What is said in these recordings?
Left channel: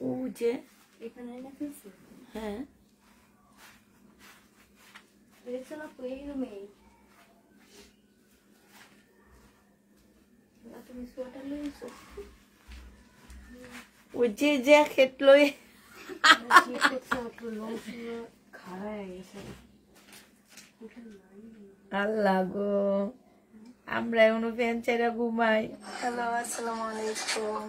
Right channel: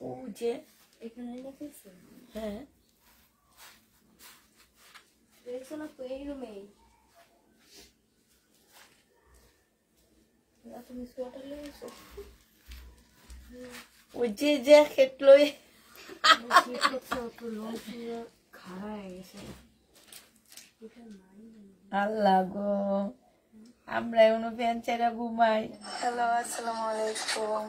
ও যে এখানে রেখেছে হ্যাঁ রেখেছিলাম তো এই রুমেই তুমি সোয়েটার লইছো ও যে জ্যাকেট লই খাড়া হয়ে গেছে আল্লাহ গো আমরা এমন ফ্যান ছেড়ে ঘুমাই হ্যালো আসসালামু আলাইকুম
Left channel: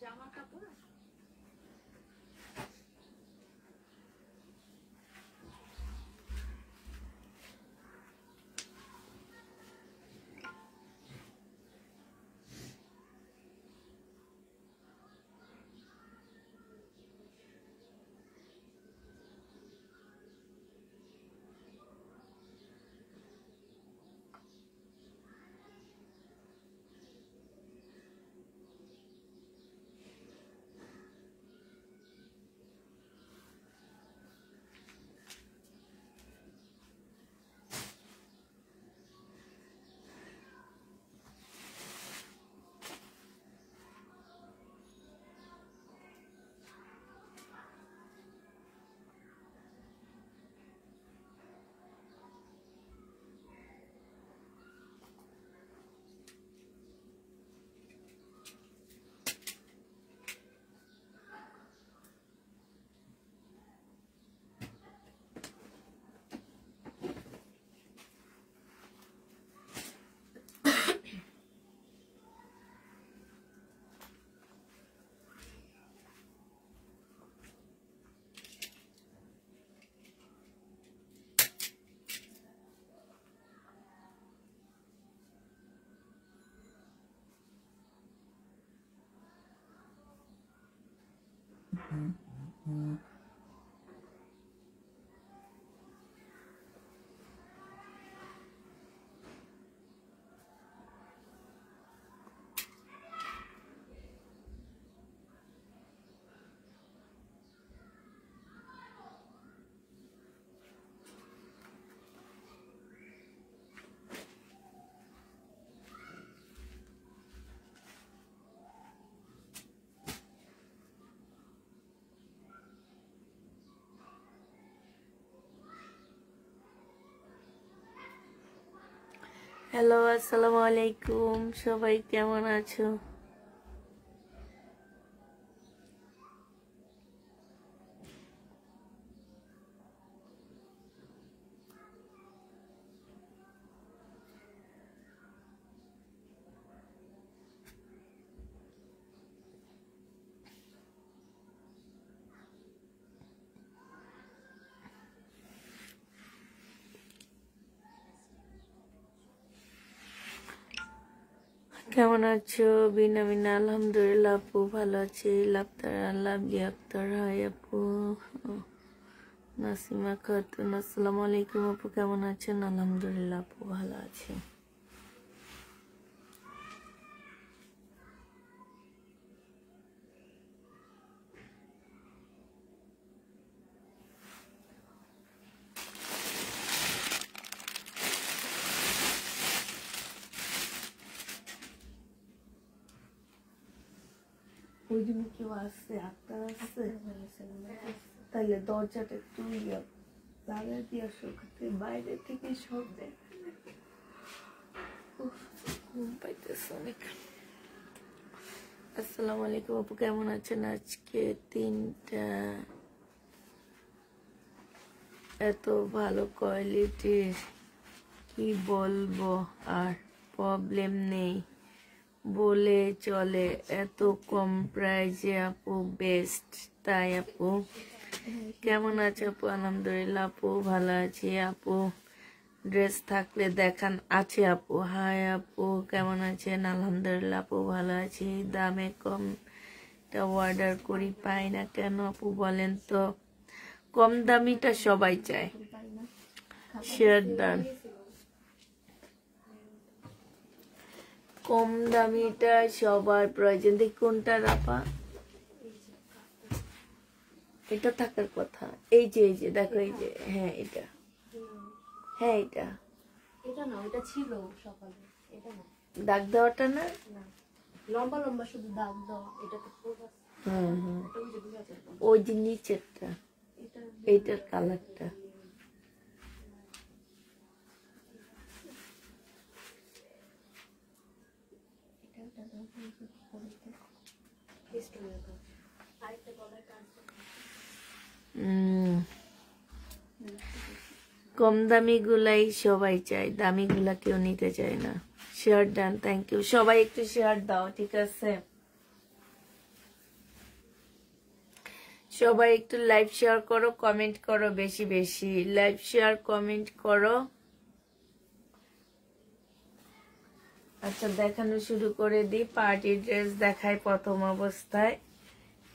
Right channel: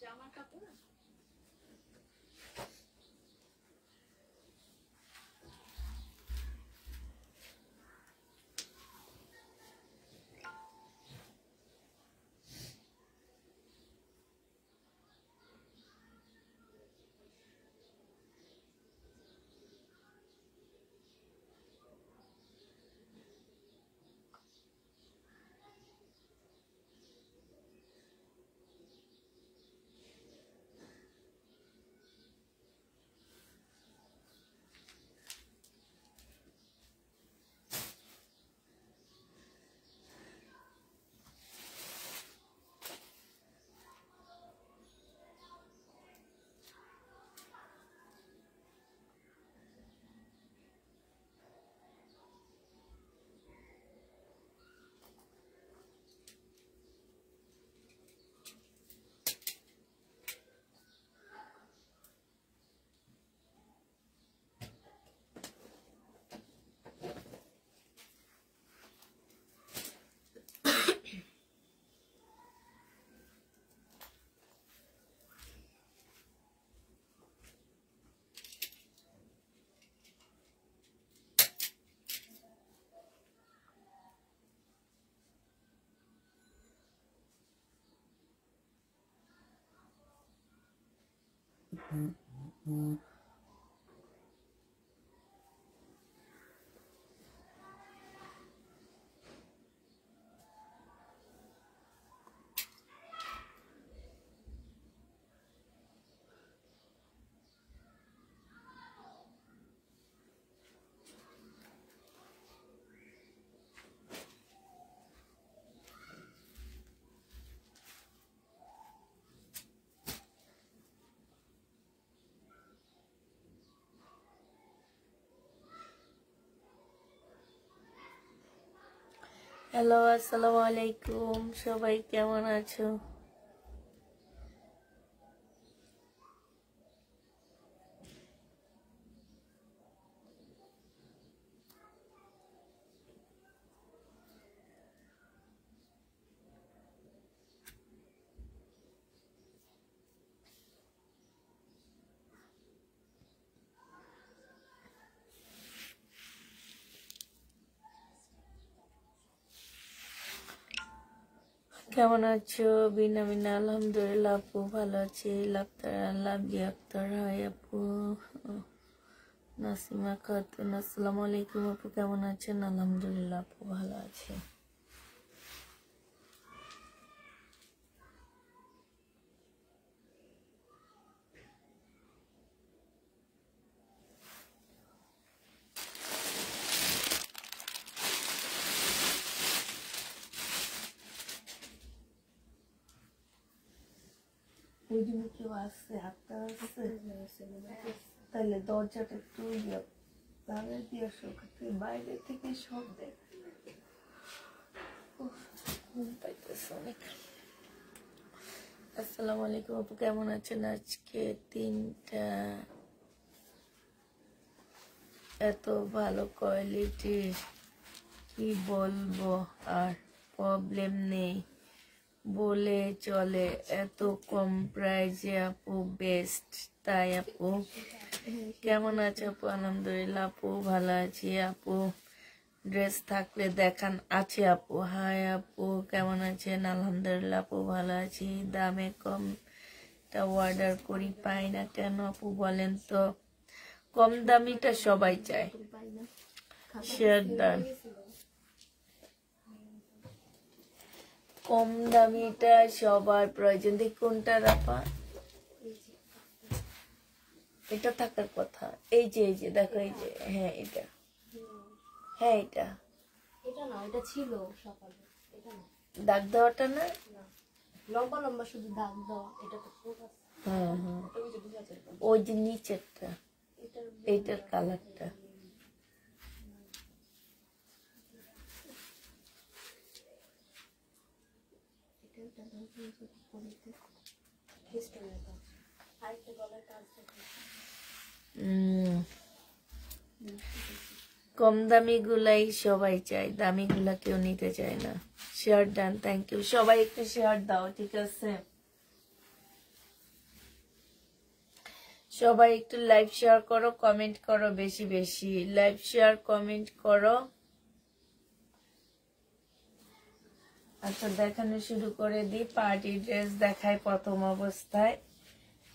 জামা কাপড় হ্যালো আসসালামু আলাইকুম সবাই কেমন আছো কেমন আছো বিনা বিনা আলহামদুলিল্লাহ আপু ভালো আছি লাভলি আক্তার হাই আপু নাসিমা খাতুন আসসালামু আলাইকুম আপু কেমন আছেন আলহামদুলিল্লাহ আপু ভালো আছি ওই জন্য কেউ আসছে আক্তার আসছে তাহলে দরজাটা একটু তাহলে দিয়ে বাইরে থেকে সব দেখা ঘুম পাইতেছে অনেক আসসালামু আলাইকুম আপু কেমন আছেন আজকে 3টা এত ভালো কোয়ালিটি কি বলবো আর প্রবলেম নেই বলে চলে এত কম প্রাইসে আপু বেস্ট তাই আপু কেমন আছে আপু আলহামদুলিল্লাহ আপু ভালো আছি আপু ড্রেস থাকলে দেখান আছে আপু হাই আপু কেমন আছেন আলহামদুলিল্লাহ আপু ভালো আছি দামে কম অর্ডার করি পাই না কেন আপু বলেন তো কম দামিটা সবাই চায় শেয়ার দেন কম দামিটা সবার প্রয়োজন। দেখ কোনটা রাপা, এটা থাকার কথা। এই যে দেখো, এই যে, হ্যাঁ এটা, হ্যাঁ এটা এটা না, এটা ছিল সকালে। এটা না, দাগ দেওয়াটা না, লম্বা লম্বা শুধু দাগ দেওয়া। এটা তো ফুল আছে। হ্যাঁ হ্যাঁ, এটা ওই যে 2000 ওই যে নিচেরটা, এটা এইটার কালারটা। কম দামি গুলাই সবাই চায়, দামি গুলা কেউ নিতে চায় না। Share done, thank you. সবাই একটু শেয়ার দাও, ঠিক আছে? সবাই একটু লাইভ শেয়ার করো, কমেন্ট করো বেশি বেশি। লাইভ শেয়ার, কমেন্ট করো। আচ্ছা, দেখানো শুরু করে দিই। পার্টি ড্রেস দেখায় প্রথম অবস্থায়।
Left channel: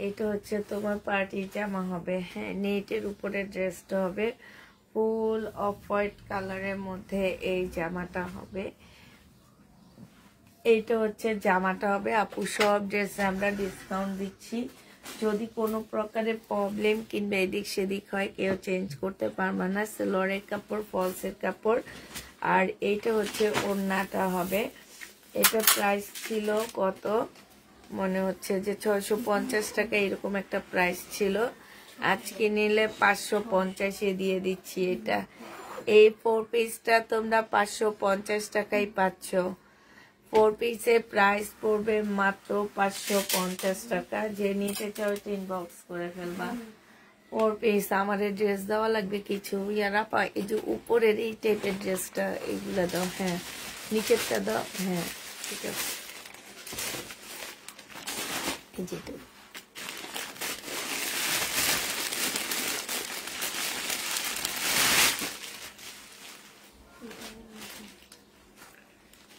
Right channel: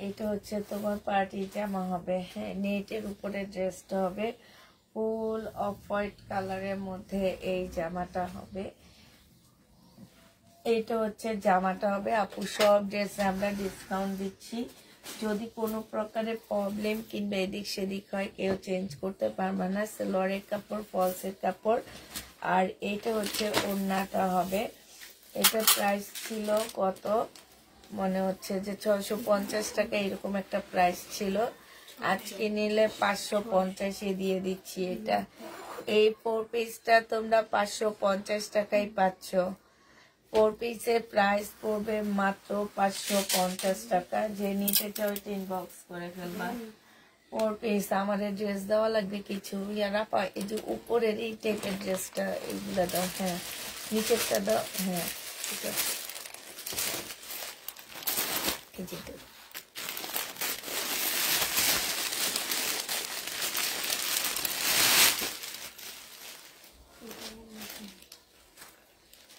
এটা হচ্ছে তোমার পার্টি জামা হবে, হ্যাঁ, নেটের উপরে ড্রেসটা হবে। ফুল অফ হোয়াইট কালারের মধ্যে এই জামাটা হবে। এইটা হচ্ছে জামাটা হবে। আপু সব ড্রেসে আমরা ডিসকাউন্ট দিচ্ছি। যদি কোনো প্রকারের প্রবলেম কিংবা এদিক সেদিক হয়, কেউ চেঞ্জ করতে পারবে না। সেলোয়ারের কাপড়, ফলসের কাপড়। আর এইটা হচ্ছে ওড়নাটা হবে। এটা প্রাইস ছিল কত, মনে হচ্ছে যে 650 টাকা, এরকম একটা প্রাইস ছিল। আজকে নিলে 550-এ দিয়ে দিচ্ছি। এটা এই 4 পিসটা তোমরা 550 টাকায় পাচ্ছ। 4 পিসের প্রাইস পড়বে মাত্র 550 টাকা। যে নিতে চাও ইনবক্স করে ফেলবা। 4 পিস। আমাদের ড্রেস দেওয়া লাগবে কিছু। ইয়ারা পা, এই যে উপরের এই টাইপের ড্রেসটা, এইগুলা দাও। হ্যাঁ, নিচেরটা দাও। হ্যাঁ, ঠিক আছে। এই যে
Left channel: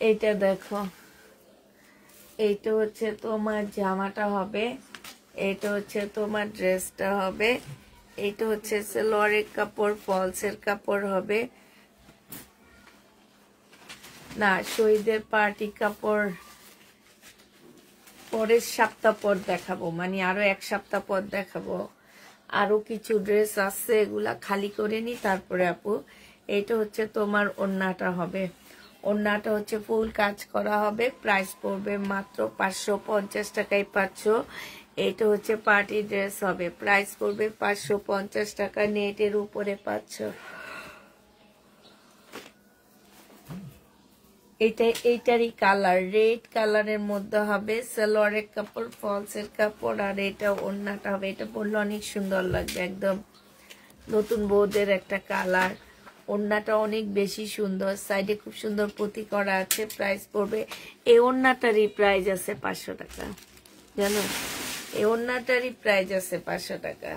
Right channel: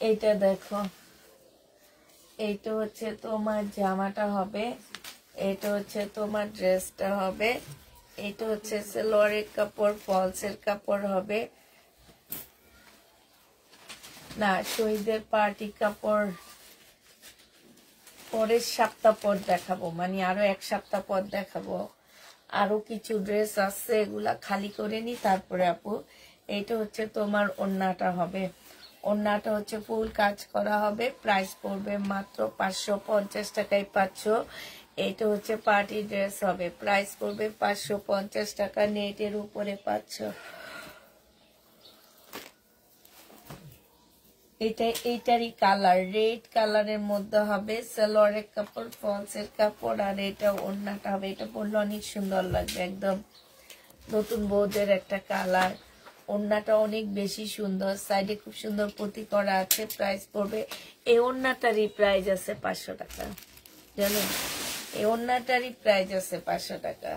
এইটা দেখো, এইটা হচ্ছে তোমার জামাটা হবে। এটা হচ্ছে তোমার ড্রেসটা হবে। এটা হচ্ছে সেলোয়ারের কাপড়, ফলসের কাপড় হবে না, শহীদের পার্টি কাপড় পরের সপ্তাহ পর দেখাবো, মানে আরো 1 সপ্তাহ পর দেখাবো। আরো কিছু ড্রেস আছে, এগুলা খালি করে নি তারপরে আপু। এইটা হচ্ছে তোমার ওড়নাটা হবে। ওড়নাটা হচ্ছে ফুল কাজ করা হবে। প্রাইস পড়বে মাত্র 550 টাকায় পাচ্ছ। এইটা হচ্ছে পার্টি ড্রেস হবে। প্রাইস পড়বে 550 টাকা, নেটের উপরে পাচ্ছ। এইটারই কালার রেড কালারের মধ্যে হবে। সালোয়ারের কাপড়, ফলসের কাপড়। আর এটা ওড়নাটা হবে। এটা পরলে অনেক সুন্দর লাগবে, একদম নতুন বউদের একটা কালার। ওড়নাটা অনেক বেশি সুন্দর, সাইডে খুব সুন্দর পুঁতি করা আছে। প্রাইস পড়বে, এই ওড়নাটারই প্রাইস আছে 500 টাকা, জানো? এই ওড়নাটারই প্রাইস আছে 500 টাকা।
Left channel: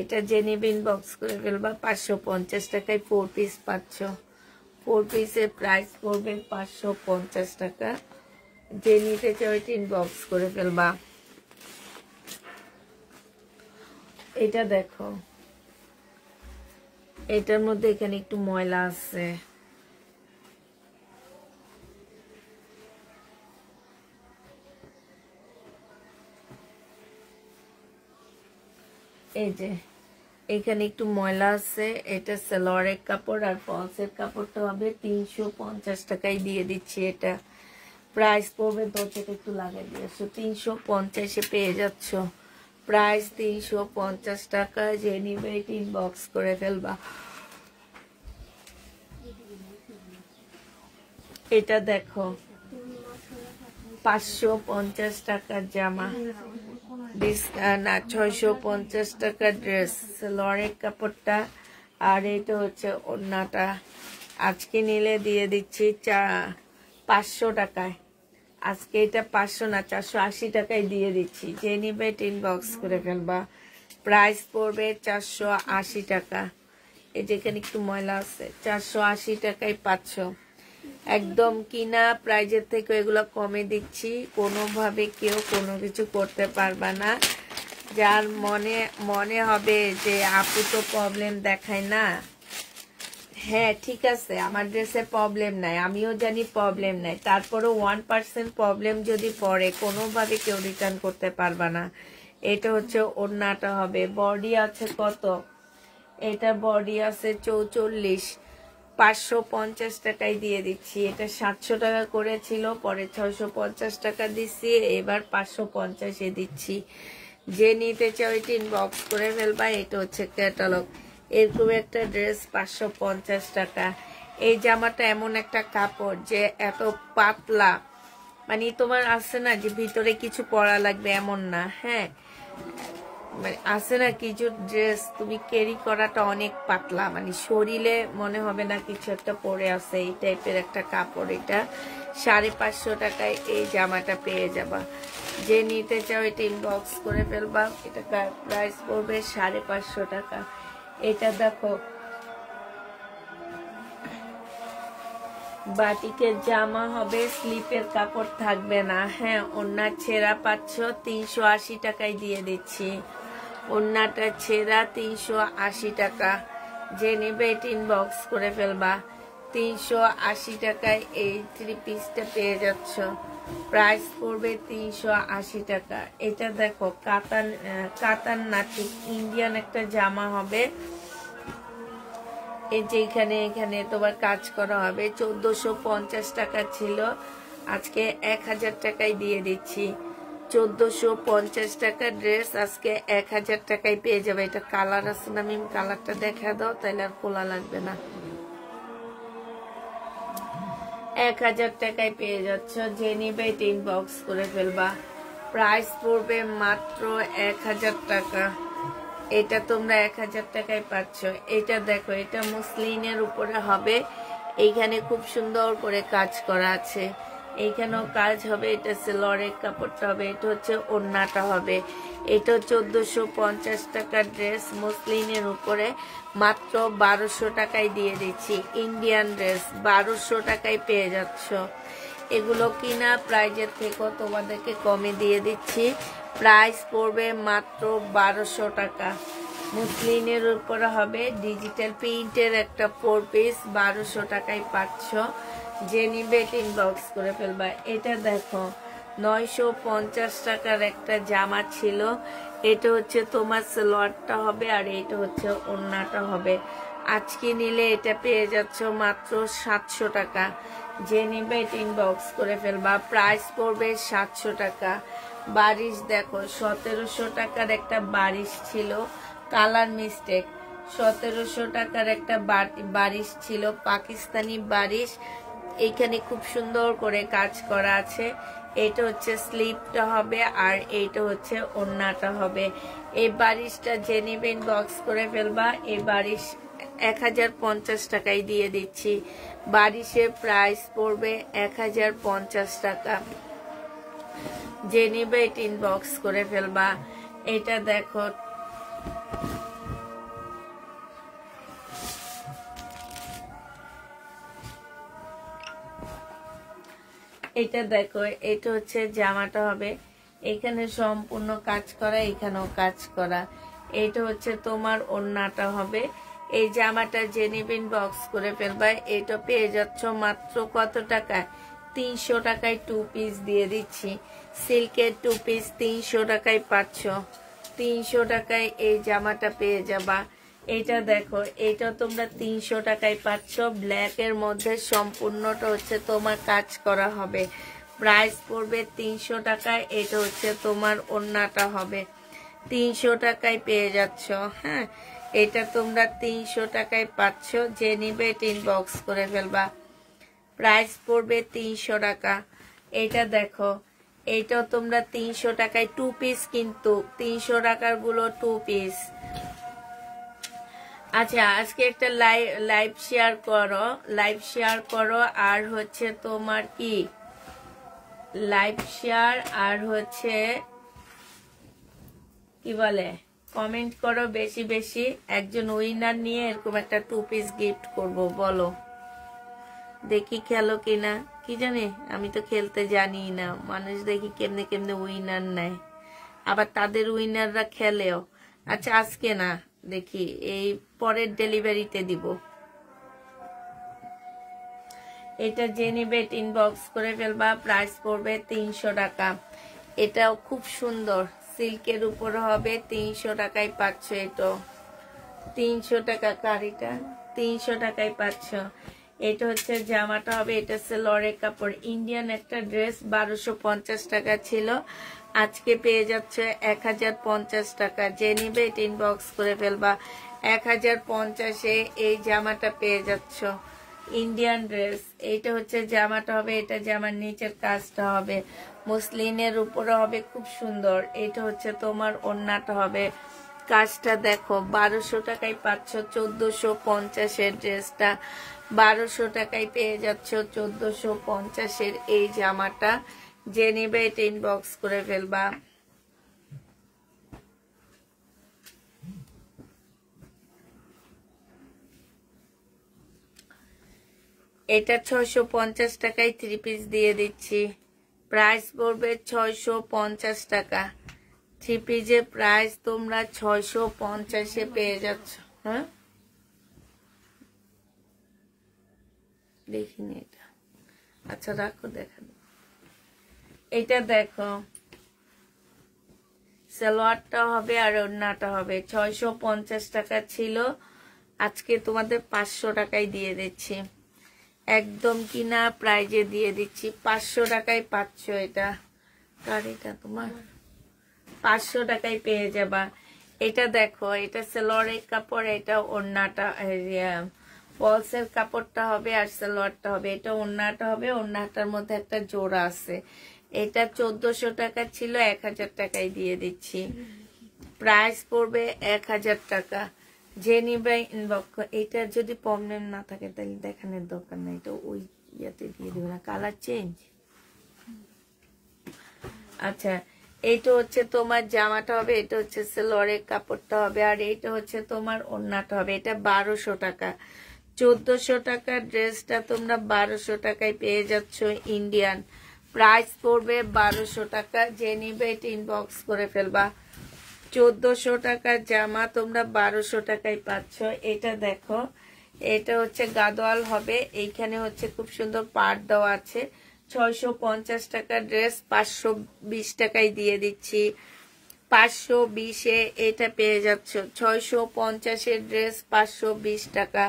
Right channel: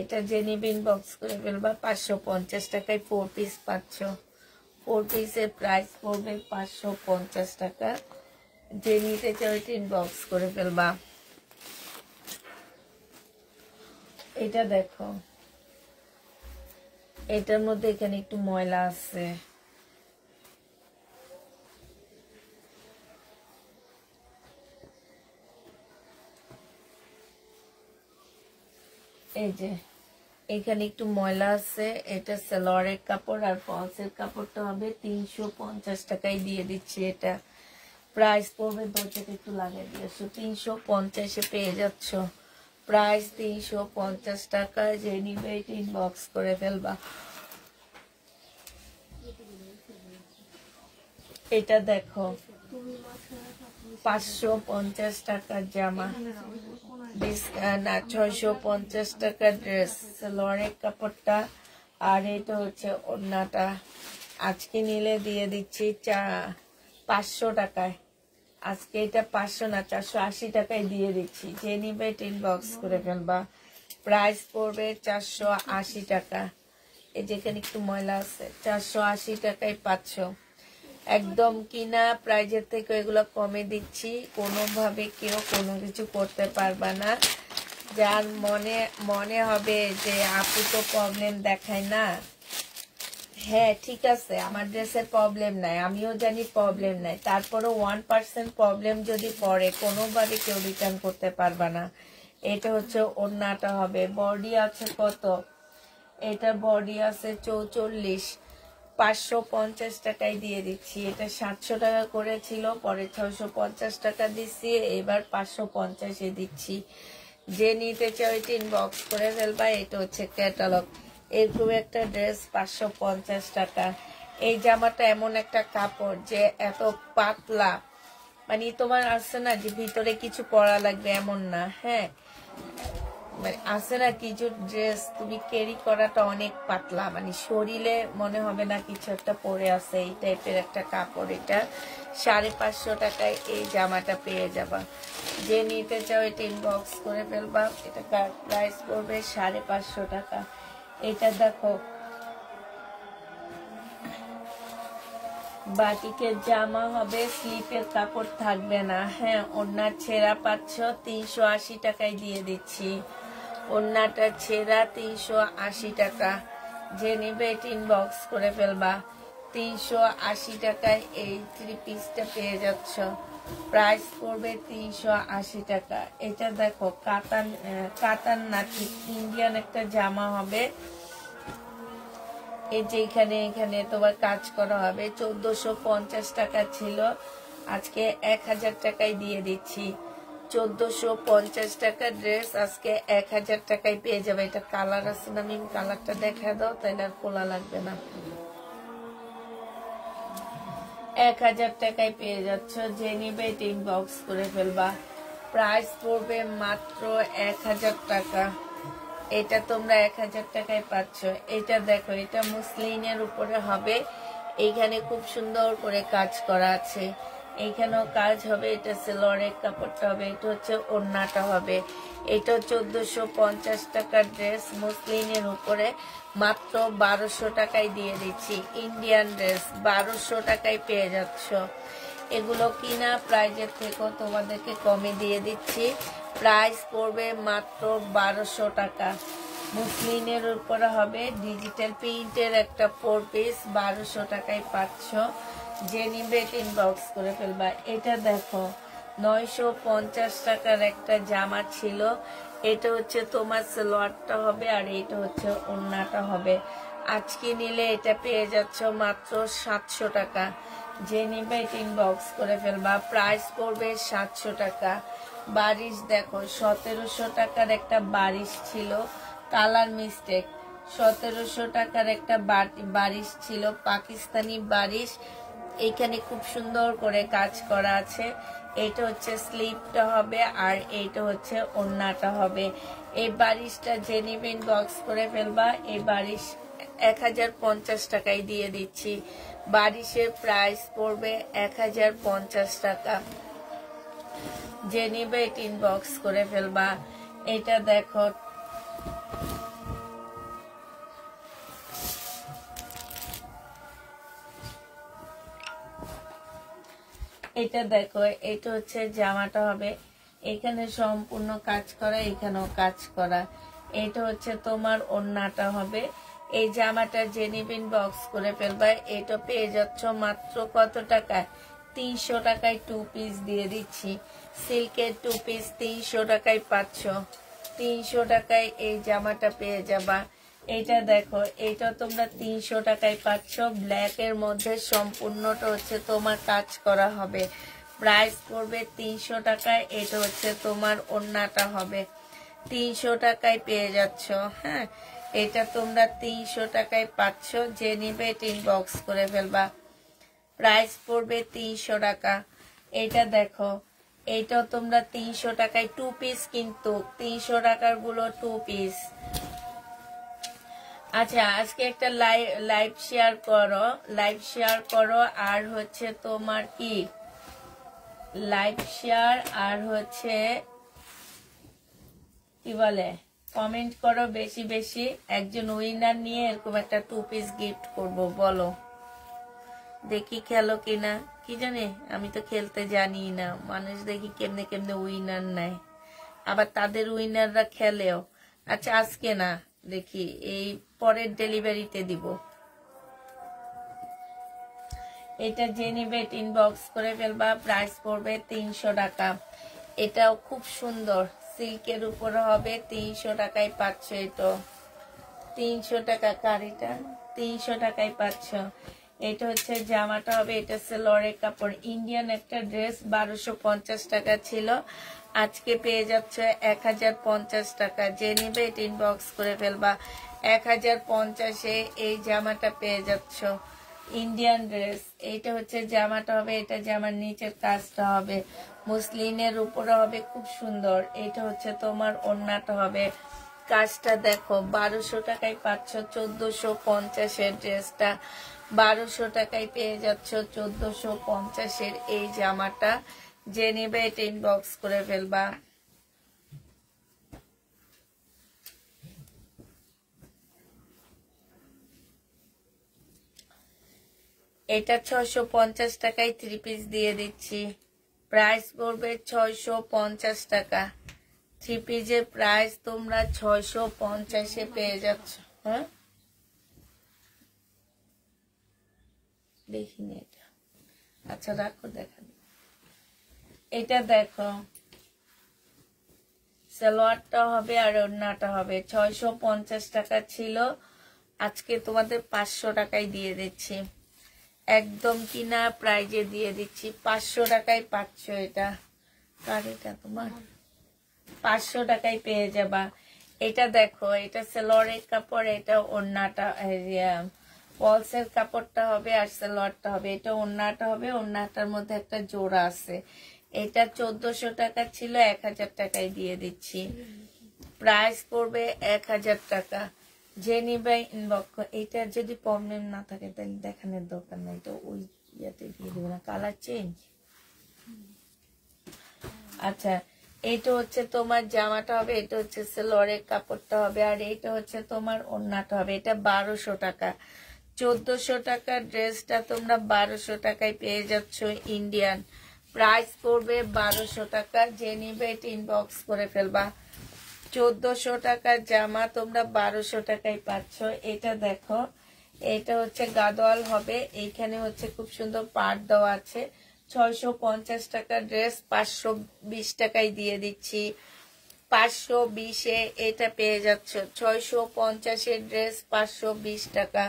এটা যে নিবে ইনবক্স করে ফেলবা। 550 টাকায় 4 পিস পাচ্ছ। 4 পিসের প্রাইস পড়বে 550 টাকা। যে নিতে চাও ইনবক্স করে ফেলবা। এটা দেখো, এটার মধ্যে এখানে একটু ময়লা আছে। এই যে এখানে একটু ময়লা আছে। এটা সালোয়ারের কাপড় আর ফলসের কাপড়টা হবে 350 টাকায় দিয়ে দিচ্ছি। এটা প্রাইস পড়বে, দরজাটা একটু লাগিয়ে দিয়েছো, 350-এ পেয়ে যাচ্ছ। প্রাইস 350 টাকা। যে নিবে ইনবক্স করে ফেলবা। এটা দেখো, 550 টাকার জামা, না 650 টাকার ড্রেস। সালোয়ারের কাপড়টা আর এটা হচ্ছে ওড়নাটা। আজকে নিলে দিয়ে দিচ্ছি 500 টাকায়। আজকে এটা 500 না, 480 টাকায় দিয়ে দিচ্ছি। যে নিবে ইনবক্স করে ফেলবা। প্রাইস পড়বে 480 টাকা। এই যেখানে একটু ময়লা আছে, 480 টাকায় পাচ্ছ। একদম কিনা প্রাইজের থেকে এগুলো কমে দিচ্ছি। কোনোভাবে কেউ কোনো কিছু করতে পারবা না। যার মনে হবে যে আপু তো প্রবলেম দেখায় না, হ্যাঁ ঠিক আছে, আমার ড্রেসে প্রবলেম নাই, আমিও জানি প্রবলেম নাই, তারপরেও 1% প্রবলেম যদি পড়ে কোনোভাবে কেউ রিটার্ন করতে পারবা না। এটা হচ্ছে ওড়নাটা হবে, বডি আছে কত, এটা বডি আছে 44, 550 টাকায় দিয়ে দিচ্ছি। এটা 700 টাকা করেছিল, পরে 650 টাকা দিচ্ছি, এবার 550 দিচ্ছি। যে নিতে চাও এটা ইনবক্স করে ফেলবা। এটা হচ্ছে ক্যাটালগ, এরকম একটা ড্রেস 550 টাকা। এই জামাটা এমন একটা কাপড় যে এত পাতলা, মানে তোমার আছে না যে ভিতরে কিছু পরা লাগবে এমন না, হ্যাঁ মানে আছে না কিছু ড্রেস তুমি ক্যারি করাটা অনেক পাতলা, মানে শরীরে মনে হবে না কিছু একটা পরে আছে, এই টাইপের একটা কাপড়। এটা 550 টাকায় এই জামাটা পেয়ে যাবা। যে নিতে চাও এটা ইনবক্স করে ফেলবা। এটা প্রাইস পড়বে 550 টাকা। এটা দেখো বাটিকের জামা হবে, স্লিপের কাপড় থাকবে না, হ্যাঁ ওড়না ছেঁড়া পাচ্ছ 380 টাকায় দিয়ে দিচ্ছি। ওড়নাটা ছেঁড়া 380 টাকা। যে নেবে এটা ইনবক্স করে ফেলবা। 380 টাকায় এই 3 পিসটা পেয়ে যাচ্ছ, প্রাইস পড়বে 380 টাকা। এটা দেখো কাতান না ঠিক ইন্ডিয়ান একটা জামা হবে, এই যে এখানে তোমার কাজ করা হবে। 1450 টাকা ছিল, আজকে 1000 টাকায় দিয়ে দিচ্ছি। 1450 টাকা ড্রেস আজকে 1000 টাকায় পেয়ে যাবে। এটা কালার আছে না, আমি কালারটা দেখা দাও তাহলে আর খোলা লাগবে না। 1000 টাকায় পেয়ে যাচ্ছ। যে নিবে এটা ইনবক্স করে ফেলবা। প্রাইস পড়বে মাত্র 1000 টাকা। এটা তোমরা 1000 টাকায় পাচ্ছ। এটা দেখো, এটা মুসলিনের উপরে হবে, এইখানে খুব সুন্দর করে কাজ করা আছে, এইখানেও কাজ হবে। এটা সেলরের কাপড়টা হবে, এটা হচ্ছে ওড়নাটা হবে। এটা 1450 টাকার ড্রেস মুসলিনের উপরে, মাত্র 1200 টাকায় দিয়ে দিচ্ছি। ইন্ডিয়ান ড্রেস 1200 টাকায় পেয়ে যাচ্ছ। এগুলো কিনা প্রাইজের থেকেও তোমাদেরকে কমে দিয়ে দিচ্ছি। প্রাইস পড়বে মাত্র 1200 টাকা। মুসলিনের উপরে হবে, ডিজিটাল প্রিন্টের একটা 4 পিস 1200 টাকায় পাচ্ছ। যে নিবে ইনবক্স করে ফেলবা। এটা দেখো 950 টাকার একটা জামা ছিল, এটা হচ্ছে তোমার সালোয়ারটা হবে, আর এটা হচ্ছে ওড়নাটা হবে। আজকে নিলে এটা পেয়ে যাচ্ছ মাত্র 700 টাকা। যে নিবে ইনবক্স করে ফেলবা। প্রাইস পড়বে 700 টাকা। বারিশ দেখো 1700 টাকার একটা বারিশ ছিল, কালার মিস্টেক। 1700 টাকার একটা বারিশ ছিল, পাকিস্তানি বারিশ, এইখানে খুব সুন্দর করে কাজ করা আছে। এটা হচ্ছে স্লিপটা হবে, আর এইটা হচ্ছে ওড়নাটা হবে। এই বারিশটা যে নিবে ইনবক্স করে ফেলবা। এই বারিশ 1050 টাকায় দিয়ে দিচ্ছি। বারিশের প্রাইস পড়বে 1050 টাকা। যে নিবে এটা ইনবক্স করে ফেলবা। এটা দেখো এটা দেখো, এটা হচ্ছে জামাটা হবে, এখানে সম্পূর্ণ কাজ করা, এখানেও কাজ করা। এটা হচ্ছে তোমার ওড়নাটা হবে। এই জামাটা যে নিবে ইনবক্স করে ফেলবা। এটা পেয়ে যাচ্ছ মাত্র কত টাকায়? 300 টাকায় 2 পিস দিয়ে দিচ্ছি। সিল্কের 2 পিস 300 টাকায় পাচ্ছ। 300 টাকায় এই জামাটা পেয়ে যাবা। এটা দেখো, এটা তোমরা 300 টাকায় পাচ্ছ। ব্ল্যাক এর মধ্যে সম্পূর্ণটা হচ্ছে তোমার কাজ করা হবে। প্রাইস পড়বে 300 টাকায়। এটা হচ্ছে তোমার ওড়নাটা হবে। 300 টাকায় পেয়ে যাচ্ছ। হ্যাঁ, এটা তোমরা 300 টাকায় পাচ্ছ। যে নিবে এটা ইনবক্স করে ফেলবা। প্রাইস পড়বে 300 টাকা। এটা দেখো, এইটাও তোমরা 300 টাকায় 2 পিস, কিন্তু 300 টাকার গুলো 2 পিস। আচ্ছা, আজকে একটা লাইভ শেয়ার করো, আর হচ্ছে তোমার কি লাইভ শেয়ার, আর হচ্ছে কি বলে কমেন্ট করো বেশি বেশি। একজন উইনার নিয়ে এরকম একটা 2 পিস গিফট করব, বলো দেখি খেলো কিনা। কি জানি, আমি তো খেলতে জানি না। মানুষ দেখি কেমনে কেমনে উইনার নেয়, আবার তাদের উইনাররা খেলেও। আচ্ছা আজকে না, দেখি এই পরের ডেলিভারিতে দিব। এটা যে নিবে ইনবক্স করে ফেলবা, প্রাইস পড়বে 300 টাকা। এটাও খুব সুন্দর, সিল্কের উপরে হবে, 300 টাকায় পাচ্ছ। এটা 300 টাকা, কারিটা 300 টাকায় পাচ্ছ। এটা হচ্ছে জামাটা হবে, এটা সেলরের কাপড়, ইন্ডিয়ান একটা ড্রেস, 1250 টাকা ছিল, আজকে পেয়ে যাচ্ছে 1050 টাকা। যে নিবে এটা ইনবক্স করে ফেলবা, 1050-এ এই জামাটা পেয়ে যাচ্ছ, ইন্ডিয়ান ড্রেস। এইটা হচ্ছে জামাটা হবে, এটা জামার নিচের কাজটা হবে মুসলিনের উপরে হবে, খুব সুন্দর। এটা হচ্ছে তোমার ওড়নাটা হবে, কাজটা দেখো, 1200 টাকায় পাচ্ছ। 1450-এর ড্রেসটা 1200 টাকায় পেয়ে যাচ্ছ, 1450-এর এই জামাটা। যে নেবে এটা ইনবক্স করে ফেলবা। এটা 650 টাকায় 3 পিস দিয়ে দিচ্ছি, প্রাইস পড়বে 650 টাকা। 3 পিসের প্রাইস তোমরা 650-এ পেয়ে যাচ্ছ। হ্যাঁ, দেখিনি এটা, আচ্ছা রাখো, দেখাবো। এটা দেখো, সালোয়ারটা হবে আর ওড়নাটা হবে, 650 টাকা ছিল, আজকে তোমাদের 500 টাকায় দিয়ে দিচ্ছি, একদম কিনা প্রাইজে দিয়ে দিচ্ছি, 500 টাকায় পাচ্ছ। এটা আর এটা তোমার 500 টাকায় পেয়ে যাবা। এটা দেখো, এটা সালোয়ারের কাপড়, এটা ওড়নাটা, ফলসের কাপড়টা হবে আর সালোয়ারটা হবে, এটা ওড়নাটা হবে, ওড়নাটার মধ্যে একটা জোড়া আছে। এটা 1400 টাকা ছিল, 1000 টাকায় দিয়ে দিচ্ছি, প্রাইস পড়বে 1000 টাকা। যে নিবে ইনবক্স। এটা যদি পার্মানেন্ট না থাকে তাহলে দেখানোর দরকার নাই, তো ওই ইয়াতে দিয়ে দেবে না, কালার চেঞ্জ। আচ্ছা, এইটা হচ্ছে তোমার জামাটা হবে, এটা হচ্ছে সালোয়ারের কাপড়টা হবে, আর এটা হচ্ছে তোমার ওড়নাটা হবে। এটা 1200 টাকা, 1400 টাকার ড্রেসটা তোমরা 1200 টাকায় পেয়ে যাচ্ছ, ইন্ডিয়ান, প্রাইস পড়বে 1200 টাকা। যে নিবে এটা ইনবক্স করে ফেলবা। 1400 টাকার জামা তোমরা 1200 টাকায় পাচ্ছ। এটা দেখো, এটা হচ্ছে গাদোয়াল হবে, এইখানে হচ্ছে খুব সুন্দর পাড় দেওয়া আছে, 650 টাকার ড্রেস 520 টাকায় দিয়ে দিচ্ছি, 520-এ এটা পেয়ে যাচ্ছ, 650-এর ড্রেস 520 টাকা।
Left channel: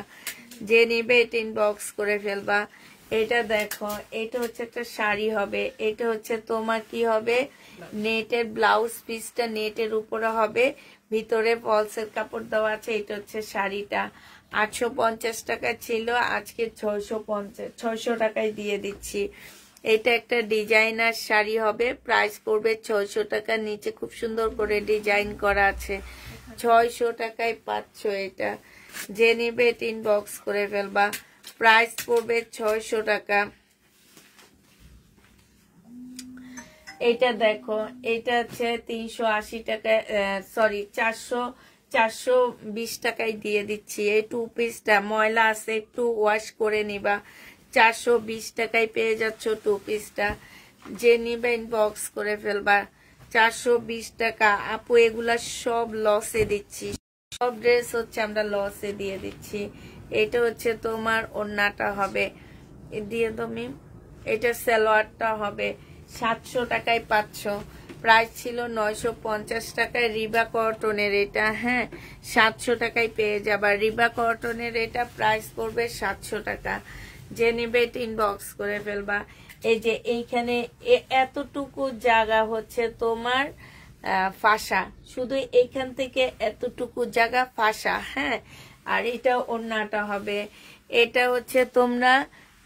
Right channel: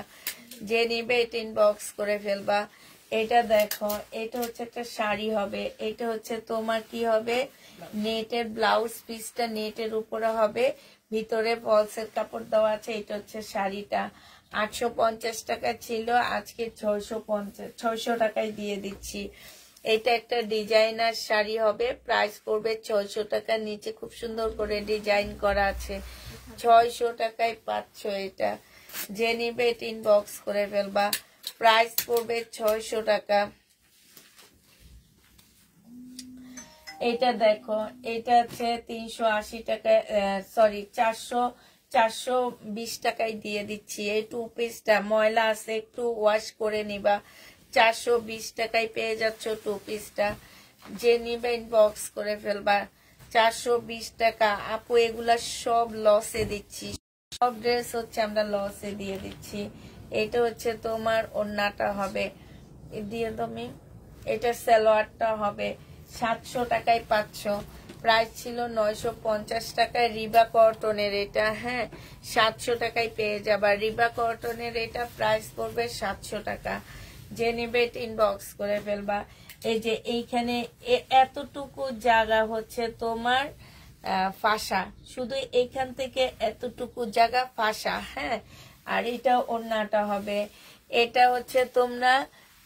যে নিবে এটা ইনবক্স করে ফেলবা। এটা দেখো, এটা হচ্ছে একটা শাড়ি হবে, এটা হচ্ছে তোমার কি হবে, নেটের ব্লাউজ পিসটা নেটের উপরে হবে, ভিতরে ফলসের কাপড় দেওয়া আছে। এটা হচ্ছে শাড়িটা, 850 টাকা ছিল, আজকে 600 টাকায় দিয়ে দিচ্ছি। এটা একটা ডিজাইনার শাড়ি হবে, প্রাইস পড়বে 600 টাকা, নিচে খুব সুন্দর করে ডিজাইন করা আছে, 600 টাকায় পাচ্ছ। এটা যে নিবে এটা ইনবক্স করে ফেলবা, প্রাইস পড়বে 600 টাকা। এটা দেখো, এটা হচ্ছে 380 টাকা, সরি 420 টাকায় দিয়ে দিচ্ছি। এই 2 পিসটা ময়লা আছে, একটু ওয়াশ করে নিবা, 420 টাকায় পেয়ে যাচ্ছ 2 পিসটা। যে নিবে ইনবক্স করে ফেলবা, 420 টাকা। আপু এগুলা সব লসে দিচ্ছি, সব ড্রেস হচ্ছে আমরা লসে দিয়ে দিচ্ছি। এটা হচ্ছে তোমার ওড়নাটা হবে, দিয়ে তুমি, এটা সালোয়ারটা হবে, 700 টাকায় পাচ্ছ, প্রাইস ছিল 950 টাকায়, রিবা কটনের এটা, হ্যাঁ 700 টাকায় পেয়ে যাবা, রিবা কটনের এটা প্রাইস পড়বে 700 টাকা। যে নেবে এটা ইনবক্স করে ফেলবা। এই যে এইখানে এতটুকু জায়গা হচ্ছে তোমার ফাঁসা, শুধু এইখান থেকে এতটুকু জায়গা ফাঁসা, হ্যাঁ। আর এটা ওড়নাটা হবে, এটা হচ্ছে তোমরা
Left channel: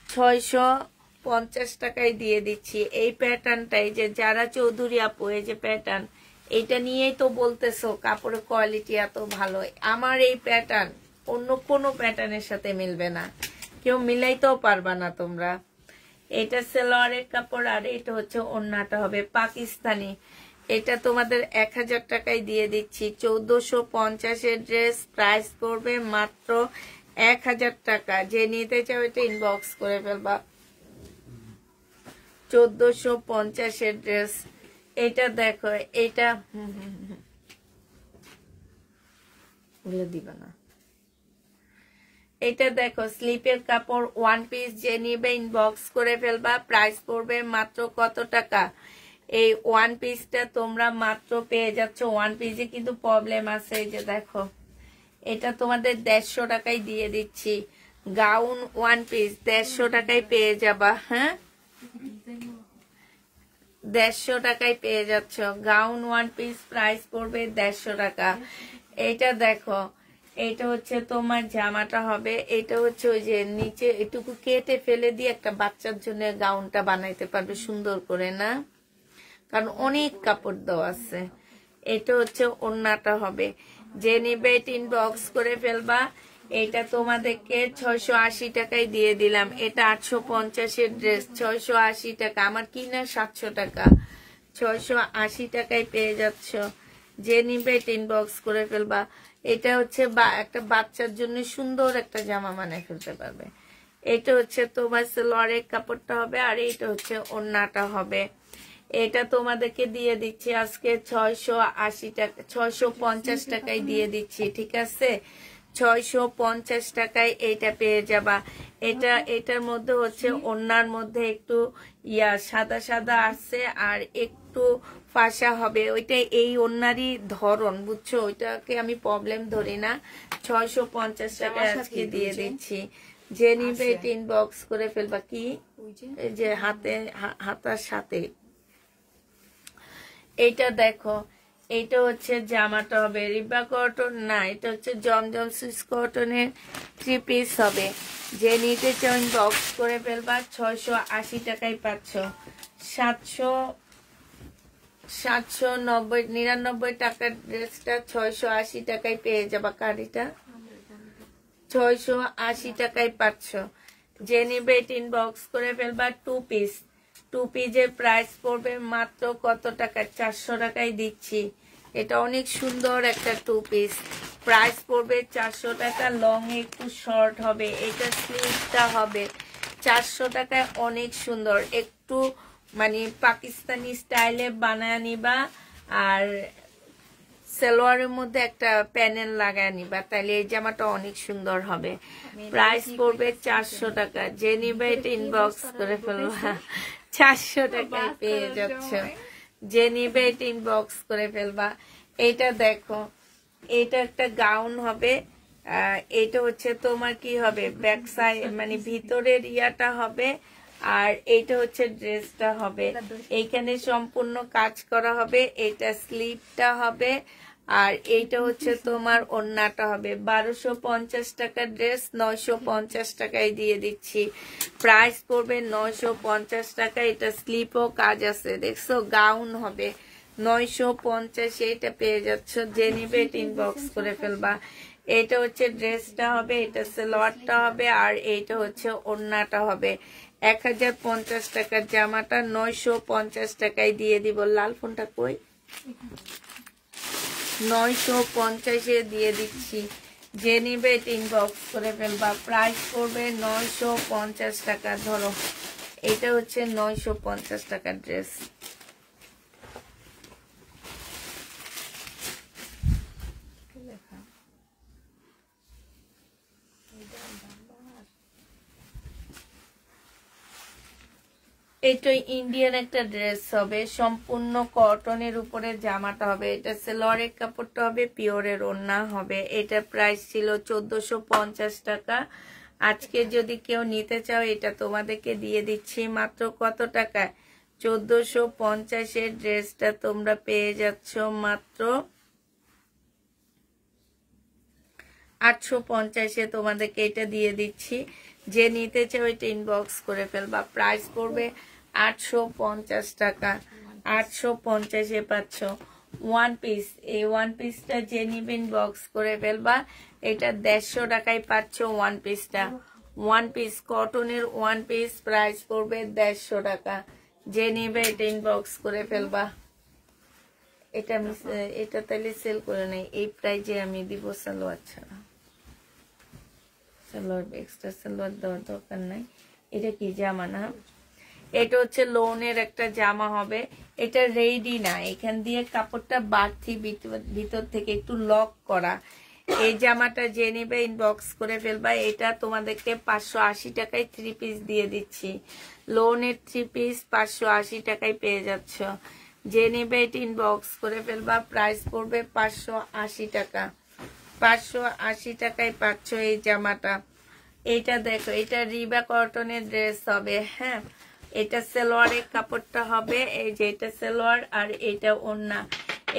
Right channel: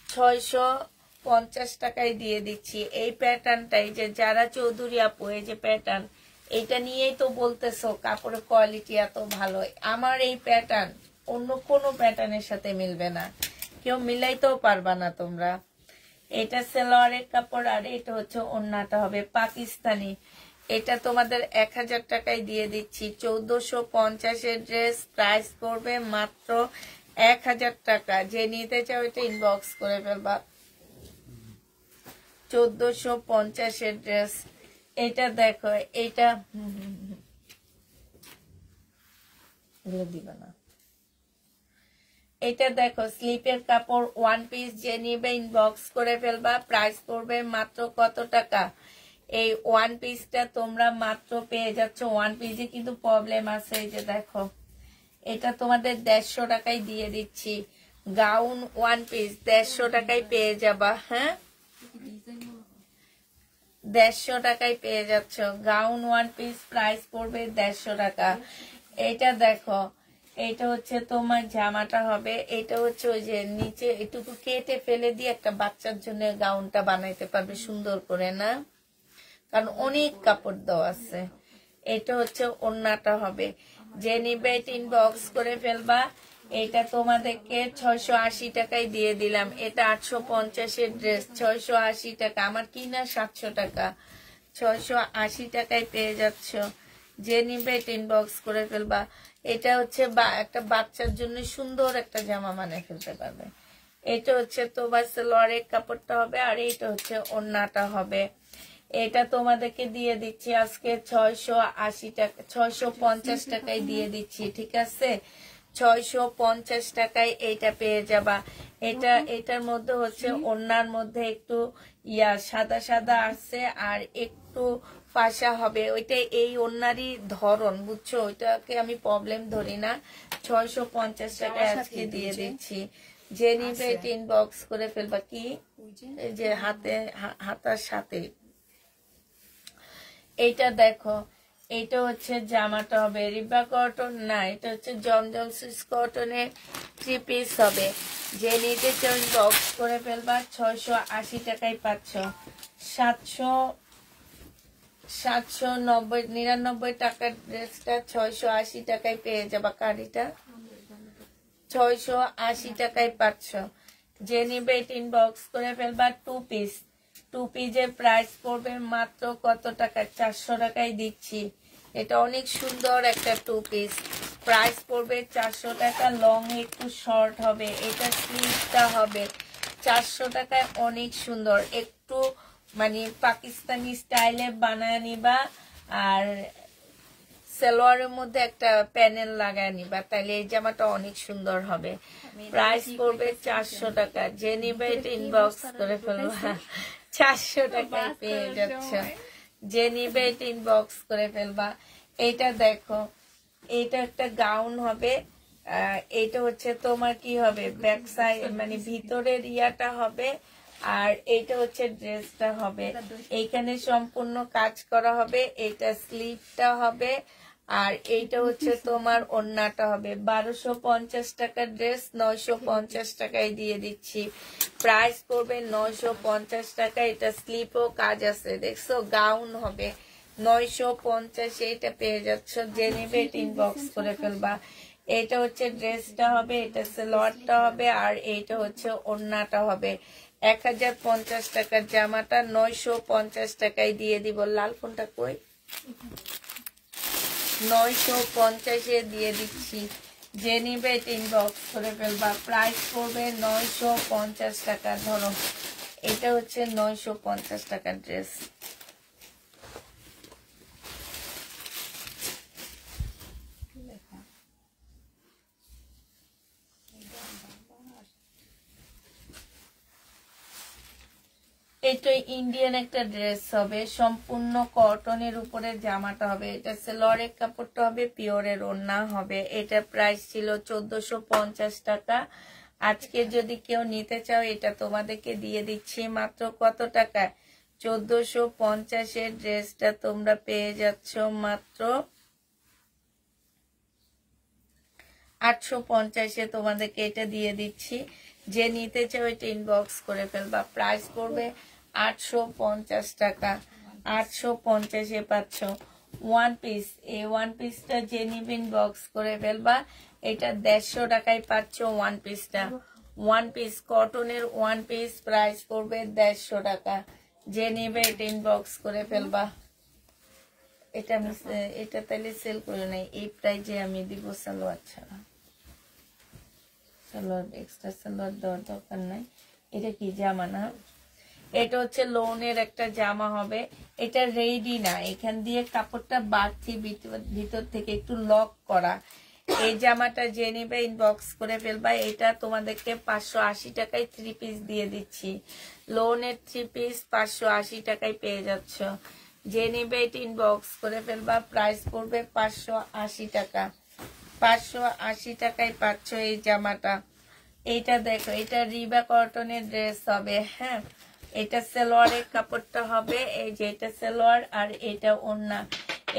650 টাকায় দিয়ে দিচ্ছি। এই প্যাটার্নটাই, যে যারা চৌধুরী আপু, এই যে প্যাটার্ন, এইটা নিয়েই তো বলতেছো কাপড়ের কোয়ালিটি এত ভালো। আমার এই প্যাটার্ন অন্য কোনো প্যাটার্নের সাথে মিলবে না, কেউ মিলাইতেও পারবা না তোমরা। এটা সালোয়ারের কাপড়, আর এটা হচ্ছে ওড়নাটা হবে পাকিস্তানি। এটা তোমাদের 1000 টাকায় দিয়ে দিচ্ছি, 1450-এর ড্রেস, প্রাইস পড়বে মাত্র 1000 টাকা। যে নিতে চাও এটা ইনবক্স করে ফেলবা। 1450-এর ড্রেস, এটা দেখো, এটা দিবা না, এটা দেখো স্লিপের কাপড় ওয়ান পিস, যে নিবে ইনবক্স করে ফেলবা। প্রাইস পড়বে মাত্র কত টাকা? এই ওয়ান পিসটা তোমরা মাত্র পেয়ে যাচ্ছ। ওয়ান পিসে কিন্তু প্রবলেম আছে, এই যে দেখো এটা তোমাদের 150 টাকায় দিয়ে দিচ্ছি। গাউন ওয়ান পিস 150 টাকায় পেয়ে যাবা। হ্যাঁ, 150 টাকায় পেয়ে যাচ্ছ গাউন ওয়ান পিস। প্রাইস পড়বে 150 টাকা। এটা দেখো, এটা হচ্ছে তোমার জামাটা হবে। এটা হচ্ছে ওই যে নিচে এটুকু কেটে ফেলে দিয়ে একটা বাচ্চার জন্য গাউনটা বানাইতে পারবে সুন্দর করে, না? কারণ অনেক কাপড় দেওয়া আছে। এটা হচ্ছে ওড়নাটা হবে। যে নিবে ইনবক্স করে ফেলবা। এটা তোমাদেরকে 680 টাকায় দিয়ে দিলাম। এটা 850 এর ড্রেস, 680 টাকা। আমার কিনা 700 টাকা, 680 টাকায় পেয়ে যাচ্ছ। যে নিবে ইনবক্স করে ফেলবা। এটা হচ্ছে একটা বাচ্চার জন্য সুন্দর একটা জামা বানিয়ে ফেলতে পারবে। এটা হচ্ছে তোমার সালোয়ারের কাপড়টা হবে, আর এটা হচ্ছে ওড়নাটা হবে। এটা তোমাদেরকে দিয়ে দিচ্ছি আজকে 680 টাকা, 650 টাকায় দিয়ে দিচ্ছি। ঠিক আছে, 650 টাকায় এটা পেয়ে যাবা। এটার মধ্যে হচ্ছে ওড়নার মধ্যে একটু সাদা সাদা আছে, আর একটু ফাঁসা হবে। ওইটা এই ওড়নারই ধরন, বুঝছো? ওইটাকে আমি প্রবলেম ধরি না। 650 টাকায় আজকে দিয়ে দিচ্ছি। যে নিবে ইনবক্স করে ফেলবা। কি এই যে হাতার সাথে এইটা দেখো, এইটা হচ্ছে জামাটা হবে রিবা কটন, না এটা হচ্ছে জমজম সুইস কটনের 3 পিস হবে। যে নিতে চাও ইনবক্স করে ফেলবা। 680 টাকায় পাচ্ছ। 799 টাকার ড্রেসটা 680 টাকায় পেয়ে যাবা। কারিটা 680 টাকায় পাচ্ছ। যে নিবে ইনবক্স করে ফেলবা। 2 পিস, 2 পিসের প্রাইস পড়বে মাত্র কত টাকা? 400 টাকায় দিচ্ছি। এটা অনেক সুন্দর একটা 2 পিস। প্রাইস পড়বে 400 টাকা। লং একটু শর্ট হবে। এটা স্লিভটা হবে 400 টাকায়। অনেক সুন্দর, একটু মানে পাকিস্তানি স্টাইলে বানায় নিবা, আর সালোয়ারের মধ্যে একটা প্যানেল লাগায় নিবা, তাহলে এই জামাটা অনেক সুন্দর হবে। প্রাইস পড়বে 400 টাকা। যে নিবে এটা ইনবক্স করে ফেলবা। 400 টাকায় পেয়ে যাচ্ছ। যে নিবে এটা ইনবক্স করে ফেলবা। এইটা দেখো, এটা একটা গাউন হবে। এটা হচ্ছে তোমার কি হবে, ব্যাক সাইড মানে ভিতরের ইয়াটা হবে, আর এইটা হচ্ছে ড্রেসটা হবে। এইখানে সম্পূর্ণ কাজ করা হবে। এটা স্লিভটা হবে, আর এইটা হচ্ছে তোমার ওড়নাটা হবে। 1250 টাকার ড্রেস 950 টাকায় দিয়ে দিচ্ছি। প্রাইস পড়বে 950 টাকা। এটা স্লিপও কাজ আছে, দেখছো? গাউন হবে 950, এটা পেয়ে যাচ্ছ। যে নিবে ইনবক্স করে ফেলবা। এটা হচ্ছে ড্রেসটা হবে, এটা সালোয়ারটা হবে, আর এইটা হচ্ছে ওড়নাটা হবে। 1050 টাকার জামাটা 950 টাকায় দিয়ে দিব। লাল ফোনটা কই? 950 দিয়ে দিচ্ছি। যে নিবে ইনবক্স করে ফেলবা। প্রাইস করবে 950 টাকা। ধরো এটা হচ্ছে 950 টাকার ড্রেস। এটা ইন্ডিয়ান একটা ড্রেস হবে, সম্পূর্ণ কটনের উপরে জামাটা হবে। এটা সালোয়ারের কাপড়টা হবে, পিওরের ওড়না হবে। এটা প্রাইস ছিল 1450 টাকা। আজকে যদি কেউ নিতে চাও, এটা তোমাদেরকে দিয়ে দিচ্ছি মাত্র কত টাকা? 1450 এর ড্রেসটা তোমরা পেয়ে যাচ্ছ মাত্র 850 তোমাদেরকে এটা দিয়ে দিচ্ছি। যে নিতে চাও এটা ইনবক্স করে ফেলবা। প্রাইস পড়বে 850 টাকা। 850 পাচ্ছ ওয়ান পিস। এই ওয়ান পিসটা যে নিবে ইনবক্স করে ফেলবা। এটা 150 টাকায় পাচ্ছ ওয়ান পিসটা। ওয়ান পিস কটনের ওয়ান পিস প্রাইস পড়বে 150 টাকা। যে নিবে এটা ইনবক্স করে ফেলবা। এটা আমি এটা তাহলে সেল করে নেই, এই প্রাইজে আমি দিব সালোয়ার ছাড়া। সালোয়ার এক্সট্রা সালোয়ার দেওয়ার দরকার নাই। এটা কি জামা না? এটা হচ্ছে লোনের একটা জামা হবে। এটা রেডি না, এখান দিয়ে কাপড়টা বাড়তি ভিতর থেকে একটু লক করা। এই জামাটা যে নিবে ইনবক্স করে ফেলবা। এটা তোমাদেরকে 580 টাকায় 3 পিস দিয়ে দিচ্ছি। লোনের 3 পিস 580 টাকায় পেয়ে যাচ্ছ। যে নিবে এটা ইনবক্স করে ফেলবা। প্রাইস পড়বে 580 টাকা। 580 টাকায় পাচ্ছ এই জামাটা। এইটা দেখো, এটা রিবা কটনের ড্রেস হবে। হ্যাঁ, এটা সালোয়ারের কাপড়টা হবে, এই যে এটা সালোয়ার আর এটা ওড়না।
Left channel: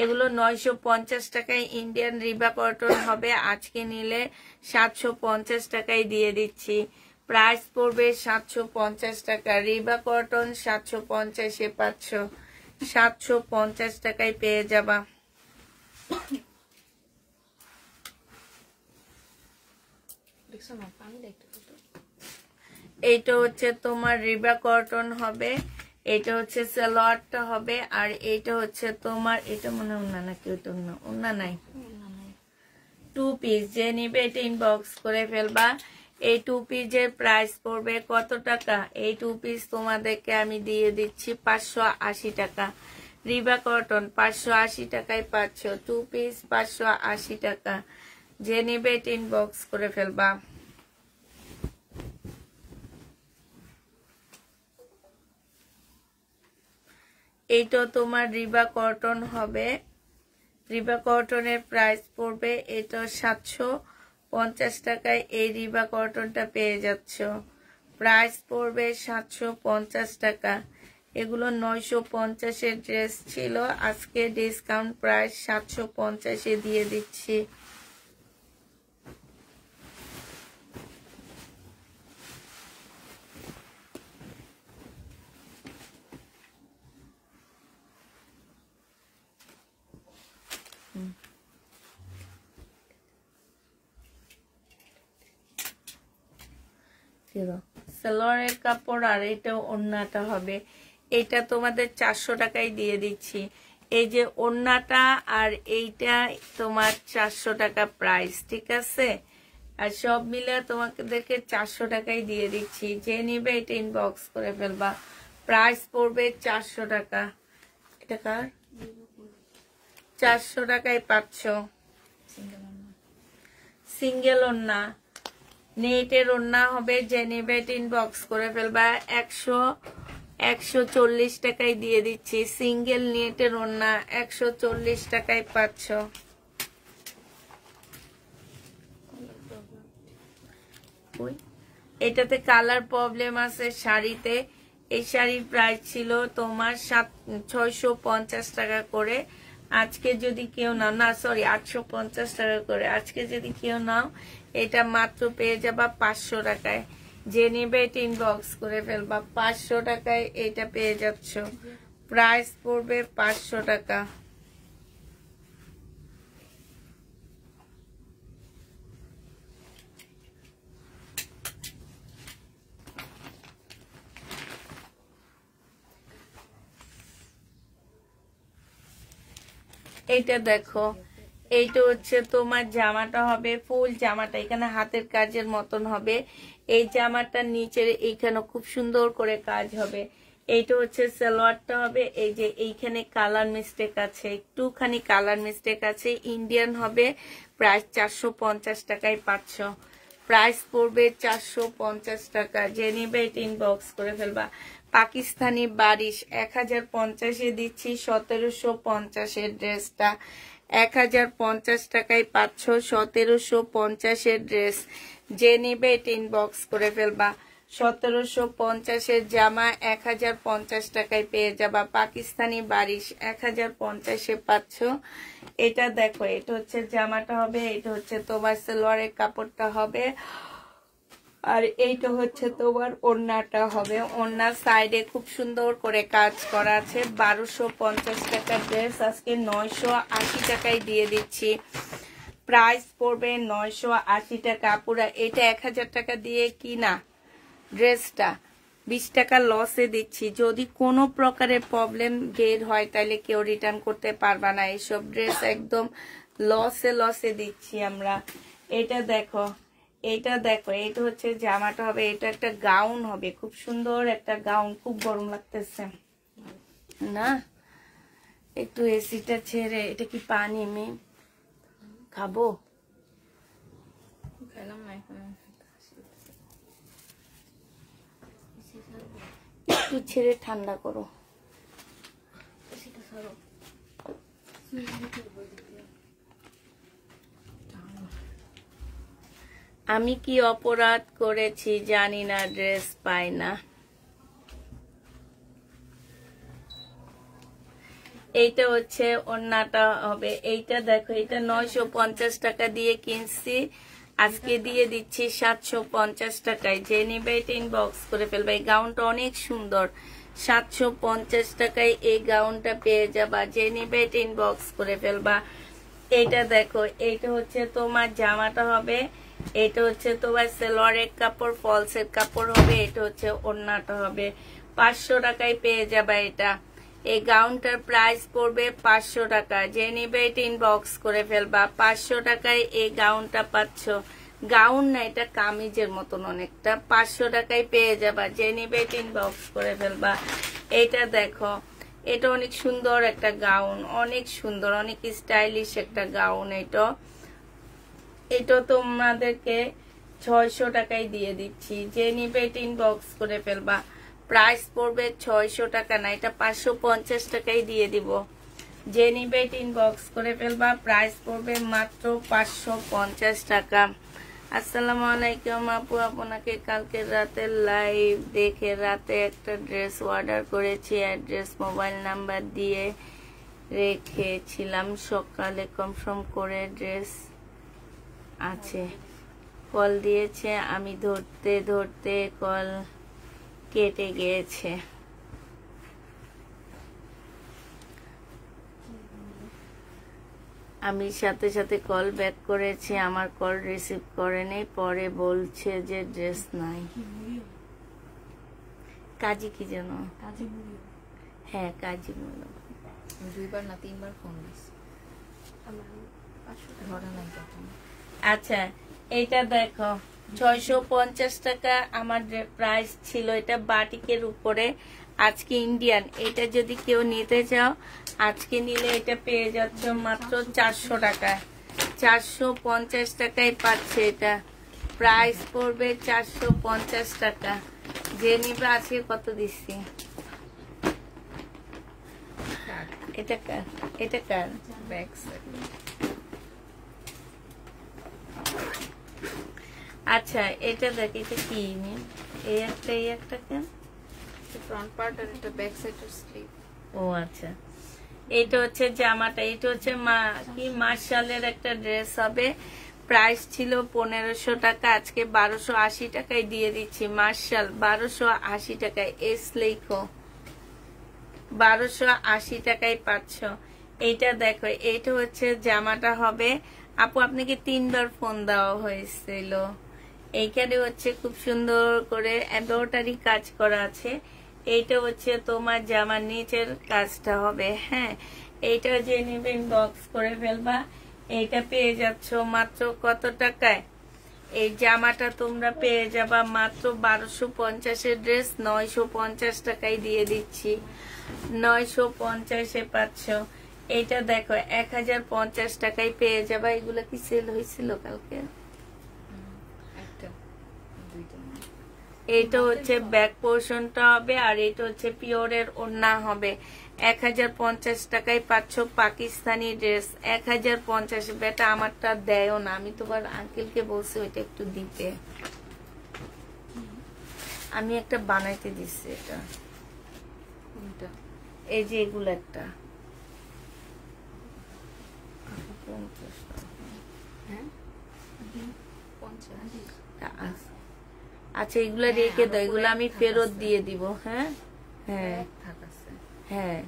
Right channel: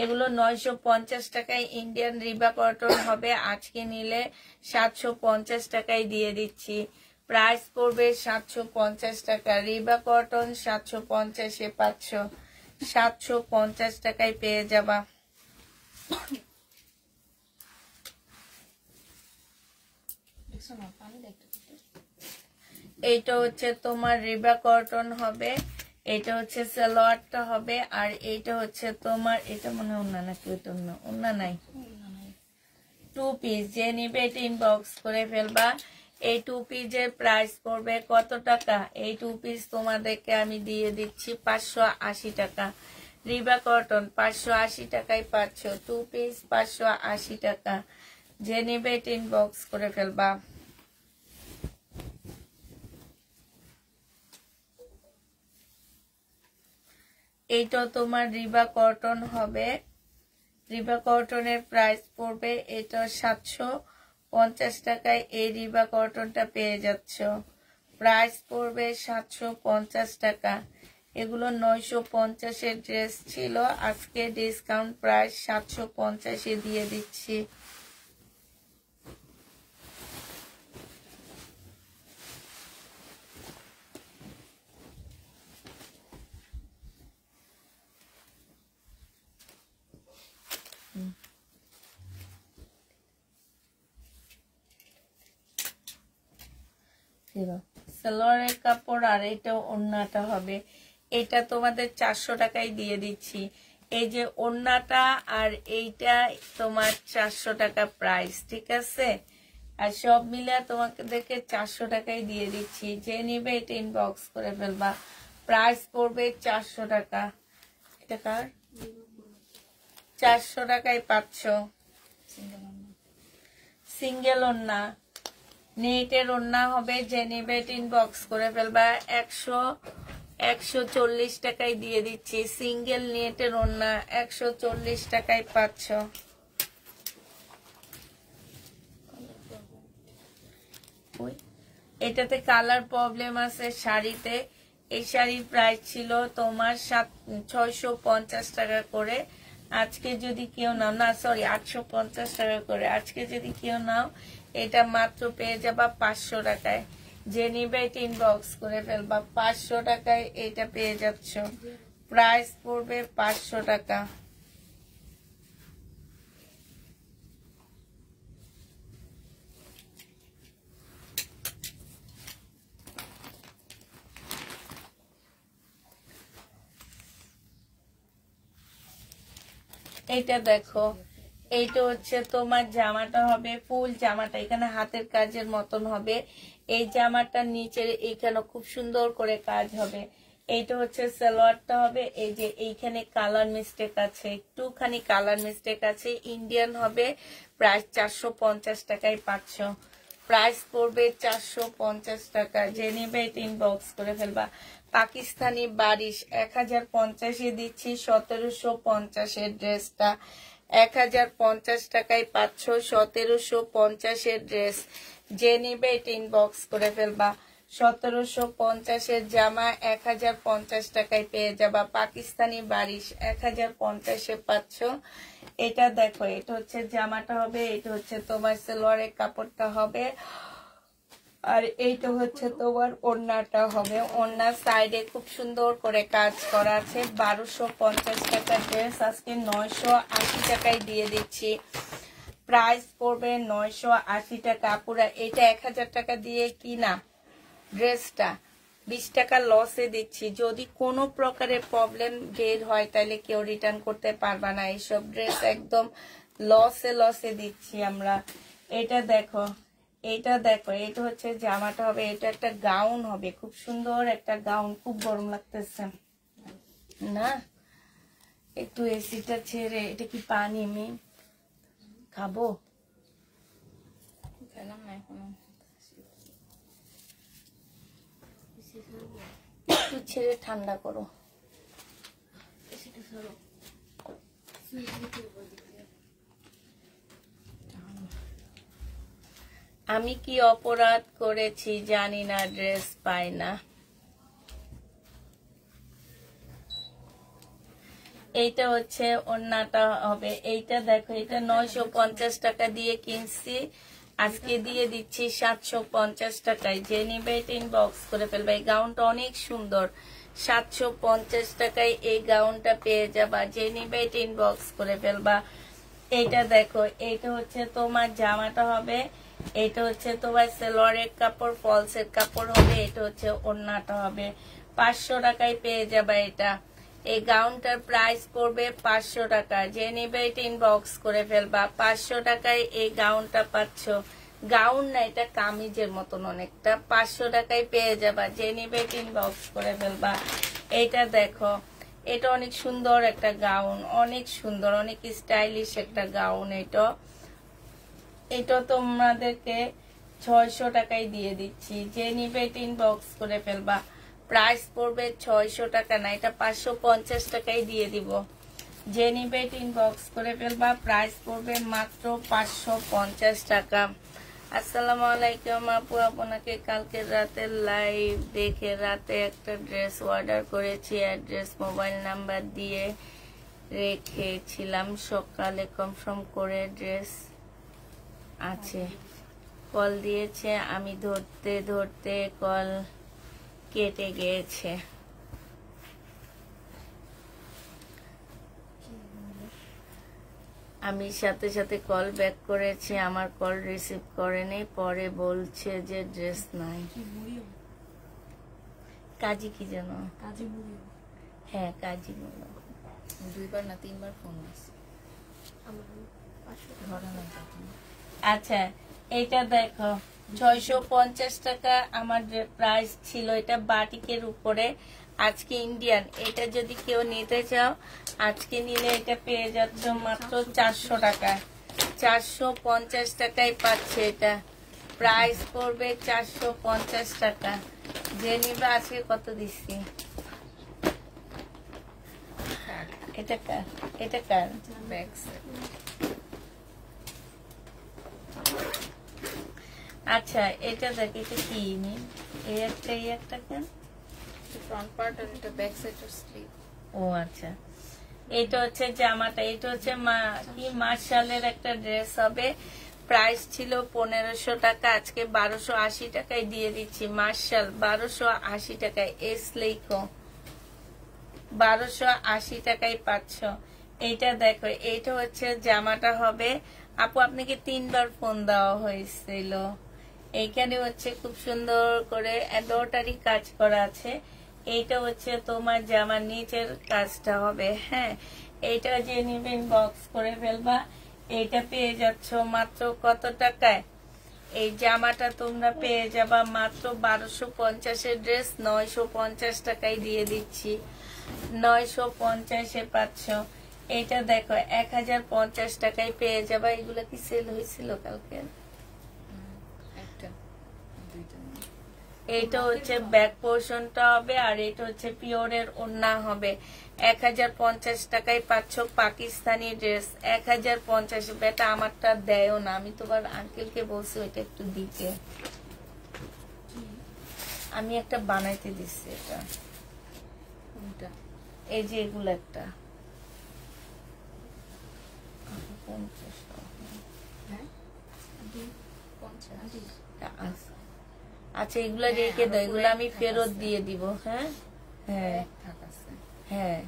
এগুলো 950 টাকায় ইন্ডিয়ান রিবা কটন হবে। আজকে নিলে 750 টাকায় দিয়ে দিচ্ছি। প্রাইস পড়বে 750 টাকা। রিবা কটন 750-এ পাচ্ছ। 750 টাকায় পেয়ে যাবা। এইটা হচ্ছে তোমার রিবা কটন হবে, এটা হচ্ছে সালোয়ারটা হবে, আর এইটা হচ্ছে তোমার, এটা মনে হয় ওন্না নাকি? ওন্না নাই, 2 পিস। যে নিবে এটা ইনবক্স করে ফেলবা। এই 2 পিসের প্রাইস পড়বে কত টাকা? এই 2 পিস তোমাদেরকে আমি দিয়ে দিচ্ছি 580 টাকা। রিবা কটন 580 টাকায় পাচ্ছ। 2 পিস 580 টাকা। যে নিবে এটা ইনবক্স করে ফেলবা। এইটা তোমার রিবা কটন হবে। রিবা কটনের প্রাইস পড়বে, এটা 750 টাকায় এই রিবা কটনটা পেয়ে যাচ্ছ। প্রাইস পড়বে 750 টাকা। এগুলো 950-এর ড্রেস ছিল, আজকে ডিসকাউন্ট প্রাইস 750-এ দিয়ে দিচ্ছি। সালোয়ারের কাপড় আর এটা ওড়নাটা হবে। এটা তোমাদের 400 টাকায় দিয়ে দিচ্ছি। এই যে ওড়নাটা আর এইটা তোমার 400 টাকা প্রাইস, ঠিক আছে? আর সব মিলে তোমাদেরকে 400 টাকায় দিয়ে দিচ্ছি। যে নিবে এটা ইনবক্স করে ফেলবা। প্রাইস পড়বে 400 টাকা। এটা কার? 400 টাকায় পাচ্ছ। সিঙ্গেল ওড়না, নেটের ওড়না হবে। যে নিবে এটা ইনবক্স করে ফেলবা। 140 টাকায় দিয়ে দিচ্ছি। সিঙ্গেল নেটের ওড়না 140 টাকায় পাচ্ছ। এটাতে কালার প্রবলেম আছে শাড়িতে। এই শাড়ির প্রাইস ছিল তোমার 650 টাকা করে। আজকে যদি কেউ নাও, না সরি 850 টাকা করে। আজকে যদি কেউ নাও, এটা মাত্র পেয়ে যাবা 500 টাকায়। যে নিবে এটা ইনবক্স করে ফেলবা। 500 টাকায় এটা পেয়ে যাচ্ছ। প্রাইস পড়বে 500 টাকা। এইটা দেখো, এইটা হচ্ছে তোমার জামাটা হবে ফুল জামাটা, এখানে হাতের কাজের মতন হবে। এই জামাটার নিচের এইখানে খুব সুন্দর করে কাজ হবে। এইটা হচ্ছে সালোয়ারটা হবে। এই যে এইখানে কালার মিস্টেক আছে, একটুখানি কালার মিস্টেক আছে। ইন্ডিয়ান হবে। প্রাইস 450 টাকায় পাচ্ছ। প্রাইস পড়বে 450 টাকা। যে নিবে এটা ইনবক্স করে ফেলবা। পাকিস্তানি বারিশ 1050-এ দিচ্ছি। 1750-এর ড্রেসটা 1050 টাকায় পাচ্ছ। 1750-এর ড্রেস। যে নিবে এটা ইনবক্স করে ফেলবা। 1750-এর জামা 1050 টাকায় পেয়ে যাবা। পাকিস্তানি বারিশ 1050-এ পাচ্ছ। এটা দেখো, এটা হচ্ছে জামাটা হবে, এটা হচ্ছে তোমার সালোয়ারের কাপড়টা হবে, আর এইটা হচ্ছে তোমার ওড়নাটা হবে। ওড়নার সাইডে খুব সুন্দর করে কাজ করা আছে। 1250 টাকার ড্রেস আজকে 980 টাকায় দিয়ে দিচ্ছি। প্রাইস পড়বে 980 টাকা। পুরা এটা 1000 টাকা দিয়ে কিনা ড্রেসটা 20 টাকা লসে দিচ্ছি। যদি কোনো প্রকারের প্রবলেম বের হয় তাহলে কেউ রিটার্ন করতে পারবা না। এইসব ড্রেস একদম লসে দিচ্ছি আমরা। এটা দেখো, এটা দেখো, এটা হচ্ছে জামাটা হবে। এটা একটা গাউন হবে, খুব সুন্দর একটা গাউন। খুব গরম লাগতেছে না? একটু এসিটা ছেড়ে, এটা কি পানি আমি খাবো? পেলাম না এখনো। একটু ছেড়ে ঠান্ডা করো। আমি কি অপরাধ করেছি জানি না, ড্রেস পাই না। এইটা হচ্ছে ওড়নাটা হবে। এইটা দেখো, এটা 950 টাকা দিয়ে কিনছি, আজকে দিয়ে দিচ্ছি 750 টাকায়। যে নিবে এটা ইনবক্স করে ফেলবে। এই গাউনটা অনেক সুন্দর, 750 টাকায় এই গাউনটা পেয়ে যাবা। যে নিবে এটা ইনবক্স করে ফেলবা। এইটা দেখো, এইটা হচ্ছে তোমার জামাটা হবে, এটা হচ্ছে তোমার সেলোয়ারের কাপড়, ফলসের কাপড় হবে, এটা হচ্ছে ওড়নাটা হবে। 500 টাকায় পেয়ে যাবা এটা। এই গাউনটার প্রাইস পড়বে 500 টাকা। যে নিবে এটা ইনবক্স করে ফেলবা। 500 টাকায় এই গাউনটা পাচ্ছ। গাউন না, এটা কামিজের মতন অনেকটা। 500 টাকায় পেয়ে যাবা। যে নিবে এটা ইনবক্স করে ফেলবা। এইটা দেখো, এটা অনেক সুন্দর একটা গাউন, অনেক সুন্দর, অনেক স্টাইলিশ একটা গাউন। এটা তোমাদেরকে 600 টাকায় দিয়ে দিচ্ছি। যে নিবে এটা ইনবক্স করে ফেলবা। প্রাইস পড়বে 600 টাকা না, এটা 550 টাকায় দিয়ে দিব। যে নিবে এটা ইনবক্স করে ফেলবা। প্রাইস পড়বে মাত্র 550 টাকা। আসসালামু আলাইকুম আপু, আপনাকে কালকে রাতে লাইভ দেখে রাতে একটা ড্রেস অর্ডার করেছি। অ্যাড্রেস মোবাইল নাম্বার দিয়ে রেখেছিলাম, সকালে কনফার্ম করে ড্রেস আছে। কল দিয়েছে, আমি ধরতে ধরতে কল কেটে গিয়েছে। আমি সাথে সাথে কল ব্যাক করেছি, আমার কল রিসিভ করেনি। পরে বলছে যে ড্রেস নাই। কাজী কি যেন? হ্যাঁ, কাজী বলো। 2বার না 3বার ফোন দিয়েছি, ধরা নাই তখন। আচ্ছা, এইটা দেখো 650 টাকা আমার প্রাইস ছিল। এটা বাটিকের উপরে, আজকে ইন্ডিয়ান। এটা যদি কেউ নিতে চাও, আজকে নিলে এটা পেয়ে যাচ্ছ মাত্র 400 টাকা। 450 টাকায় পাচ্ছে এটা। প্রাইস পড়বে 450 টাকা। যে নিবে আজকে কত দিচ্ছি? এটা কার? এটা কার? Back side. আচ্ছা, এটা দেখ, এটা কি? এই একটা কেন? ফ্রন্ট পার্ট আর একটা ব্যাক সাইডের স্লিভ। ও আচ্ছা, এটা হচ্ছে জামাটা। এটা হচ্ছে মার্শালের একটা ড্রেস হবে। প্রাইস ছিল 1500 টাকা, আজকে 1280 টাকায় দিয়ে দিচ্ছি। মার্শাল 1280 টাকায়। এস লেখো, 1280 টাকায় পাচ্ছ। এইটা দেখো, এইটা হচ্ছে জামাটা হবে। আপু, আপনাকে 3বার ফোন দেওয়া হয়েছিল। এইখানে হচ্ছে খুব সুন্দর করে এমব্রয়ডারি কাজ করা আছে। এইটা হচ্ছে তোমার জামার নিচের কাজটা হবে। হ্যাঁ, এইটা যে নিবেন বক্স করে ফেলবা। এইটা পেয়ে যাচ্ছ মাত্র কত টাকায়? এই জামাটা তোমরা পেয়ে যাবা মাত্র 1250-এর ড্রেস 950 টাকায় দিয়ে দিচ্ছি। 950-এ পাচ্ছ। এইটা দেখো 1050 টাকায় পেয়ে যাবা। এগুলো কি সেল হয়েছিল কালকে? এইটা হচ্ছে ব্যাক পোর্শনটা হবে, আর এটা হচ্ছে পিওরের ওড়না হবে। 1050 টাকায় পাচ্ছ পাকিস্তানি ড্রেস। 1050। বেটা আমারটা দেয়ও না, আমি তোমার আঙ্কেলকে বলছি এটা একটু দিতে। আমি একটা বানাইতে দিচ্ছি। এটা এই যে এগুলো একটা 50। আচ্ছা, এগুলো রেখে দাও, এগুলো আমি ফেরত দিয়ে দিব। হ্যাঁ হ্যাঁ হ্যাঁ।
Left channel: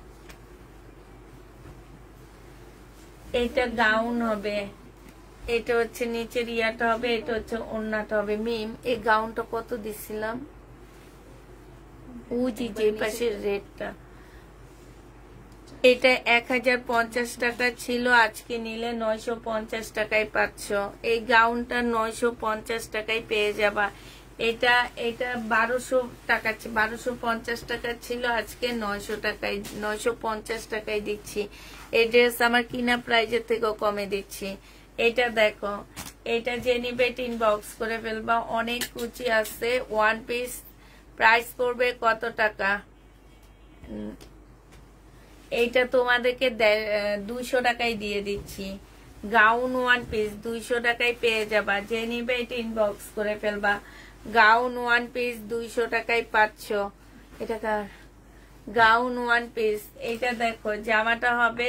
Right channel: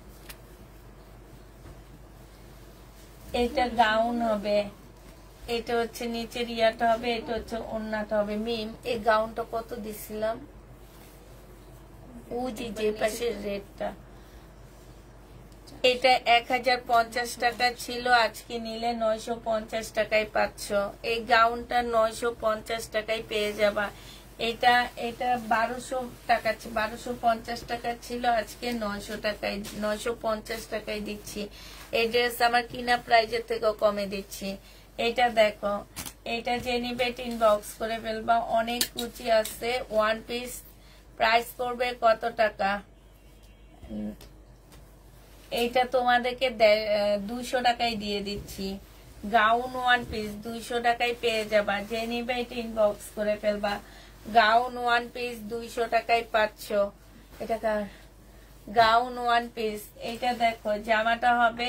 এইটা গাউন হবে, এটা হচ্ছে নিচের ইয়াটা হবে, এটা হচ্ছে ওড়নাটা হবে। মিম, এই গাউনটা কত দিছিলাম? বুঝি যে পাশের রেটটা। এটা 1050 টাকা ছিল, আজকে নিলে 950 টাকায় পাচ্ছ। এই গাউনটা 950 টাকায় পেয়ে যাবা। এটা 1200 টাকা, 1250 টাকা ছিল, আজকে 950 টাকায় দিচ্ছি। এই ড্রেস আমার কিনা প্রাইজের থেকেও কমে দিচ্ছি। এটা দেখো, এটা যে নিবে ইনবক্স করে ফেলবা, অনেক কুচি আছে। ওয়ান পিস প্রাইস পড়বে কত টাকা? এইটা তোমাদেরকে 200 টাকায় দিয়ে দিচ্ছি। গাউন ওয়ান পিস 200 টাকায় পেয়ে যাবা, যে নিবে এটা ইনবক্স করে ফেলবা। গাউন ওয়ান পিস 200 টাকায় পাচ্ছ। এটা গাউন ওয়ান পিস। এটা দেখো, জামাটা হবে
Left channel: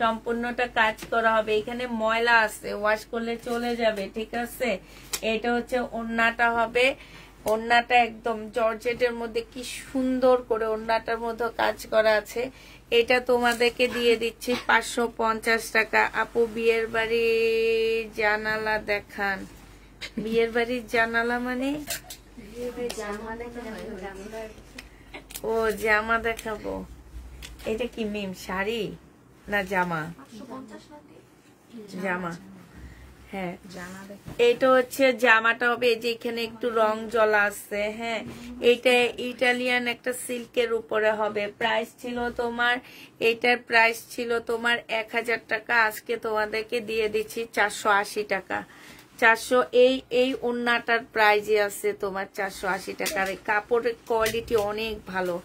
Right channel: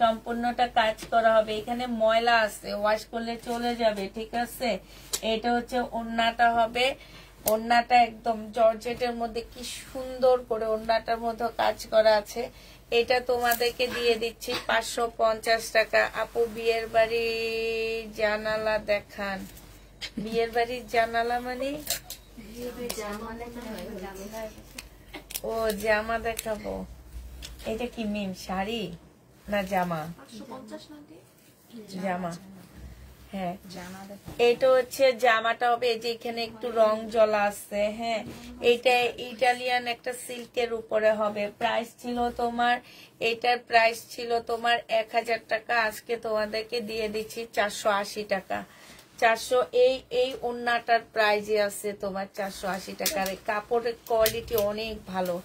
সম্পূর্ণটা কাজ করা হবে, এখানে ময়লা আছে, ওয়াশ করলে চলে যাবে, ঠিক আছে। এটা হচ্ছে ওড়নাটা হবে, ওড়নাটা একদম জর্জেটের মধ্যে কি সুন্দর করে ওড়নাটার মধ্যে কাজ করা আছে। এটা তোমাদেরকে দিয়ে দিচ্ছি 550 টাকা। আপু বিয়ের বাড়ির জানালা দেখান। বিয়ের বাড়ির জানালা মানে? ও জামা দেখাবো। এটা কি মিম শাড়ি না জামা? জামা, হ্যাঁ জামা দেখো। এটা হচ্ছে জামাটা হবে, এই যে এখানে একটু রং জ্বলা আছে, হ্যাঁ। এটা ইটালিয়ান একটা সিল্কের উপরে হবে। প্রাইস ছিল তোমার, এটার প্রাইস ছিল তোমার 1000 টাকা, আজকে তোমাদেরকে দিয়ে দিচ্ছি 480 টাকা। 400 এই ওড়নাটার প্রাইজে আছে তোমার 480 টাকা। আর কাপড়ের কোয়ালিটি অনেক ভালো,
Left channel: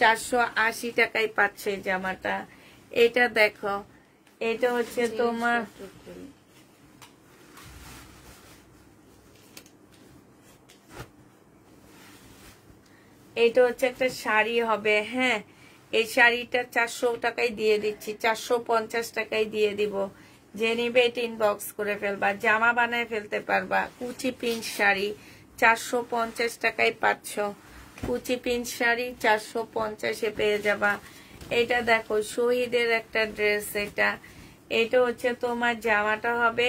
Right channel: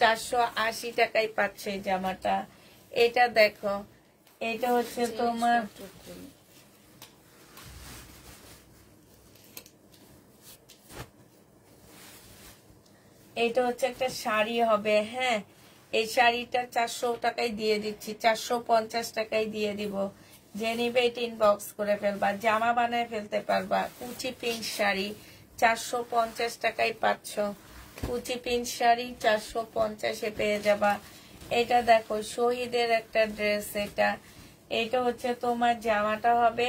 480 টাকায় পাচ্ছে এই জামাটা। এটা দেখো, এটা হচ্ছে তোমার এটা হচ্ছে একটা শাড়ি হবে, হ্যাঁ। এই শাড়িটা 400 টাকায় দিয়ে দিচ্ছি, 450 টাকায় দিয়ে দিব। যে নিবে এটা ইনবক্স করে ফেলবা, জামা বানায় ফেলতে পারবা। কুচি প্রিন্ট শাড়ি 450 টাকায় পাচ্ছ। কুচি প্রিন্ট শাড়ি 450-এ পেয়ে যাবা। এটা দেখো, শহীদের একটা ড্রেস। এটা হচ্ছে তোমার জামাটা হবে,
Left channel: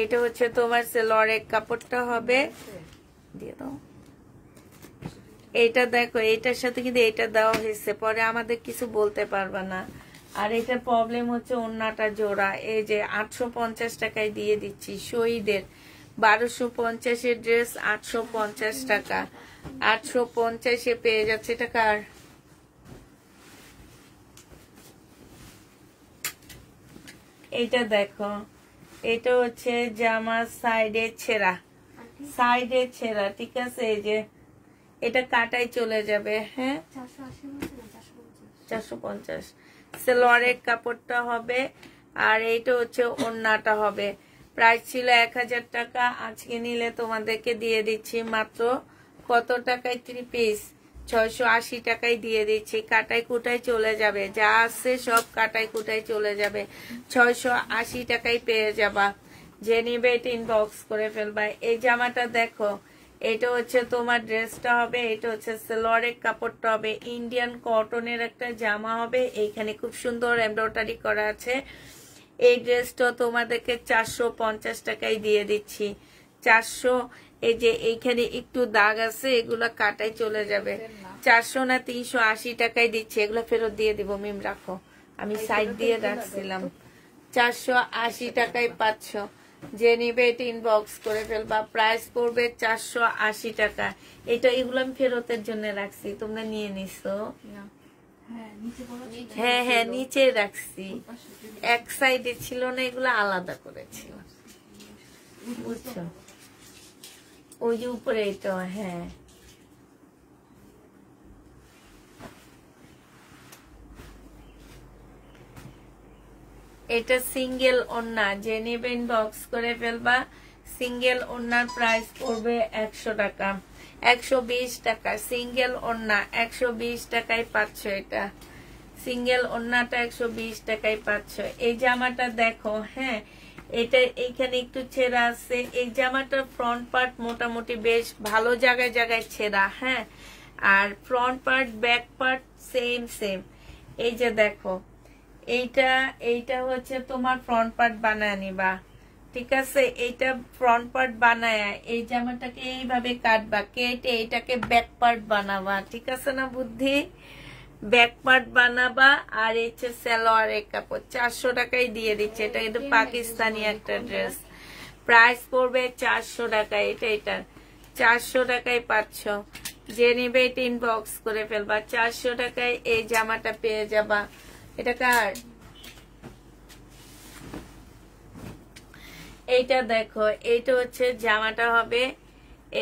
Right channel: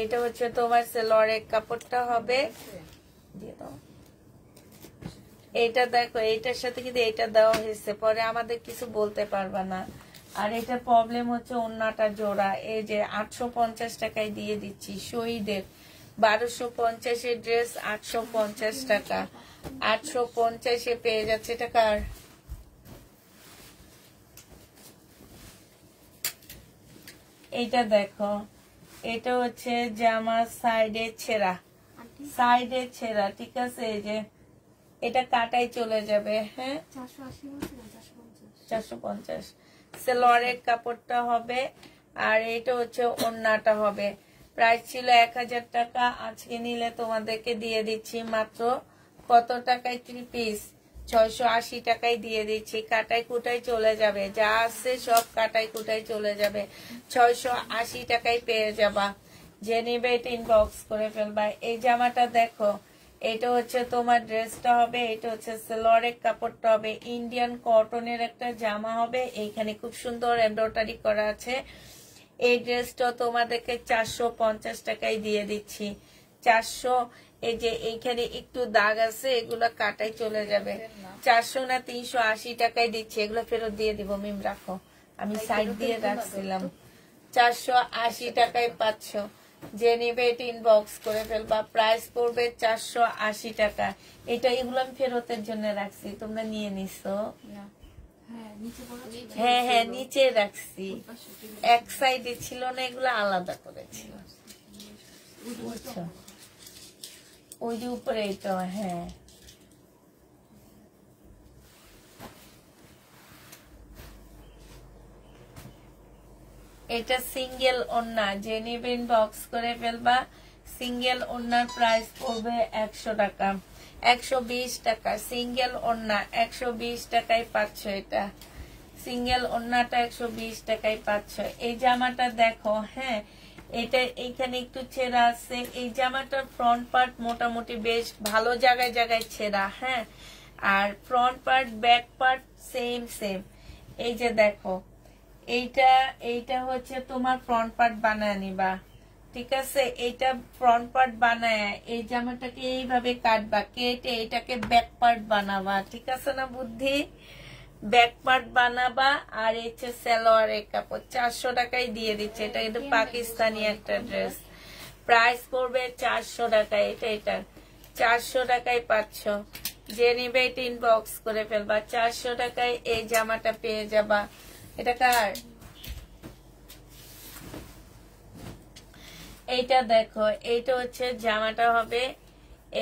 এটা হচ্ছে তোমার সেলোয়ারের কাপড়টা হবে। দিয়ে দাও। এটা দেখো, এটার সাথে কিন্তু এটা দেওয়া হয়েছে, পরে আমাদের কিছু বলতে পারবা না। আর এটার প্রবলেম হচ্ছে ওড়নাটা জোড়া। এই যে 850 টাকায় দিয়ে দিচ্ছি শহীদের। 1250-এর ড্রেস 850 টাকা। 850-এ পেয়ে যাচ্ছে। এটা কার? এটা দেখো, এটা হচ্ছে জামার সাইডে ছেঁড়া, সাইডে ছেঁড়া, ঠিক আছে। এই যে এটা কাটাই চলে যাবে, হ্যাঁ। 450 সেলোয়ারের কাপড়টা হবে, আর এটা হচ্ছে ওড়নাটা হবে। প্রাইস ছিল 1000 টাকা, আজকে নিলে তোমাদেরকে দিয়ে দিচ্ছি মাত্র কত টাকায়? 3 পিস 680 টাকায় দিয়ে দিচ্ছি। কাটাই কুটাই চলে যাবে, যা আছে সব কাটাই কুটাই চলে যাবে। 680 টাকায় পেয়ে যাবা। যে নিবে এটা ইনবক্স করে ফেলবা। এই জামাটা দেখো, এটা হচ্ছে তোমার ড্রেসটা হবে, এটা হচ্ছে সেলোয়ারের কাপড়টা হবে। ইন্ডিয়ান কটনের একটা জামা হবে, এইখানে খুব সুন্দর এমব্রয়ডারি করা আছে। এই ড্রেসটা তোমাদেরকে 450 টাকায় দিয়ে দিচ্ছি। 400। এই যে এইখানে একটু দাগ আছে, এগুলো কাটাই চলে যাবে। 400 না 380 টাকায় দিচ্ছি, এগুলো ফেরত দিয়ে দিব। মিম রাখো, আমি সাইড দিয়ে রাখছিলাম। 480 টাকায় পাচ্ছ। যে নিবে এটা ইনবক্স করে ফেলবা। প্রাইস পড়বে 480 টাকা। এটা এগুলো আমি ফেরতের জন্য রাখছি, তোমরা নিয়ে নিছো? হ্যাঁ হ্যাঁ, নিচে রাখছি, এক সাইডে ছিল না, এগুলো আলাদা করেছিল, বুঝছো? ওই যে উপরে এটা, হ্যাঁ। এটা সিঙ্গেল ওড়না, যে নেবে ইনবক্স করে ফেলবা। সিঙ্গেল ওড়নার প্রাইস পড়বে 100 টাকা, 120 টাকা। সিঙ্গেল ওড়না 120 টাকায় পাচ্ছ। এটা সিঙ্গেল ওড়নাটা 120 টাকায় পাচ্ছ। এই জামাটা দেখো, হ্যাঁ, এটা এইখানে একটু ছেঁড়া আছে। এই জামাটার ফ্রন্ট পার্ট মোটামুটি বেশ ভালো জায়গায় জায়গায় ছেঁড়া, হ্যাঁ। আর front part back part same same. এই যে দেখো, এইটা হচ্ছে তোমার ফ্রন্ট পার্ট বানায় নিবা, ঠিক আছে। এইটা ফ্রন্ট পার্ট বানায় এই জামাটাকে এইভাবে কাটবা, কেটে এটাকে ব্যাক পার্ট বানাবা, ঠিক আছে না বুদ্ধি? Back part বানাবা। আর হচ্ছে সালোয়ারের কাপড় 400 টাকায় দিয়ে দিচ্ছে। এটা কিন্তু পাকিস্তানি একটা ড্রেস। প্রাইস করবে 400 টাকায়। এটা 400 টাকায় পাচ্ছ। যে নিবে এটা ইনবক্স করে ফেলবা। 400 টাকায় এই জামাটা পেয়ে যাবা। এটা কার? এইটা দেখো, এইটা হচ্ছে জামাটা হবে,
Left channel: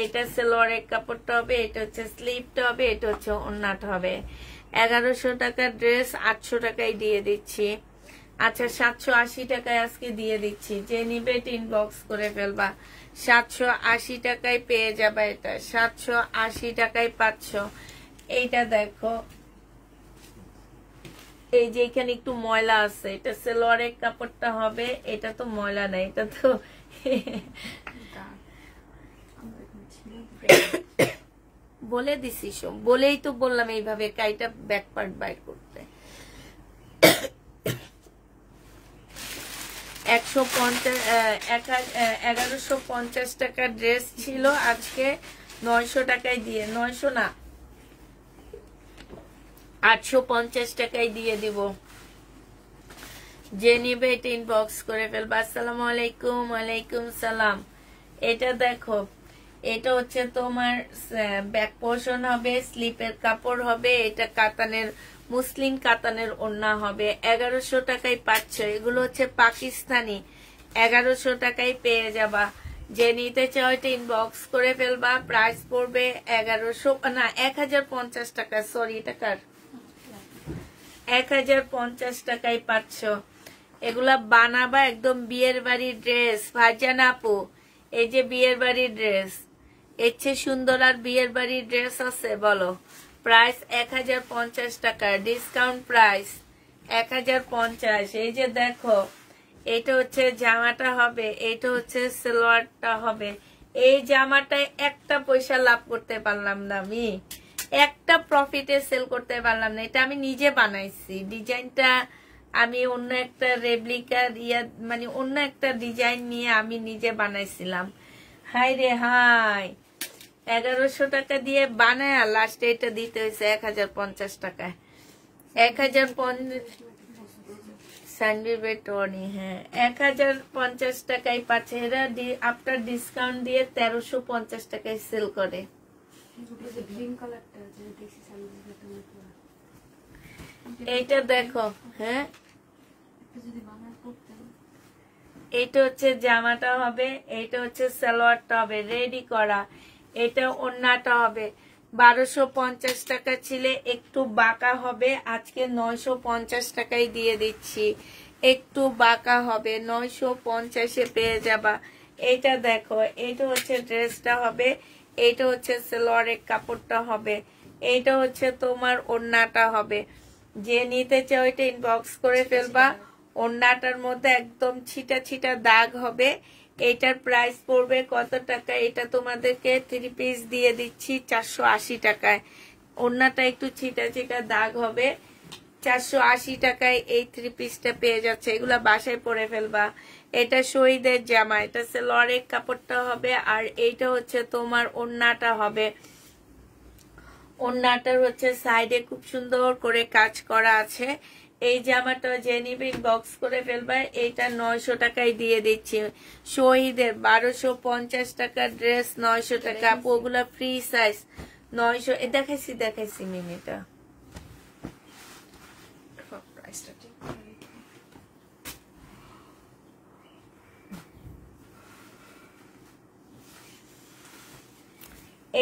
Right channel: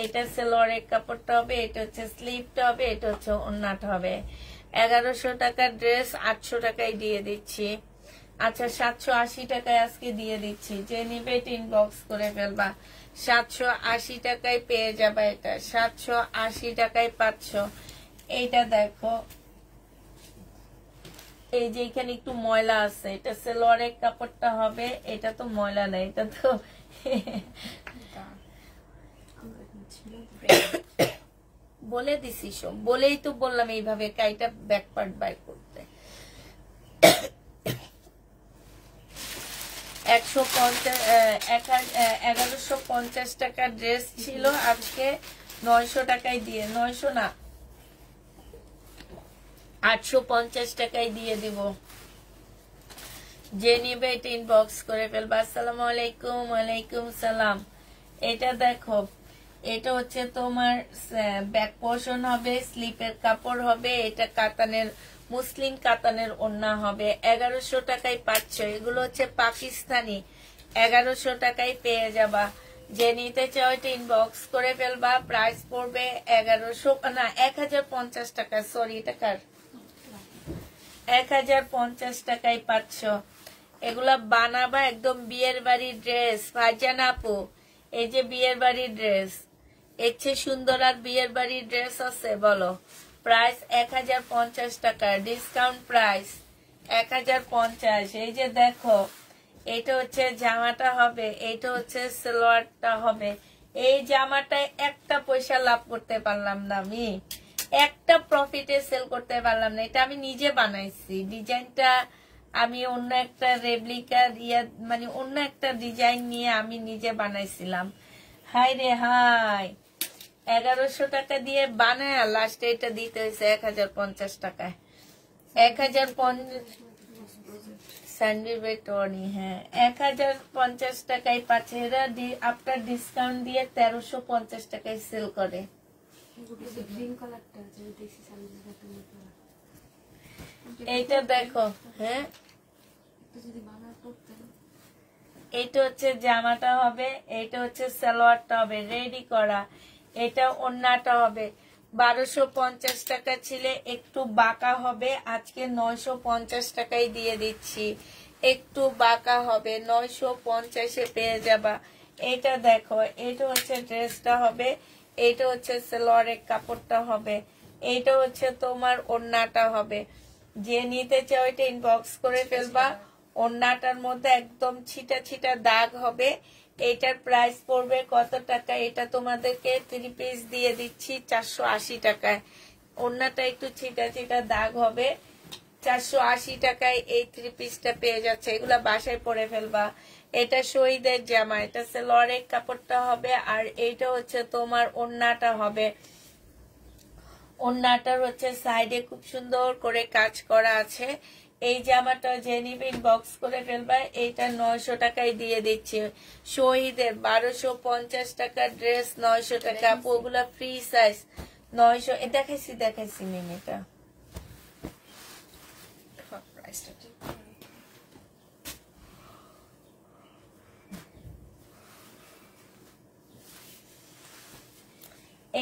এইটা সালোয়ারের কাপড়টা হবে, এটা হচ্ছে স্লিভটা হবে, এটা হচ্ছে ওড়নাটা হবে। 1100 টাকার ড্রেস 800 টাকায় দিয়ে দিচ্ছি। আচ্ছা 780 টাকায় আজকে দিয়ে দিচ্ছি, যে নিবে ইনবক্স করে ফেলবা। 780 টাকায় পেয়ে যাবে এটা, 780 টাকায় পাচ্ছ। এইটা দেখো, এই যে এখানে একটু ময়লা আছে, এটা সালোয়ারের কাপড়টা হবে, এটা তো ময়লা নেই, এটা তো বলে দিছি সব, বলেই তো বললাম এইভাবে কাইটা ব্যাক পার্ট বাইর করতে। 1150 টাকার ড্রেস ছিল, আজকে 900 টাকায় দিয়ে, 900 না 850 টাকায় দিয়ে দিব। যে নিবে এটা ইনবক্স করে ফেলবা। আসসালামু আলাইকুম। ওয়ালাইকুম সালাম। এটা দেখো, এটা হচ্ছে তোমার ব্যাক পোর্শন হবে, স্লিপের কাপড় হবে, এটা কাতানের মুসলিম কাতানের ওড়না হবে। 1100 টাকায় পাচ্ছ। এগুলো হচ্ছে পাকিস্তানি, 1100 টাকায় পেয়ে যাবা। যে নিতে চাও এটা ইনবক্স করে ফেলবা। প্রাইস পড়বে 1100 না 1050 টাকা, সরি এটা কার, 1050 টাকায় পাচ্ছ। এগুলা বানাবা একদম বিয়ের বাড়ির ড্রেস। ভাইজান আপু, এই যে বিয়ের বাড়ির ড্রেস, এর চেয়ে সুন্দর আর বিয়ের বাড়ির ড্রেস আছে বলো? প্রাইস 1050 টাকা, ডিসকাউন্ট প্রাইস 1050। এই যে দেখো, এইটা হচ্ছে জামাটা হবে, এইটা হচ্ছে সালোয়ারটা হবে। এই জামাটায় একটা পয়সা লাভ করতে পারলাম না, আমি একটা প্রফিটে সেল করতে পারলাম না। এটা আমি নিজে বানাইছি, ডিজাইনটা আমি অন্য একটা রেপ্লিকা মানে অন্য একটা ডিজাইন নিয়ে আমি নিজে বানাইছিলাম। হাই রে হাই, 1100 টাকা দিয়ে বানায় লাস্টে এটা দিতে হয়েছে 1050 টাকায়। 1050 স্যান্ডউইচ, হ্যাঁ 1050 টাকায় পাচ্ছে। এরা আফটার ডিসকাউন্ট দিয়ে 1350 টাকায় সেল করে। এইটা দেখো, হ্যাঁ এইটা হচ্ছে জামাটা হবে, এইটা হচ্ছে সালোয়ারটা হবে রেডি করা, এটা ওড়নাটা হবে। 1250 টাকা ছিল, একটু বাঁকা হবে, আজকে 950 টাকায় দিয়ে দিচ্ছি। একটু বাঁকা হবে, 950-এ পেয়ে যাবা। এইটা দেখো, এইটা হচ্ছে ড্রেসটা হবে, এইটা হচ্ছে সালোয়ারের কাপড়টা হবে, এইটা হচ্ছে তোমার ওড়নাটা হবে। যে নিতে চাও এটা ইনবক্স করে ফেলবা। ওড়নাটার মধ্যে একদম ছিটা ছিটা দাগ হবে। এইটার প্রাইস পড়বে কত টাকা? এটা তোমাদেরকে 3 পিস দিয়ে দিচ্ছি 480 টাকায়। ওড়নাটা একটু ছিটা ছিটা দাগ হবে, 480 টাকায় এই 3 পিসটা পেয়ে যাচ্ছে। এগুলা বাসায় পরে ফেলবা। এটা শহীদের জামা, এটা সালোয়ারের কাপড়টা হবে, আর এইটা হচ্ছে তোমার ওড়নাটা হবে। ওড়নাটার হচ্ছে সাইডে খুব সুন্দর করে কাজ করা আছে। এই জামাটা যে নিবে বক্স করে ফেলবা। এইটা 900 টাকায় দিয়ে দিচ্ছি। শহীদের 1250 টাকার ড্রেস 900 টাকা। ওগুলা ফ্রি সাইজ 900। দেখাইছি মিনিটা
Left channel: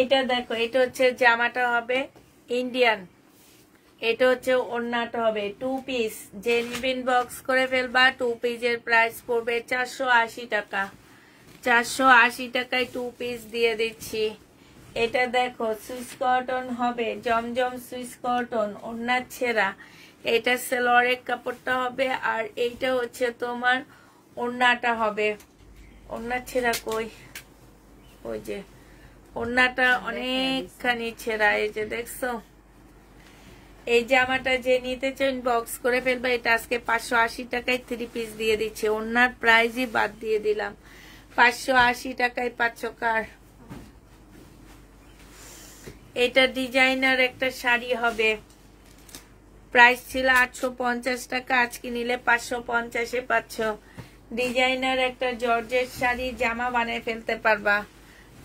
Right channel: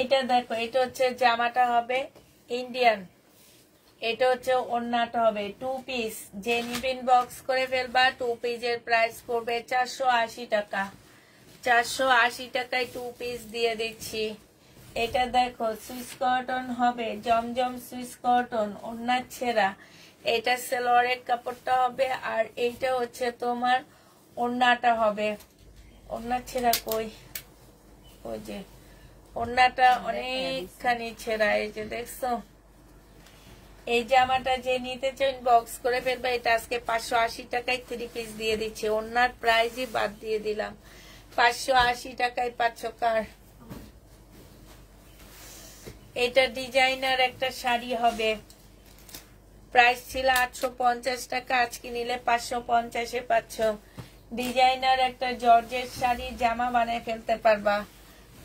এটা দেখো, এটা হচ্ছে জামাটা হবে ইন্ডিয়ান, এটা হচ্ছে ওড়নাটা হবে 2 পিস। যে নিবেন বক্স করে ফেলবা। 2 পিসের প্রাইস পড়বে 480 টাকা। 480 টাকায় 2 পিস দিয়ে দিচ্ছি। এটা দেখো সুইস কটন হবে, জমজম সুইস কটন, ওড়না ছেঁড়া। এটা সালোয়ারের কাপড়টা হবে, আর এইটা হচ্ছে তোমার ওড়নাটা হবে। ওড়না ছেঁড়া কই? ওই যে ওড়নাটা অনেকখানি ছেঁড়া, এই যে দেখছো। এই জামাটা যে নিতে চান বক্স করে ফেলবে। এটা আজকে 580 টাকায় 3 পিস দিয়ে দিচ্ছে। ওড়নার প্রাইসই বাদ দিয়ে দিলাম। 580 টাকায় পাচ্ছ কার? এটা ডিজাইনার একটা শাড়ি হবে, প্রাইস ছিল 850 টাকা, আজকে নিলে 550-এ পাচ্ছ। ডিজাইনার একটা জর্জের শাড়ি জামা বানিয়ে ফেলতে পারবা।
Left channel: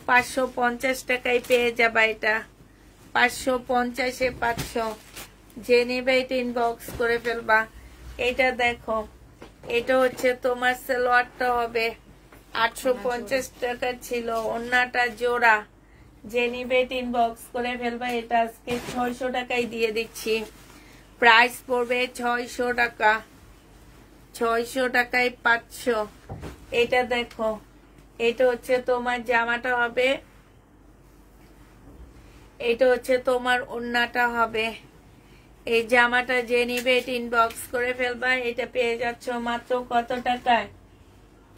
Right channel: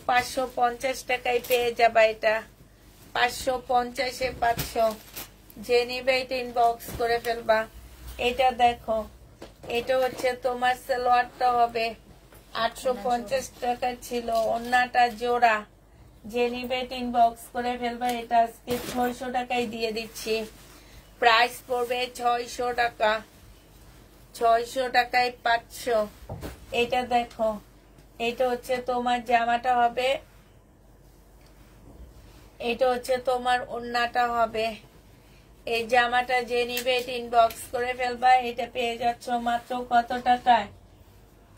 550 টাকায় পেয়ে যাবা। এটা 550-এ পাচ্ছ। যে নিবে এটা ইনবক্স করে ফেলবা। এটা দেখো, এটা হচ্ছে তোমার সালোয়ারটা হবে, 850 টাকা ছিল। ওন্নাটা জোড়া, যে নিবে ইনবক্স করে ফেলবে। এটা আজকে 600 টাকায় দিয়ে দিচ্ছি। প্রাইস পড়বে 600 টাকা। 600 টাকায় 500। এটা দেখো, এটা হচ্ছে তোমার জামাটা হবে, এটা হচ্ছে তোমার ওন্নাটা হবে। এই জামাটা যে নিবে ইনবক্স করে ফেলবা। এটা পেয়ে যাচ্ছ মাত্র কত টাকায়?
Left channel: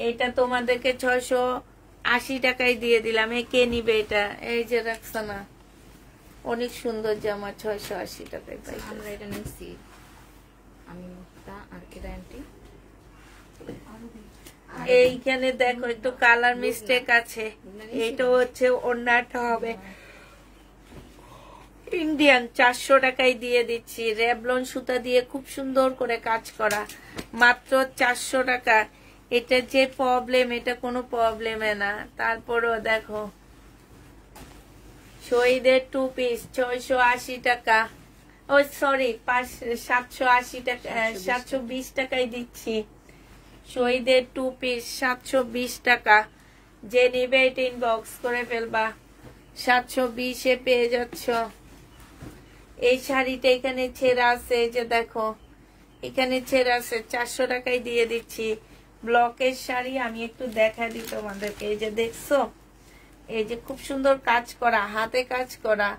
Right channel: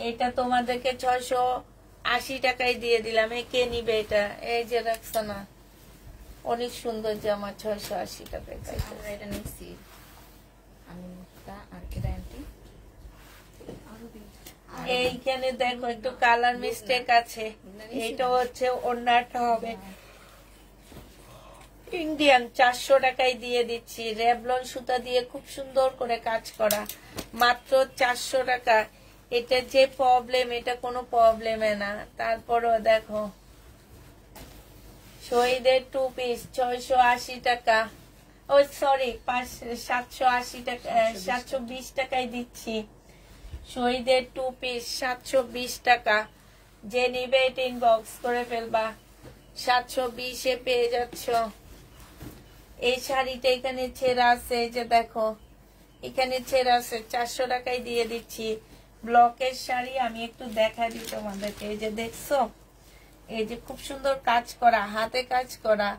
এটা তোমাদেরকে 680 টাকায় দিয়ে দিলাম। কে নিবে এটা? এই যে রাখছো না, অনেক সুন্দর জামা, 680 টাকায় পাইছো। আমরা এটা নিচ্ছি, আমি মুক্তা আর এরা আন্টি। এইখানে দেখো একটু কালার মিস্টেক আছে। এটা হচ্ছে ওন্নাটা হবে ইন্ডিয়ান, 400 টাকায় দিয়ে দিচ্ছি। রেবলন সুতা দিয়ে খুব সুন্দর করে কাজ করা, মাত্র 400 টাকা। এটা যে প্রবলেম, এটা কোনো প্রবলেমে না। তারপরও দেখো শহীদের 2 পিস 680 টাকা। ও সরি, 780 টাকা, 720 টাকায় দিচ্ছি। শহীদের 2 পিস 720 টাকা। যে নিবে এটা ইনবক্স করে ফেলবা। 720-এ পেয়ে যাচ্ছ। এই শাড়িটা এখানে ছেঁড়া আছে, এই যে দেখো এখানে ছেঁড়া আছে, 400 টাকায় দিয়ে দিচ্ছি। ব্লকের শাড়ি আমি একটু দেখা দিই তোমাদেরকে। এই যে দেখছো, এই যে খুব সুন্দর কাজ করা, হাতে কাজ করা,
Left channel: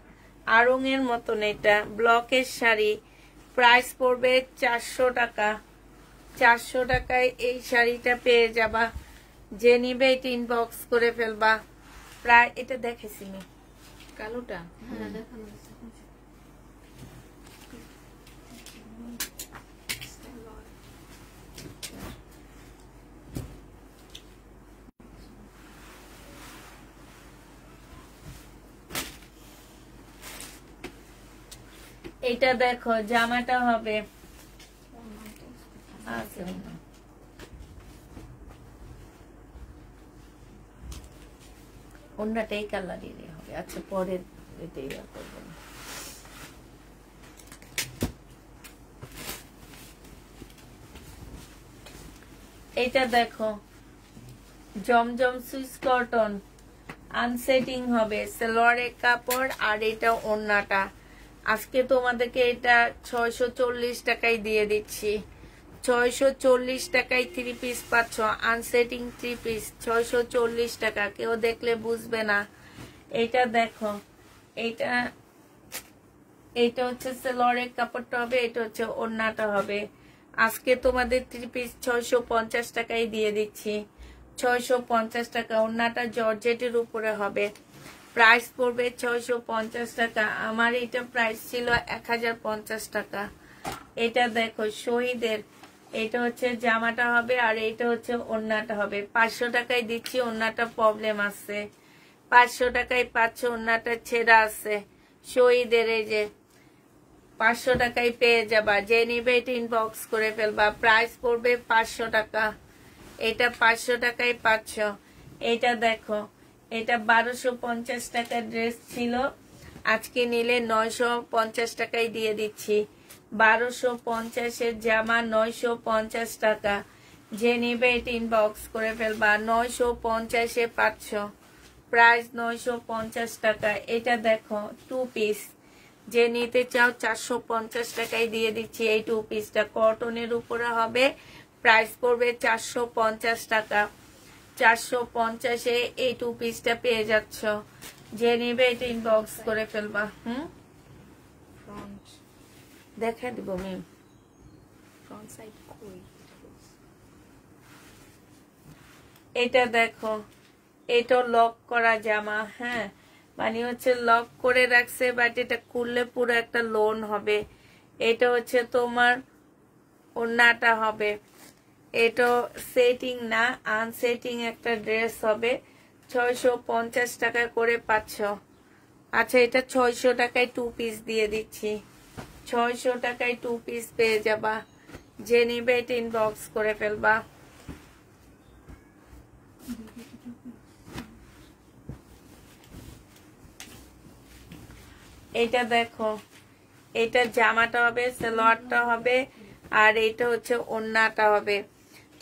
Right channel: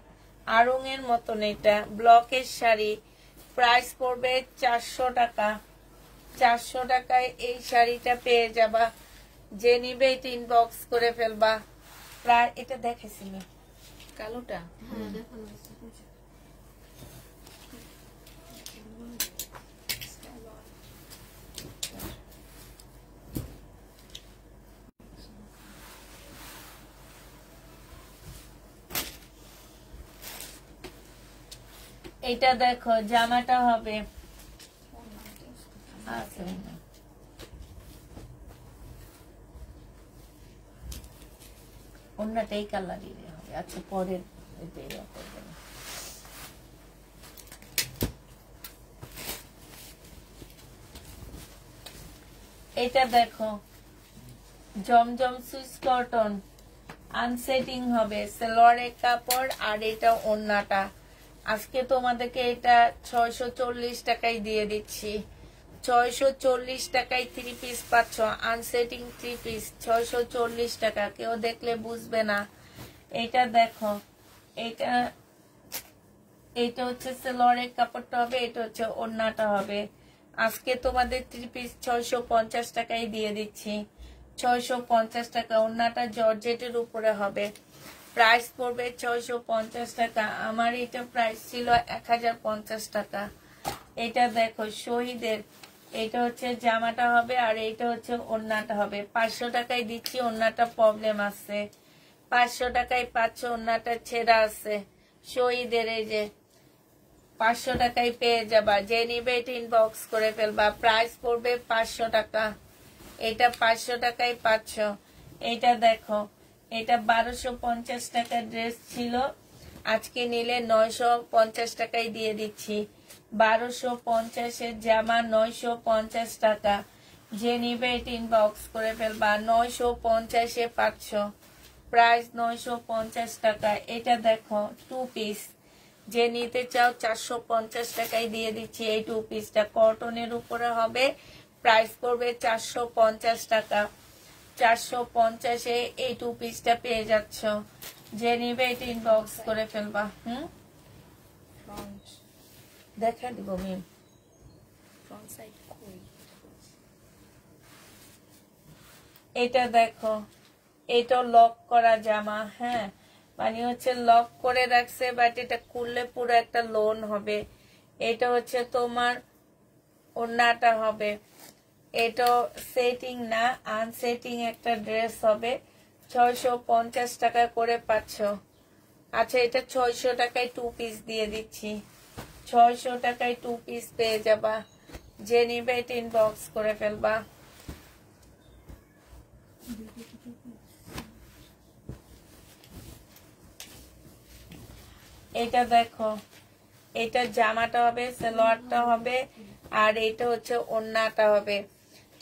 আড়ং এর মতন। এটা ব্লকের শাড়ি, প্রাইস পড়বে 400 টাকা। 400 টাকায় এই শাড়িটা পেয়ে যাবা। যে নিবে এটা ইনবক্স করে ফেলবা। প্রায় এটা দেখেছি না কালোটা। হ্যাঁ দেখানো আছে। এটা দেখো জামাটা হবে, অন্যটা এই কালারই হবে। আচ্ছা পরের এটাই করবে না। এটা দেখো জমজম সুইস কটন, আনসেটিং হবে, সালোয়ারের কাপড়। আর এটা ওন্নাটা। আজকে তোমাদেরকে এটা 640 টাকায় দিয়ে দিচ্ছি। 640 টাকায় 3 পিস পাচ্ছ, আনসেটিং 3 পিস 640 টাকা। কেউ দেখলে বুঝবে না। এটা দেখো, এটা হচ্ছে সালোয়ারের কাপড়টা হবে, এটা হচ্ছে ওন্নাটা হবে। আজকে তোমাদের 3 পিস 650 টাকায় দিয়ে দিচ্ছি। 650 টাকা। ওন্নাটা জর্জেটের উপরে হবে। প্রাইস পড়বে 650 টাকা। আমার এটা প্রাইস ছিল 1050 টাকা। এটা দেখো শহীদের, এটা হচ্ছে জামাটা হবে আর এটা হচ্ছে ওন্নাটা হবে। 500 টাকায় দিচ্ছি। ওন্নাটা প্রবলেম আছে, 500 টাকায় পাচ্ছ। ওন্নাটা ছেঁড়া আছে। শহীদের এই যে 500 টাকায় পেয়ে যাবা। যে নিবে এটা ইনবক্স করে ফেলবা। প্রাইস পড়বে 500 টাকা। এটা 500 টাকায় পাচ্ছ। এটা দেখো, এটা 1250 টাকার ড্রেস ছিল, আজকে নিলে 950 টাকায় দিয়ে দিচ্ছি। 1250-এর জামা 950 টাকা। যে নিবে এটা ইনবক্স করে ফেলবা। 950-এ পাচ্ছ। প্রাইস 950 টাকা। এটা দেখো 2 পিস, যে নিতে চাও 450 টাকায় দিয়ে দিচ্ছি। এই 2 পিসটা কটনের উপরে হবে। প্রাইস পড়বে 450 টাকা। 450-এ এই 2 পিসটা পেয়ে যাচ্ছ। যে নিবে এটা ইনবক্স করে ফেলবা। ফ্রন্ট দেখা দিব মিম। ফ্রন্ট সাইড কই? এটা দেখো, এটা লক করা জামা। হ্যাঁ, মানে হচ্ছে লক করে রাখছে, বাট এটা খুললে পুরো একটা লোন হবে। এটা হচ্ছে তোমার ওন্নাটা হবে। এটা সেটিং না, আনসেটিং একটা ড্রেস হবে। 650 টাকা করে পাচ্ছ। আচ্ছা, এটা 600 টাকায় 2 পিস দিয়ে দিচ্ছি। 600 টাকায় 2 পিস পেয়ে যাবা। যে নিবে এটা ইনবক্স করে ফেলবা। এটা দেখো, এটা জামাটা হবে, সালোয়ারটা হবে, আর এটা হচ্ছে ওন্নাটা হবে।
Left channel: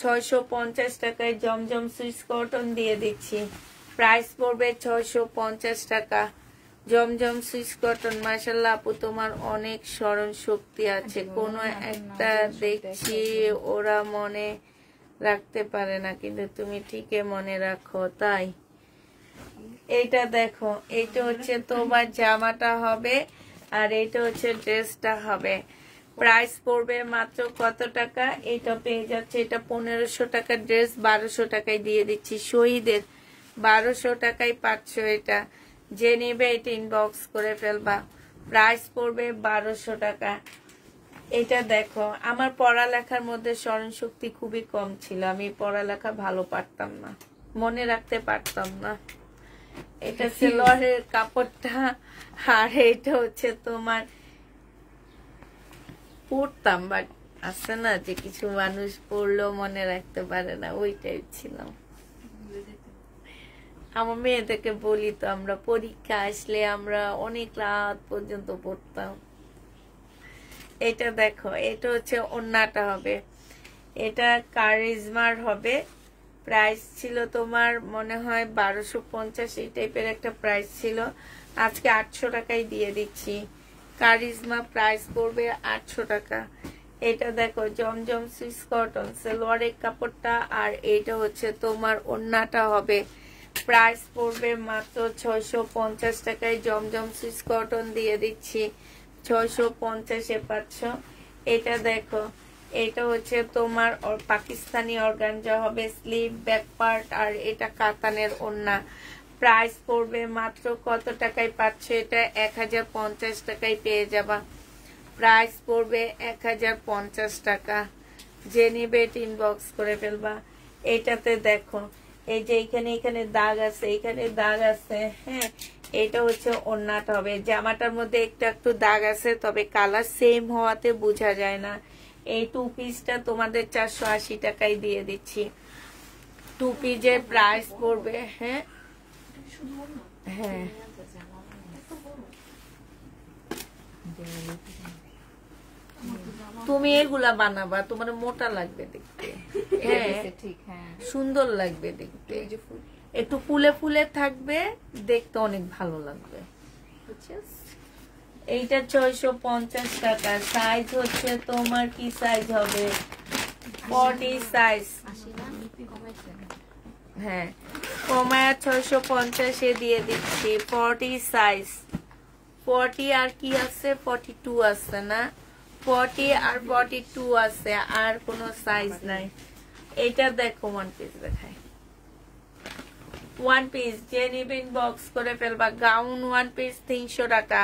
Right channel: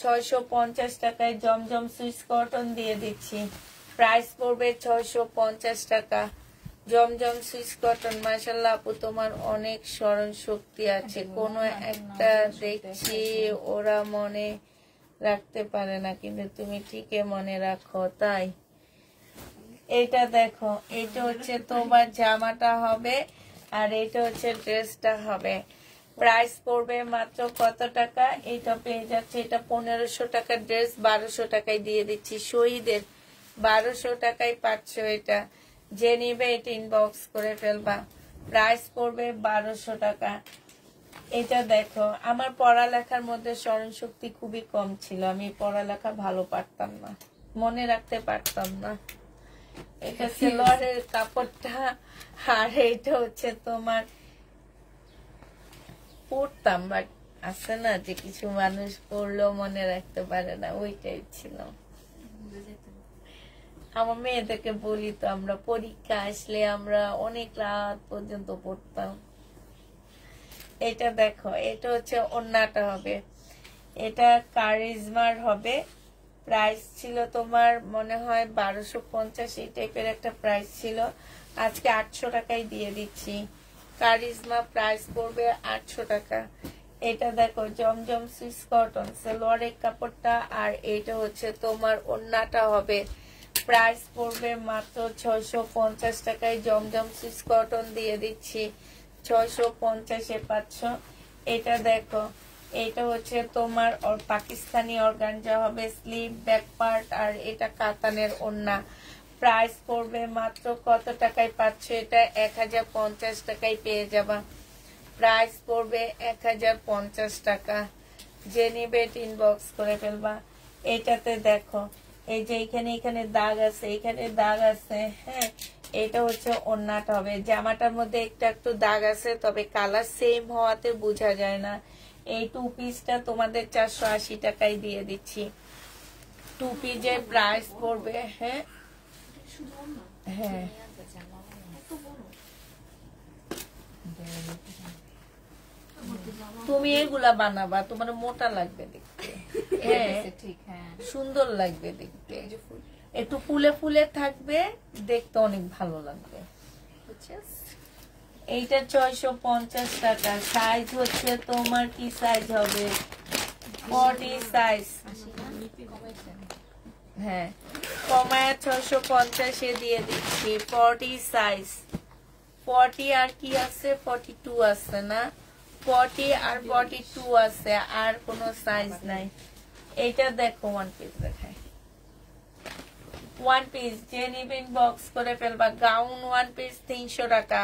650 টাকায় জমজম সুইস কটন দিয়ে দিচ্ছি। প্রাইস পড়বে 650 টাকা। জমজম সুইস কটন। মাশাআল্লাহ আপু তোমার অনেক স্মরণ শক্তি আছে, কোনো একটা দেখছি ওরা মনে রাখতে পারে না, কিন্তু তুমি ঠিকই মনে রাখো। তাই এইটা দেখো, এইটা হচ্ছে তোমার জামাটা হবে আর এটা হচ্ছে ড্রেসটা হবে। প্রাইস পড়বে মাত্র কত টাকা? এটা পেয়ে যাচ্ছে, এটা 1500 টাকার ড্রেস 1200 টাকায় দিয়ে দিচ্ছি। শহীদের 1200 টাকায় পাচ্ছ। এটা যে নিবে এটা ইনবক্স করে ফেলবা। প্রাইস পড়বে 1200 টাকা। এটা দেখো, আমার পড়ালেখার মধ্যে স্মরণ শক্তি খুবই কম ছিল, আমি পড়ালেখা ভালো পারতাম না, মনে রাখতে পারতাম না। এটা সেলোয়ারের কাপড়টা আর এটা হচ্ছে তোমার পড়তাম, বাট আছে না যে কিছু মানুষ পড়লেও মনে রাখতে পারে না, ওইটাই ছিল। আমার মেয়েদেরকে বলি তো, আমরা পরীক্ষা আসলে আমরা অনেক রাত পর্যন্ত পড়তাম। এটা দেখো, এটা হচ্ছে ওন্নাটা হবে, এটা কারিজমার হবে। প্রাইস ছিল তোমার মনে হয় 1250, এই টাইপের একটা প্রাইস ছিল, আজকে 800 টাকায় দিয়ে দিচ্ছি। কারিজমা প্রাইস পড়বে 800 টাকা। এটা দেখো জমজম সুইস কটন, সালোয়ারের কাপড়টা আর এটা হচ্ছে তোমার ওন্নাটা হবে। প্রাইস পড়বে মাত্র 650 টাকায়। জমজম সুইস কটন দিয়ে দিচ্ছি 650-এ পাচ্ছ। এটা দেখো, এটা হচ্ছে তোমার পাকিস্তানি অর্গানজা হবে, স্লিভ ব্যাক পার্ট আর এটা কাতানের ওন্না। প্রাইস পড়বে মাত্র কত টাকায় পাচ্ছ? এটা 1050 টাকায় পেয়ে যাবা। প্রাইস পড়বে 1050 টাকা। যে নিবে ইনবক্স করে ফেলবা। এটাতে দেখো, এই যে এখানে দাগ আছে, এখানে দাগ আছে, হ্যাঁ, এটা হচ্ছে ওন্নাটা হবে। জামাটার মধ্যে একটু দাগ আছে, তবে কালার সেম হওয়াতে বোঝা যায় না। এই 2 পিসটা তোমাদের 480 টাকায় দিয়ে দিচ্ছি। 2 পিসের প্রাইস পড়বে, হ্যাঁ হ্যাঁ, তুমি এগুলা বানাবা, তোমার মোটা লাগবে দেখতে, হ্যাঁ সুন্দর লাগবে দেখতে, একটু ফুলে ফুলে থাকবে, দেখতে অনেক ভালো লাগবে। এইটা 650 টাকা। সাইজ হচ্ছে তোমার কি সাইজ হবে? 40 সাইজ, হ্যাঁ কমায়া 650-এ দিয়ে দিচ্ছি। 40 সাইজ, 40 আর কি আছে, 42 আছে না, 40 আর 42 আছে, আর কোনো সাইজ নাই। এটা দেখো, 1 পিস দেখাই, 1 পিস যে নিবেন বক্স করে ফেলবা। গাউন 1 পিস 300 টাকা।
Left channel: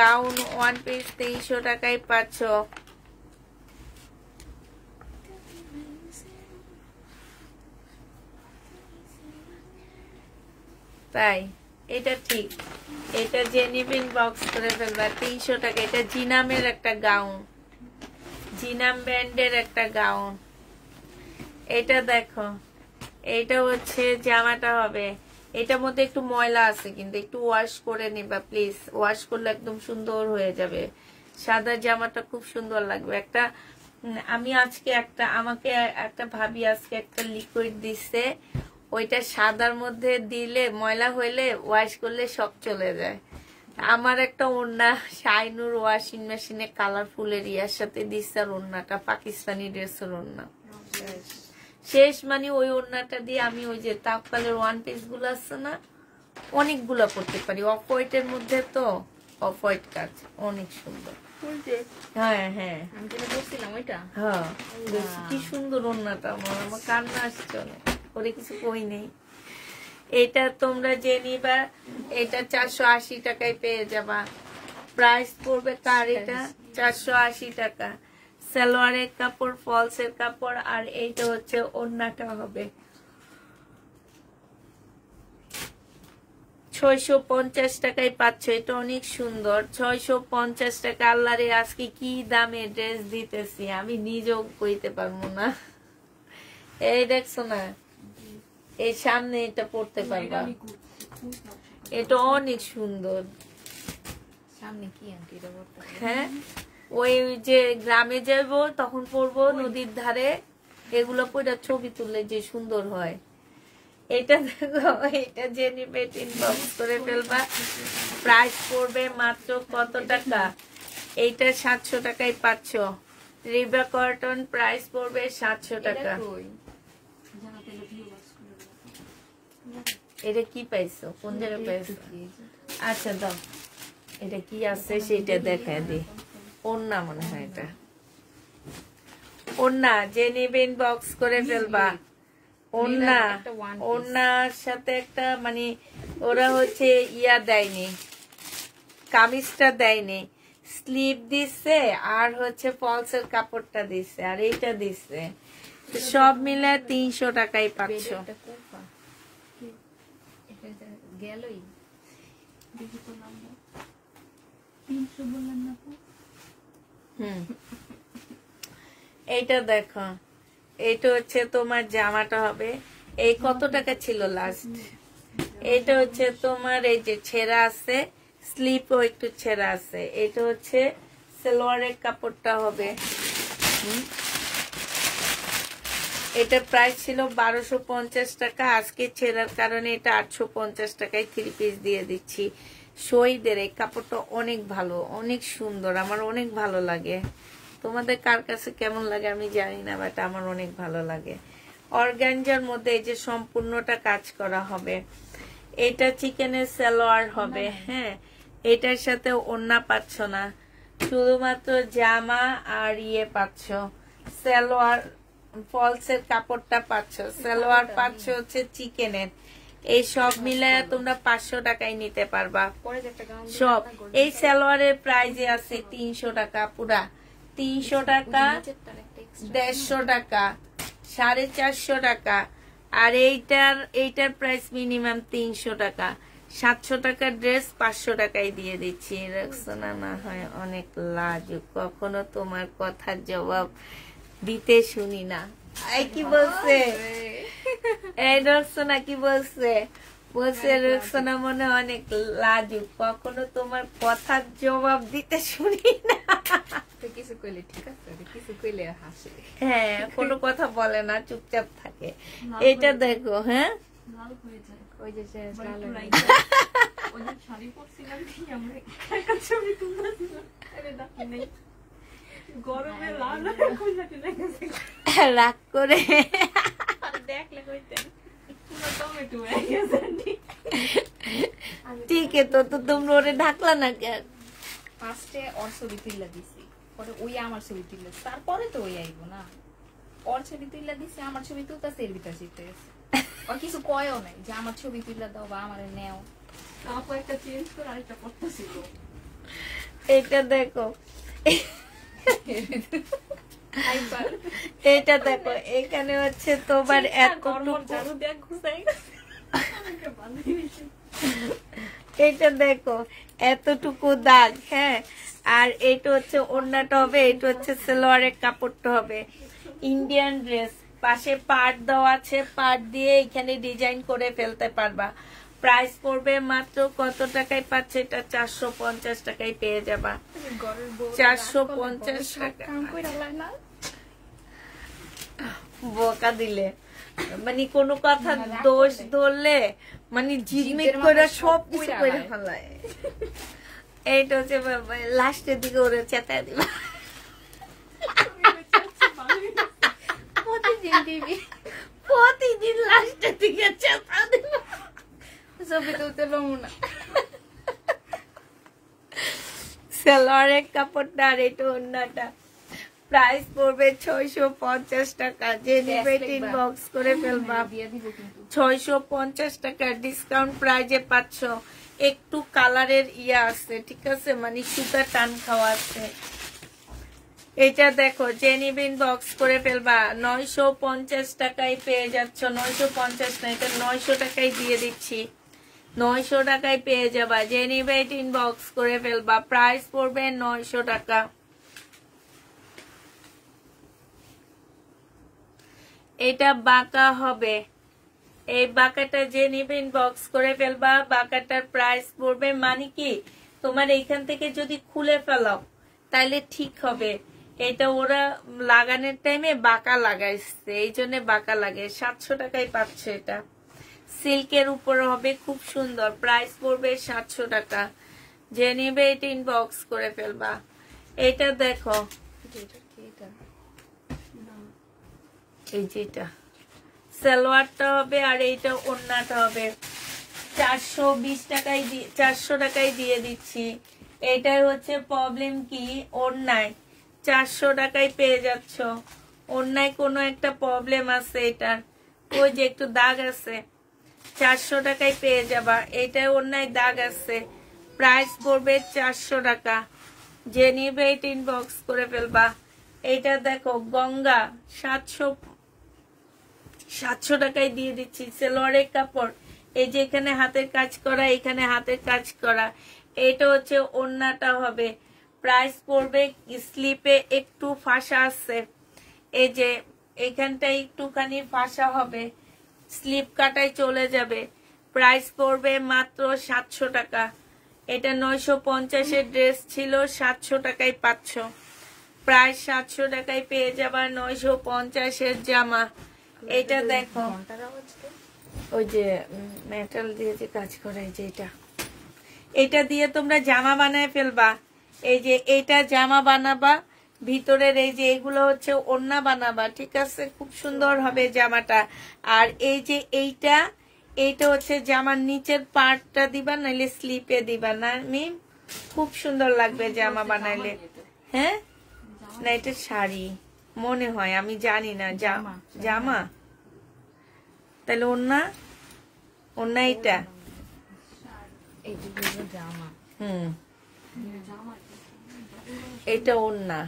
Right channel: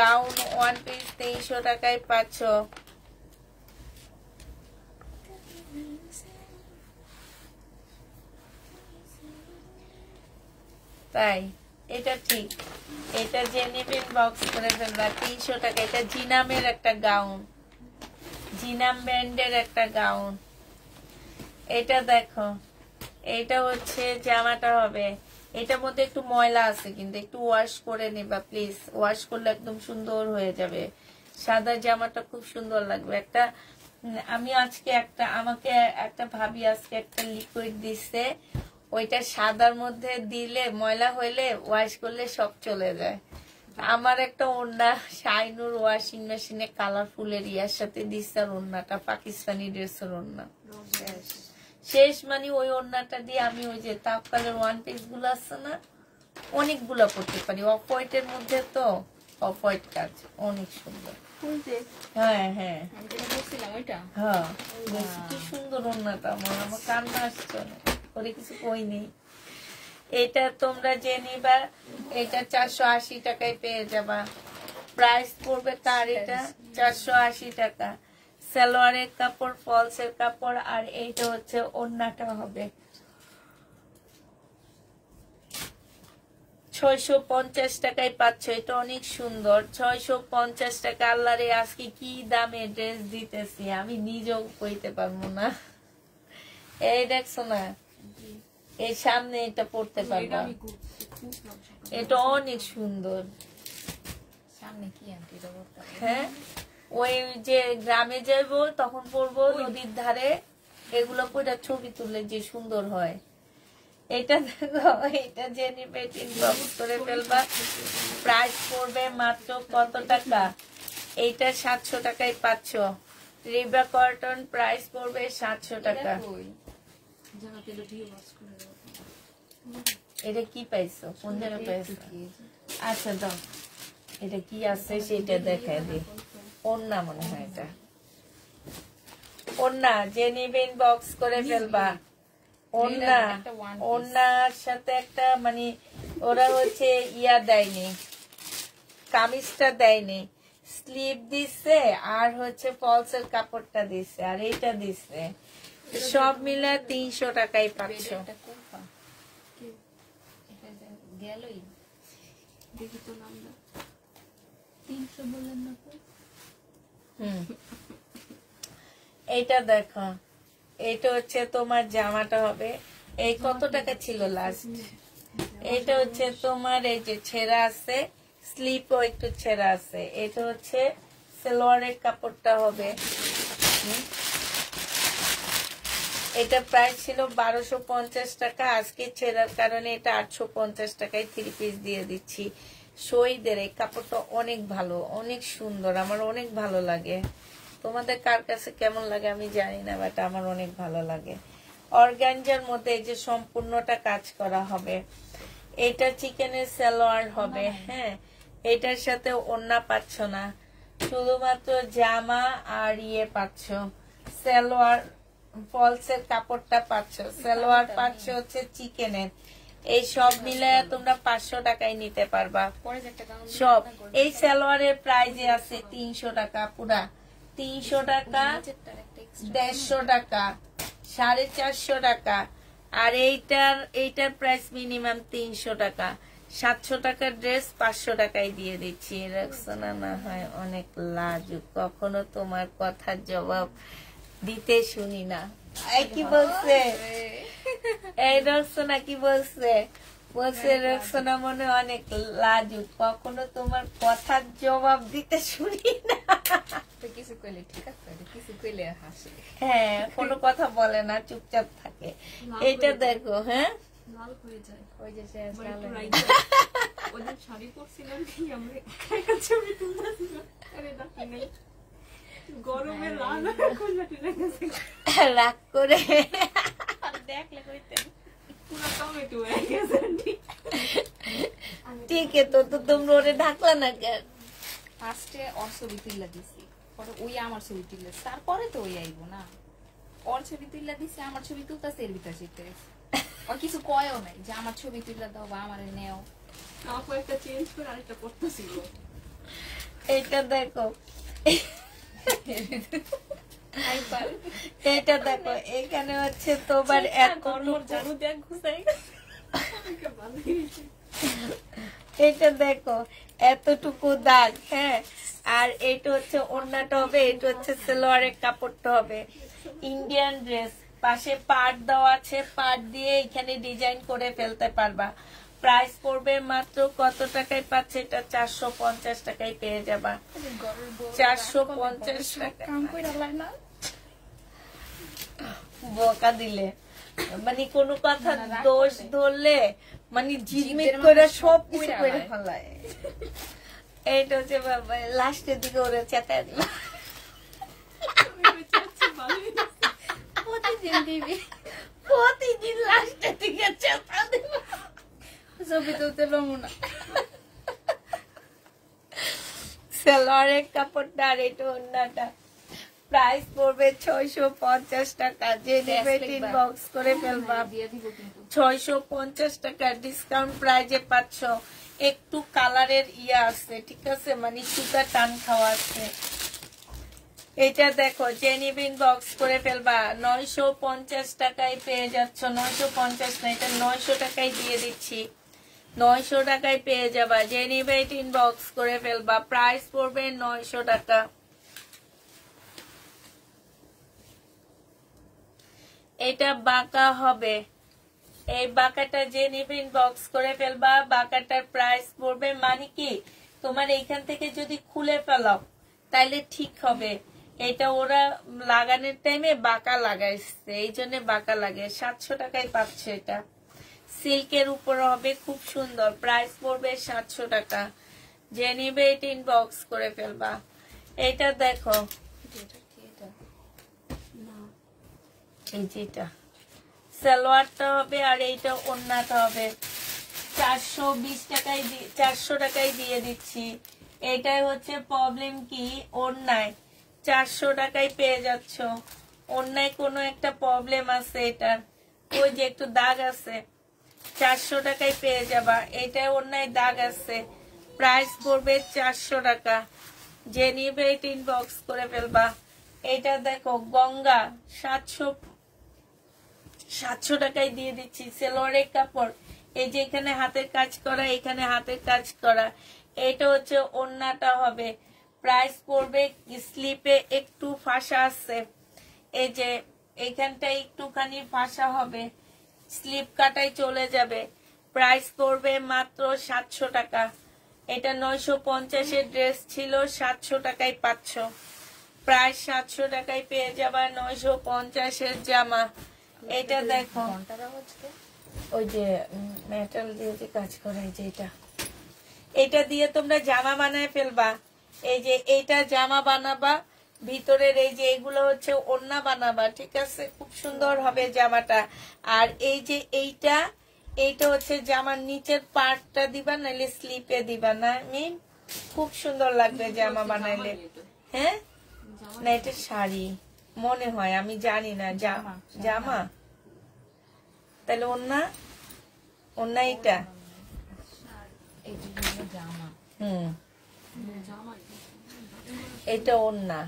গাউন 1 পিস 300 টাকায় পাচ্ছ। তাই এটা ঠিক, এটা যে নিবেন বক্স করে ফেলবা 300 টাকা। এটা জিনামের একটা গাউন, জিনাম ব্র্যান্ডের একটা গাউন। এটা দেখো, এটা হচ্ছে জামাটা হবে। এটার মধ্যে একটু ময়লা আছে, কিন্তু একটু ওয়াশ করে নিবা প্লিজ, ওয়াশ করলে একদম সুন্দর হয়ে যাবে। সাদা জামাটা খুব সুন্দর লাগবে। একটা আমি আজকে আমাকে একটা ভাবি আজকে একটা লিকুইড দিছে, ওইটা সাদার মধ্যে দিলে ময়লা হইলে ওয়াশ করলে সব চলে যায়। আমার একটা ওড়না শাইনুর ওয়াশিং মেশিনে কালারফুলের ইয়ার সাথে দিচ্ছে, আর ওড়নাটা পাকিস্তানি ড্রেসের ওড়না শেষ। মানে ওই ওড়নাটা দিয়ে আমি ওই যে তাপকালের 1 পিস গুলো আছে না, অনেকগুলো করতে পারি। অফ হোয়াইটের মধ্যে তো, অফ হোয়াইট কাজ অনেক সুন্দর। হ্যাঁ হ্যাঁ, হ্যাঁ কি সুন্দর ওড়নাটা, আমার কান্না আসছে না, ওরে কিছু কই নেই। এটা তোমরা যে নিবা, এটা 480 টাকায় পেয়ে যাবা। প্রাইস পড়বে কার? এটা 480 টাকা। সালোয়ারের কাপড়, ফলসের কাপড়, আর এইটা হচ্ছে ওড়নাটা হবে। 650 টাকায় পাচ্ছ। এটা অনেক সুন্দর, 650 টাকা। আল্লাহ রে, আজকে কি দামে ড্রেস দিতেছি আমি নিজেও কইতে পারবো না। এই দেখছো না, এই সামনে এটা পড়তে পারবা, এটা অনেক সুন্দর। সামনে কি আন্টি এটা পড়তে? হ্যাঁ, ওই যে গ্রামে যাবো তখন পরবো, নদীর ধারে এগুলো পরে ছবি তুললে যে সুন্দর হয়। এটা দেখো, এটা যে নিবে ইনবক্স করে ফেলবা। প্রাইস পড়বে মাত্র কত টাকা? এইটা 700 টাকায় পাচ্ছ। রিবা কটন প্রাইস পড়বে 700 টাকা। এটা কি পাইছো? কোন জায়গায় পাইছো? আচ্ছা দাও, এটা কি আছে সেটা দেখা দি। ওন্না মনে হয় এটা ওন্না, যে নিবে ইনবক্স করে ফেলবা। ওন্না, ওন্নার সাথে একটা মানে ওরা হচ্ছে ইয়া দেয়নি, কামিজটা দেয়নি, স্লিভ দিচ্ছে আর হচ্ছে ফলসের কাপড়টা দিচ্ছে আর এইটা দিচ্ছে, সব মিলে 300 টাকায় পাচ্ছ। গেলই দেখি তো নাম্বার 300 বললেন না তো। এইটা দেখো, এইটা হচ্ছে তোমার জামাটা হবে। এই কত টাকা ছিল লাস্ট? এটা হচ্ছে তোমার এই যে ছেঁড়া আছে, স্লিপও একটু ছেঁড়া আছে। এটা হচ্ছে সালোয়ারের কাপড়টা হবে। এটা প্রাইস ছিল 1250 টাকা, আজকে ছেঁড়ার কারণে এটা 850 টাকায় 3 পিস দিয়ে দিচ্ছি। শহীদের এই কাপড়টা অনেক ভালো, অনেক সুন্দর, আমার অনেক ভালো লাগে। তোমাদের কার কাছে কেমন লাগে আমি জানি না, বাট আমার অনেক ভালো লাগে। অর্গানজার মধ্যে এই যে সম্পূর্ণটা কাজ করা হবে। এটা চিকেনের সালোয়ার হবে। হ্যাঁ, এটার সাথে ওড়না পাচ্ছ না, শুধুমাত্র জামা আর ইয়ে পাচ্ছ, সালোয়ার ফলসের কাপড়টা পাচ্ছ, সালোয়ার পাচ্ছ হচ্ছে চিকেনের। এই সব মিলে তোমরা 500 টাকায় নিতে পারবা সব। এই সালোয়ারের প্রাইস আছে 300 টাকা, পুরা 300 টাকা, 150 টাকা, 450 টাকা। আর এইটার প্রাইস মিনিমাম 300 টাকা। 700 টাকার ড্রেস 500 টাকায় দিয়ে দিচ্ছি। রক্সনা না হয় অনেক লাজুক, কখনো তোমার কথার জবাব দিতে শুনি না। এই কি বলছে? এই রক্সনা কি বলছে? বলছে রক্সনা মনে অনেক লাজুক, কখনো তোমার কথার জবাব দিতে শুনি না। কিছু কইলে ঠিক আছে, কিছু কইলে হাসে। হ্যাঁ, কোনো কথা বলে না, চুপচাপ থাকে। এটা দেখো, হ্যাঁ ওই যে রাগ করে দেখলে কইতেন ঠিক তো তোমরা ওরে ঢাকলা না কেন? ফার্স্টে ওর ছবি তুইলা দিছি, পরে ওই আমার ছবি তুললে, তারপরে তো ওই আইবো না। ওর ছবি তুইলা দিছি, আমার ছবি তুলতাছে, এর ভিতর শিখতে গেছে। ওর কিছু কয়ও নাই যে আমার ছবি তুইলা দাও বা আমারে নেও। এটা দেখো, এটা দেখো, এখানে হচ্ছে তোমার এটা দেখো এতটুকু দাগ। হ্যাঁ, আর এটা হচ্ছে ওড়নাটা হবে, এটা হচ্ছে সালোয়ারের কাপড়টা হবে। ইন্ডিয়ান ড্রেস, পাশে পাট দেওয়া আছে, পাট দিয়ে এখানে ডিজাইন করে ফেলতে পারবা। প্রাইস পড়বে মাত্র কত টাকায় পাচ্ছে? এটা 450 টাকায় পেয়ে যাবা। 450 টাকা। বকা দিলে মানে কোনো কথা দোষ ধরলে মানে জিগমিগ করে সব কিছু করে ফেলায়। এইটা হচ্ছে লাস্টের দিকে ওরা চেতায় দিবে। প্রতিদিন লাস্টের দিকে চেতা দিবে, ছবি তুলতে পারবো না। সালোয়ারের কাপড়টা আর এটা ওড়নাটা প্রাইস পড়বে 650 টাকা। যে নেবে ইনবক্স করে ফেলবা। 650 টাকা ডিসকাউন্ট প্রাইজে পাচ্ছ। একটু কালারের ইয়া আছে, ঠিক আছে, মানে সুতা টান খাওয়া আছে। এটা দেখো, যে নেবে ইনবক্স করে ফেলবা। 950 টাকায় পেয়ে যাচ্ছ। 950 না, এটা 900 টাকায় দিয়ে দিচ্ছি। 900 টাকায় পেয়ে যাবা। যে নেবে ইনবক্স করে ফেলবা। প্রাইস পড়বে 900 টাকা। এটা বাঁকা হবে, এই বাঁকাটা যে নিবে ইনবক্স করে ফেলবা। বাঁকাটার প্রাইস পড়বে মানে কি, তোমার এইখান থেকে যদি খুলে ফেলাও তাইলে ঠিক হবে। এটা ওরা লাগানোর টাইমে বাঁকা লাগাইছে, এই জন্য বাঁকা লাগে। 700 টাকায় পাচ্ছে এটা, সিল্কের উপর হবে, খুব সুন্দর। প্রাইস পড়বে 700 টাকা। যে নিবে এটা ইনবক্স করে ফেলবা। এটা দেখো, এই যেটা সালোয়ারটা হবে আর এইটা ওড়নাটা হবে। 420 টাকায় 400 টাকায় দিয়ে দিচ্ছি। এটাই হচ্ছে প্রবলেম কি, ওড়নায় 400 টাকায় পেয়ে যাচ্ছ। ওড়নায় কোনো একটা প্রবলেম আছে এটার, ওই যে একটু দাগ আছে, 400 টাকায় পেয়ে যাবা। এটা ওড়নায় দাগ আছে, প্রাইস পড়বে 400 টাকা। যে নিবে এটা ইনবক্স করে ফেলবা। এটা দেখো গঙ্গা, 700 টাকায় দিয়ে দিচ্ছি। সালোয়ারের কাপড়, এই যে এখানে হাতের কাজ করা, এখানে হাতের কাজ করা। এটা হচ্ছে ওড়নাটা হবে। প্রাইস পড়বে, স্লিপে একটু ফাঁসা আছে, এই যে এখানটা একটুখানি ফাঁসা হবে, স্লিপ কাটাই চলে যাবে। প্রাইস পড়বে মাত্র 700 টাকা। এটা 950 ড্রেস ছিল, 700 টাকায় পাচ্ছ। প্রায় 700 টাকায় পেয়ে যাবা 950 জামা। এটা দেখো, ওই যে মেটাল দিয়ে যে কাজ করে, যে এটা দিয়ে তোমরা জামা বানায় ফেলবা। এই যে এইটা জামা বানাবা, ভিতরের এই যে এগুলো হচ্ছে ওড়না বানাবা, ঠিক আছে? খুব সুন্দর হবে জামাটা। আর এই যে এইটা হচ্ছে জামার নিচের পার্টটা দিবা, নাইলে স্লিপে দিবা না, আমি খুব সুন্দর লাগবে জামা বানাইলে। হ্যাঁ, না এটা শাড়ি মনে হয়, আমি জানি না। জামা তাহলে ওড়না এটা, এটা ওড়না,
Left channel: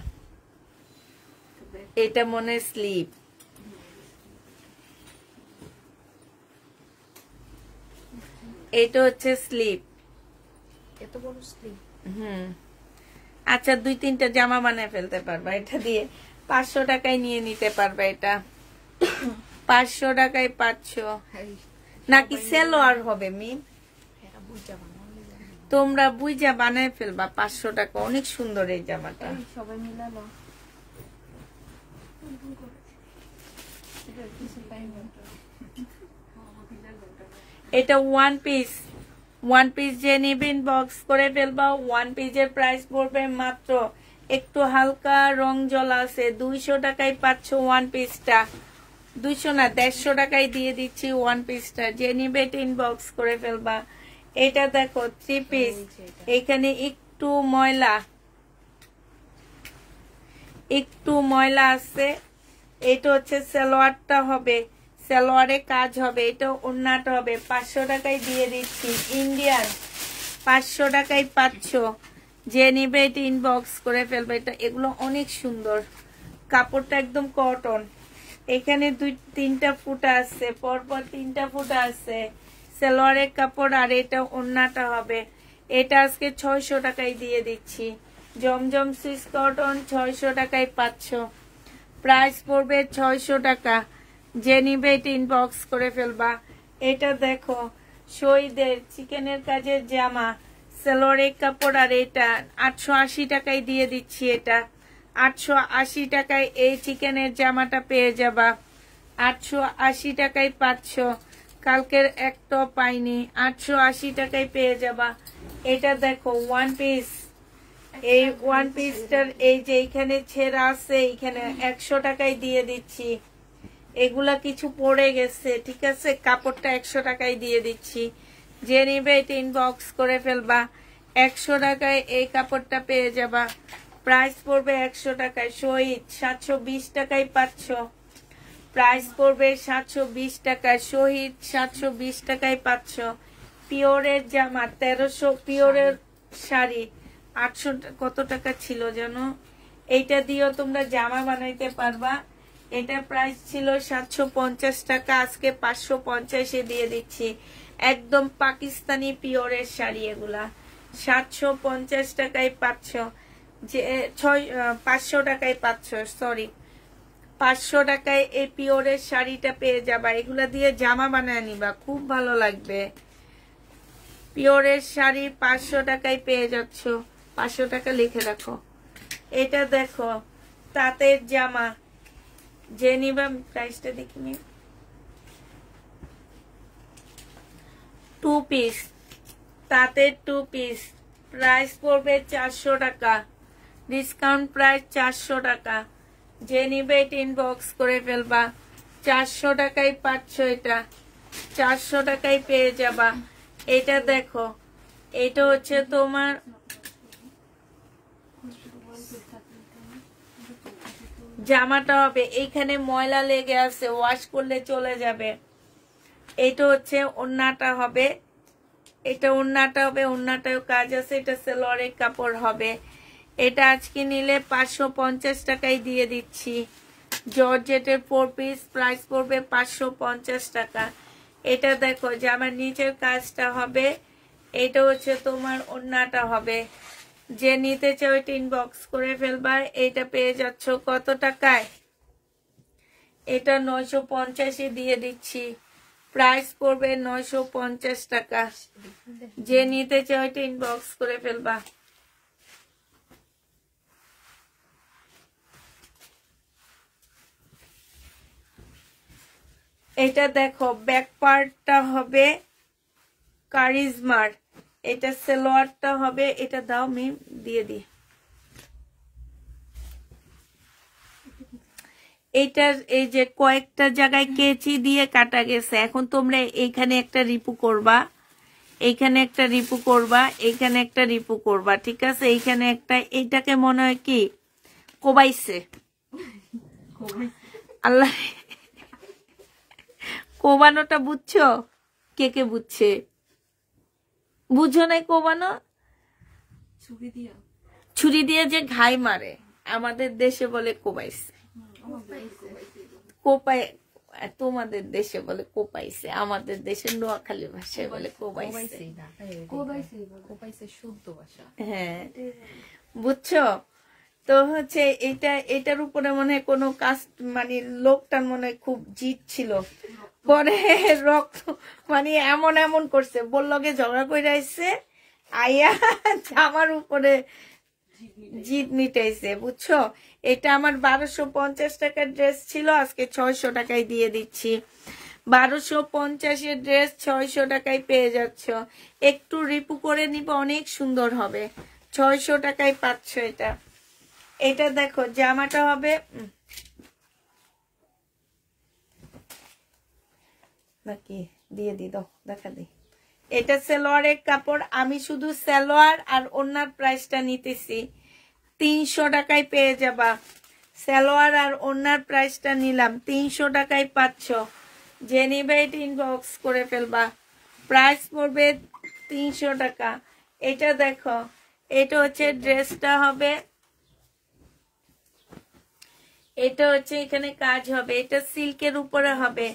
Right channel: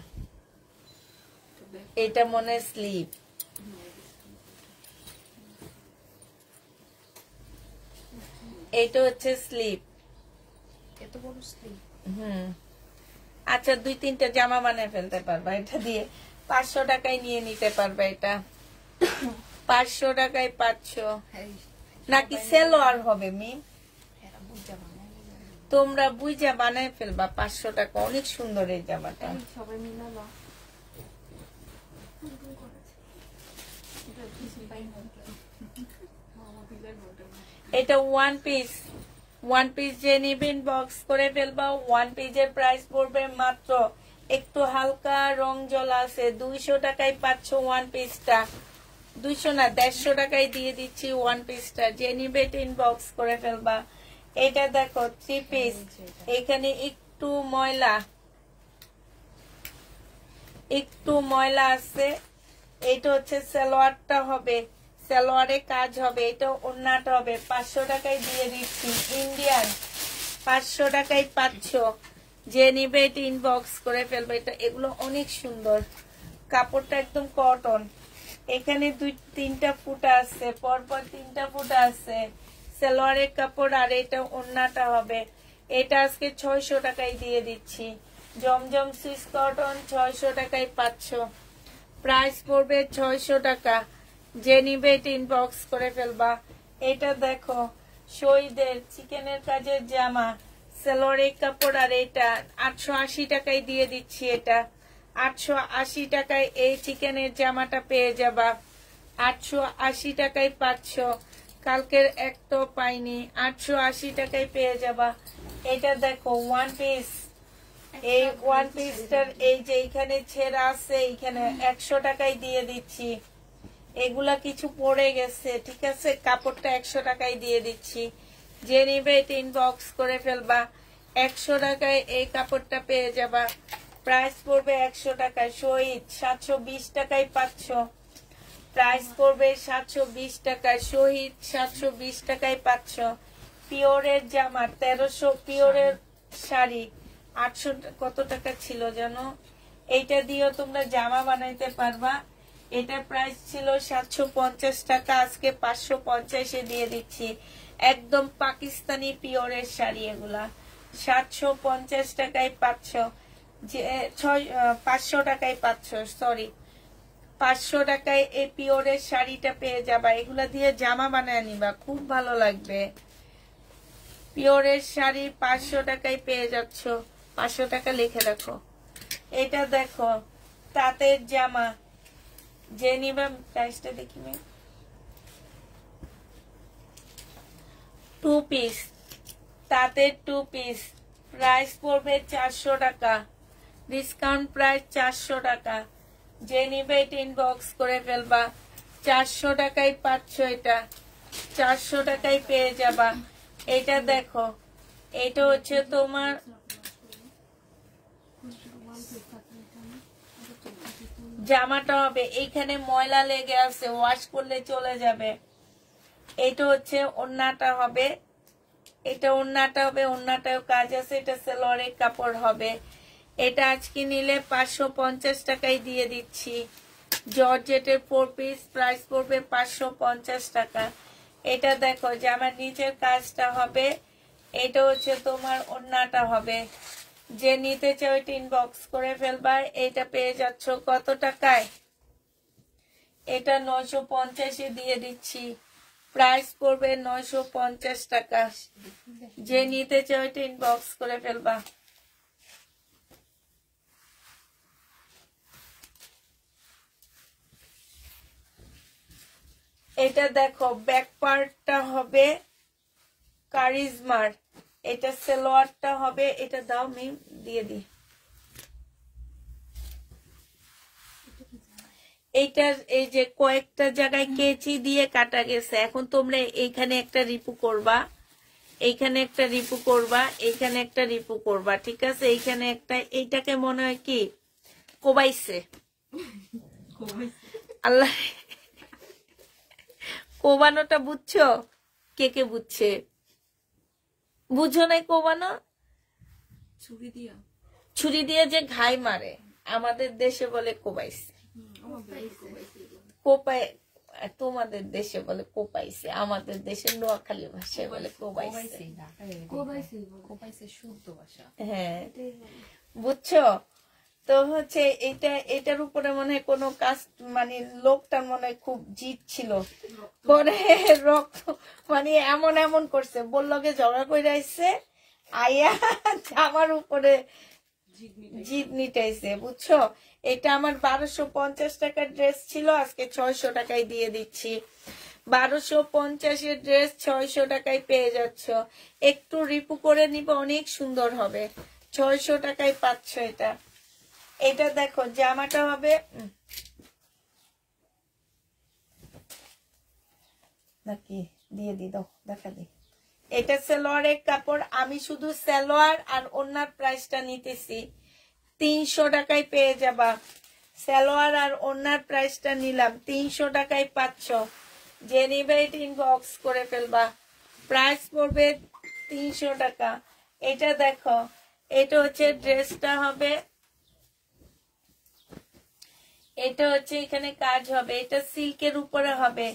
এটা মনে স্লিপ। এটা হচ্ছে স্লিপ, এত বড় স্লিপ। আচ্ছা, 2-3টা জামা বানায় ফেলতে পারবা এটা দিয়ে। 500 টাকায় নিয়ে নিতে পারবা। এটা 500 টাকায় পাচ্ছ। নাকি সেলোয়ার হবে মি, তোমরা বুঝা বানায় ফেলবা। 500 টাকা, অনেক সুন্দর এই জামাটা। সবাই মিলালো। এটা ওয়ান পিস যে নিবেন বক্স করে ফেলবা। ওয়ান পিসের প্রাইস পড়বে মাত্র, একটু হালকা রং জলা আছে, 200 টাকায় পাচ্ছ ওয়ান পিসটা। 200 না, 150 টাকায় দিয়ে দিচ্ছি ওয়ান পিসটা। যে নিবে ইনবক্স করে ফেলবা। এটা দেখো 3 পিস, এখানে একটু ময়লা আছে। এটা হচ্ছে সালোয়ারটা হবে, সালোয়ারে কাজ হবে। এটা ওড়নাটা হবে। 500 টাকায় দিয়ে দিচ্ছি। ইন্ডিয়ান 500 টাকায় পাচ্ছ। যে নিবে এটা ইনবক্স করে ফেলবে। এটা এগুলো অনেক সুন্দর, কাপড়টা একদম কটন। এখানে 2-3টা ফুটা আছে, পরপর 3টা ফুটা আছে। সালোয়ারের কাপড় আর এটা ওড়নাটা হবে। এটা আজকে 600 টাকায় দিয়ে দিচ্ছি। জমজম সুইস কটন 600 টাকায় পাচ্ছ। প্রাইস পড়বে 600 টাকা। যে নিবে এটা ইনবক্স করে ফেলবা। এটা দেখো শহীদের চিকেনের কাজের জামা, সালোয়ারের কাপড় আর এটা 880 টাকায় দিয়ে দিচ্ছি। এটা 880 টাকায় এই চিকেনের জামাটা পেয়ে যাবা। 880 টাকায় পাচ্ছ। কালকের একটা পাইনি, 880 টাকায় পেয়ে যাবা। এটা দেখো ওয়ান পিস, এই ওয়ান পিসটার এই যে এখানে ছেঁড়া আছে, এখানে 100 টাকায় দিয়ে দিচ্ছি। এগুলা কিছু পড়ে গেছে, ঠিক আছে? কাপড়টা 100 টাকায় দিয়ে দিচ্ছি। যে নিবে এটা ইনবক্স করে ফেলবা। 100 টাকায় এই কাপড়টা পেয়ে যাবা। প্রাইস পড়বে 100 টাকায়। শহীদ 720 টাকায় পাচ্ছ। প্রাইস পড়বে 720 টাকায়। শহীদ 720 টাকায় পাচ্ছ। পিওরের জামা 1300, পিওরের শাড়ি 800 কত টাকা ছিল জানো? এইটা দিয়েও তোমরা জামা বানাইতে পারবা। এটা প্রাইস ছিল 750 টাকা, আজকে 550-এ দিয়ে দিচ্ছি। একদম পাকিস্তানি পিওরের শাড়ি এগুলা। 750 টাকায় পাচ্ছ। যে 500 টাকায় পাচ্ছ, সরি 500 টাকায় এই পিওরের শাড়িটা পেয়ে যাবা। এগুলা দিয়ে জামা বানায় নিবা, খুব ভালো লাগবে। পিওরের শাড়ি 500 টাকায় পেয়ে যাচ্ছ। 500 টাকা লিখে রাখো। এটা দেখো তাঁতের জামা, যে নিবা প্রাইসটা দেখিনি। 2 পিস তাঁতের 2 পিস, প্রাইস পড়বে 400 টাকা, ডিসকাউন্ট প্রাইস 400 টাকা। যে নিবে এটা ইনবক্স করে ফেলবা। 400 টাকায় পাচ্ছ, এটা 400 টাকায় পেয়ে যাবা। এটা দেখো, এটা হচ্ছে তোমার জামাটা হবে, এইখানে ময়লা লেগে আছে, ওয়াশ করলে চলে যাবে। এটা হচ্ছে ওড়নাটা হবে, এটা ওড়নাটা হবে, ওড়নাটাও কাজ আছে। এটা সালোয়ারের কাপড় হবে। এটা আজকে নিলে 550 টাকায় দিয়ে দিচ্ছি। জর্জেটের 4 পিস, প্রাইস পড়বে 550 টাকা। এটা দেখো জামার নিচের কাজটা হবে, এটা হচ্ছে তোমার ওড়নাটা হবে। যে নিতে চাও এটা ইনবক্স করে ফেলবা। এটা পেয়ে যাচ্ছ কত টাকায়? এটা 950 দিয়ে দিচ্ছি, প্রাইস পড়বে 950 টাকা। যে নিতে চাও এটা ইনবক্স করে ফেলবা। এটা দেখো ব্যাক পার্টটা হবে কারিজমার, এটা সালোয়ারটা হবে। এটা দাও মিম, দিয়ে দি। এইটা এই যে কয়েকটা জায়গায় কেচি দিয়ে কাটা গেছে, এখন তোমরা এইখানে একটা রিপু করবা, এইখানে একটা রিপু করবা, এইখানে একটা রিপু করবা, ঠিক আছে? এইখানে একটা, এইটাকে মনে হয় কি কোবাইছে, আল্লাহ কোবানোটা বুঝছো? কে কে বুঝছে? বুঝো নাই কোবানো? ছুরি দিয়ে যে ঘাই মারে, আমাদের দেশে বলে কোবাইছে। কোপাই, তোমাদের দেশে বলে কোপাইছে, আমাদের দেশে নোয়াখালী ভাষায় বলে কোবাইছে। হ্যাঁ, বুঝছো? তো হচ্ছে এইটা, এটার উপরে মনে হয় কোনো কাজ, মানে লোকটার মনে হয় খুব জিদ ছিল, পরে রক্ত মানে এমন এমন করছে, বললগে ঝগড়া করে আসছে, আইয়া আমার উপরে জিদ মিটাইছে, বুঝছো? এটা আমার 1250 টাকার ড্রেস ছিল, আজকে 600 টাকায় দিয়ে দিচ্ছি। 1250 ড্রেস 600 টাকায় পেয়ে যাচ্ছ। একটু রিপু করে নিবে, অনেক সুন্দর হবে। 600 টাকায় পাচ্ছ এটা। এটা দেখো জামাটা হবে, নাকি দিয়ে দি, দাও দেখা দি। এটা সালোয়ারের কাপড়, আমি শুধু সালোয়ার আর ওড়নার প্রাইসটা নিতেছি। 300 টাকায় পেয়ে যাবা। সালোয়ার আর ওড়নার প্রাইসটা নিলাম, 300 টাকায় পাচ্ছ। যে নিবে এটা ইনবক্স করে ফেলবা। প্রাইস পড়বে 300 টাকা। এটা দেখো, এটা হচ্ছে ড্রেসটা হবে, এটা হচ্ছে এখানে কাজ হবে, এটা সিল্কের উপরে হবে।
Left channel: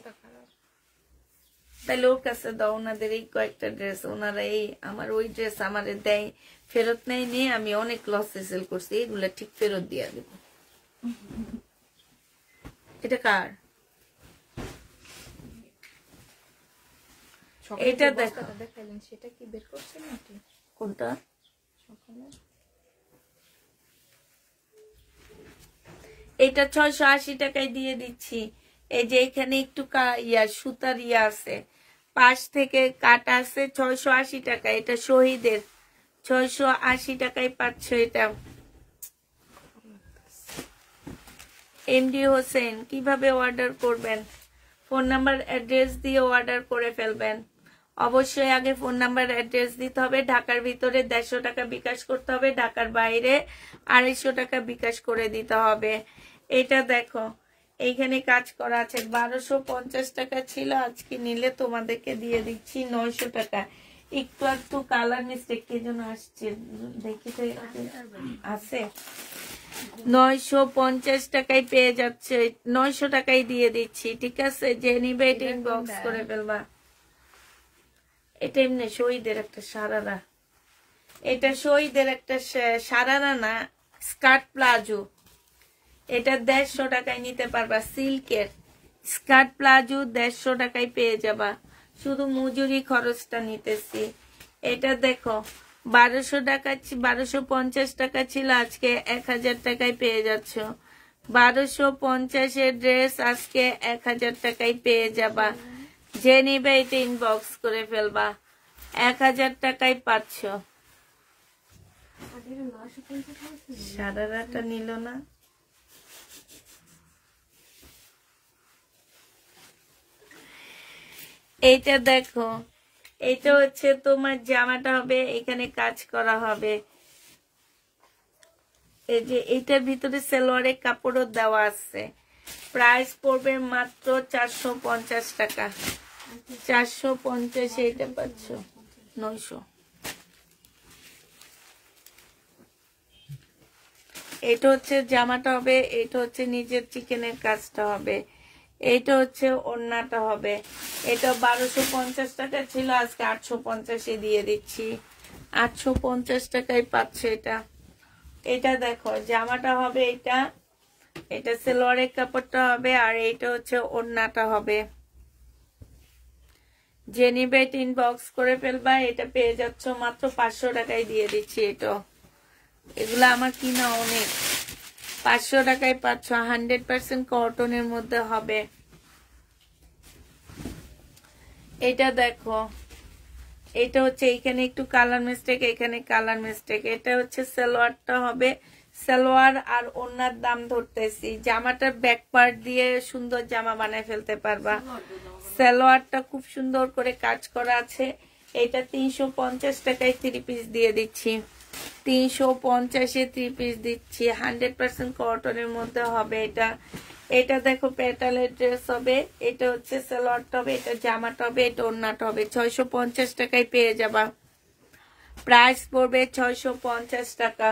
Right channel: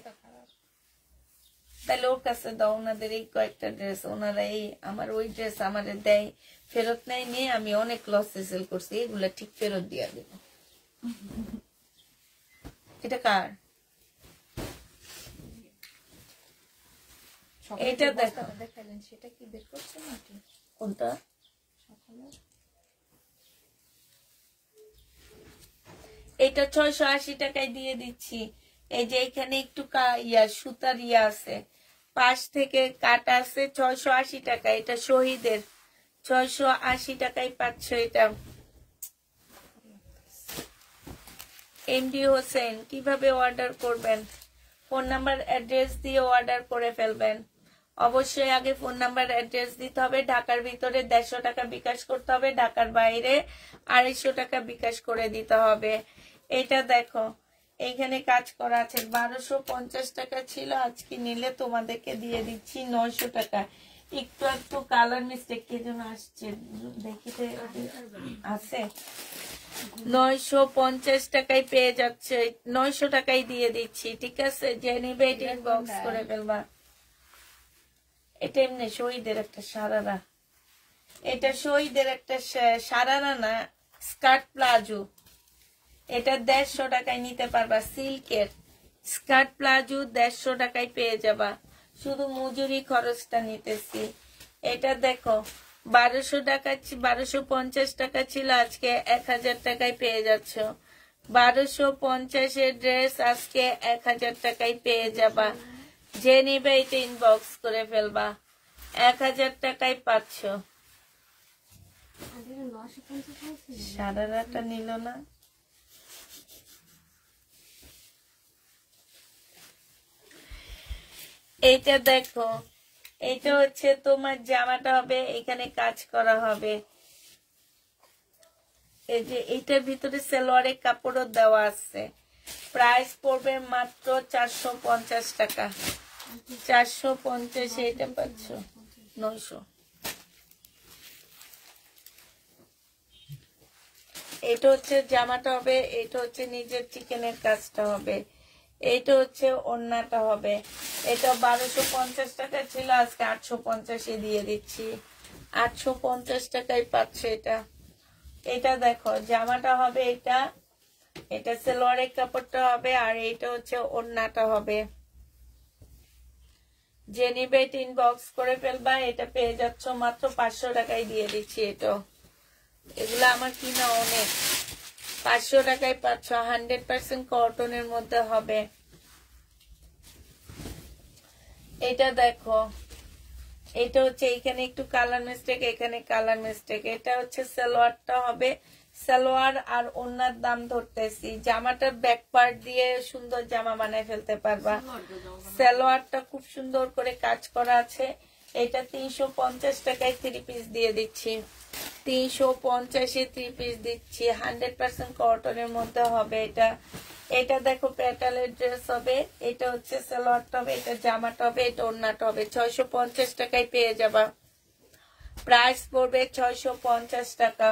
তাহলে ওর কাছে দাও, ওনাদের এই কয়েকটা ড্রেস, ওনারা এই আমার ওই ড্রেস আমারে দেয়, ফেরত নেয় নিয়ে আমি অনেক লসে সেল করছি, এগুলা ঠিক ফেরত দিয়া দেব। এটা কার? এটা দেখো, সেটা কি বের করছে নাকি? কোনটা? এটা 680 টাকায় দিয়ে দিচ্ছি। এই যে এখানে একটু সুতার ইয়া আছে, পাশ থেকে কাটা আছে, 680 টাকা। এটা শহীদের, 680 টাকায় পাচ্ছ এটা। এমডি হোসেন, কিভাবে অর্ডার করবেন? ফোন নাম্বার অ্যাড্রেস দিয়ে অর্ডার করে ফেলবেন। অবশ্যই আগে ফোন নাম্বার অ্যাড্রেস দিতে হবে। ঢাকার ভিতরে 150 টাকা বিকাশ করতে হবে, ঢাকার বাইরে 250 টাকা বিকাশ করে দিতে হবে। এটা দেখো, এইখানে কাজ করা আছে, 1250 টাকা ছিল, আজকে নিলে তোমাদেরকে দিয়ে দিচ্ছি 900 টাকা। একটু একটু কালার মিস্টেক কে যেন আসছে, দেখিতে আছে। 950 টাকায় পেয়ে যাচ্ছে, 900 টাকায় দিয়ে দিচ্ছি, ঠিক আছে? যে নিবে এটা ইনবক্স করে ফেলবা। এটা এমনি শহীদের একটা সারারা, এটা শহীদের একটা সারারা না, স্কার্ট প্লাজো। এটা 150 টাকায় নিতে পারবা, সিল্কের স্কার্ট প্লাজো 150 টাকায় পেয়ে যাবা, শুধু মজুরি খরচটা নিতেছি। এটা দেখো 1200 টাকা, 1250 টাকা ছিল, আজকে 1000 টাকায় পেয়ে যাচ্ছ। 1250 ড্রেস আজকে 1000 টাকায় পেয়ে যাবা। যে নিবে এটা ইনবক্স করে ফেলবা। 1000 টাকায় পাচ্ছ। সারারাটা নিল না। এইটা দেখো, এটা হচ্ছে তোমার জামাটা হবে, এখানে কাজ করা হবে। এই যে এইটার ভিতরে সালোয়ারের কাপড়ও দেওয়া আছে। প্রাইস পড়বে মাত্র 450 টাকা। 450 এটা পাচ্ছ 900। এটা হচ্ছে জামাটা হবে, এটা হচ্ছে নিজের চিকেনের কাজটা হবে, এইটা হচ্ছে ওড়নাটা হবে। এটা 1250 টাকা ছিল, আজকে 850 দিয়ে দিচ্ছি। 850 টাকায় পাচ্ছে এটা। এটা দেখো জামাটা হবে, এটা সালোয়ারের কাপড়টা হবে, আর এইটা হচ্ছে ওড়নাটা হবে। যে নিবে ইনবক্স করে ফেলবা। এটা পেয়ে যাচ্ছ মাত্র 500 টাকায় দিয়ে দিচ্ছি। এগুলো আমার কিনা অনেক। 500 টাকায় পাচ্ছ, 100% কটনের মধ্যে হবে। এটা দেখো, এটা হচ্ছে এখানে একটু কালার মিস্টেক, এখানে কালার মিস্টেক। এটা হচ্ছে সালোয়ারটা হবে, সালোয়ার আর ওড়নার দাম ধরতেছি। জামাটার ব্যাক পার্ট দিয়ে সুন্দর জামা বানায় ফেলতে পারবা। সালোয়ারটা খুব সুন্দর করে কাজ করা আছে। এটা 350 টাকায় 3 পিস দিয়ে দিচ্ছি। 350-এ 3 পিস দিচ্ছি। 100% কটনের মধ্যে হবে এটা। এটা দেখো প্যাটালের ড্রেস হবে, এটা হচ্ছে সালোয়ারটা হবে, এটা জামাটা হবে, এটা ওড়নাটা হবে। 650 টাকায় পেয়ে যাবা। প্রাইস পড়বে 650 টাকা।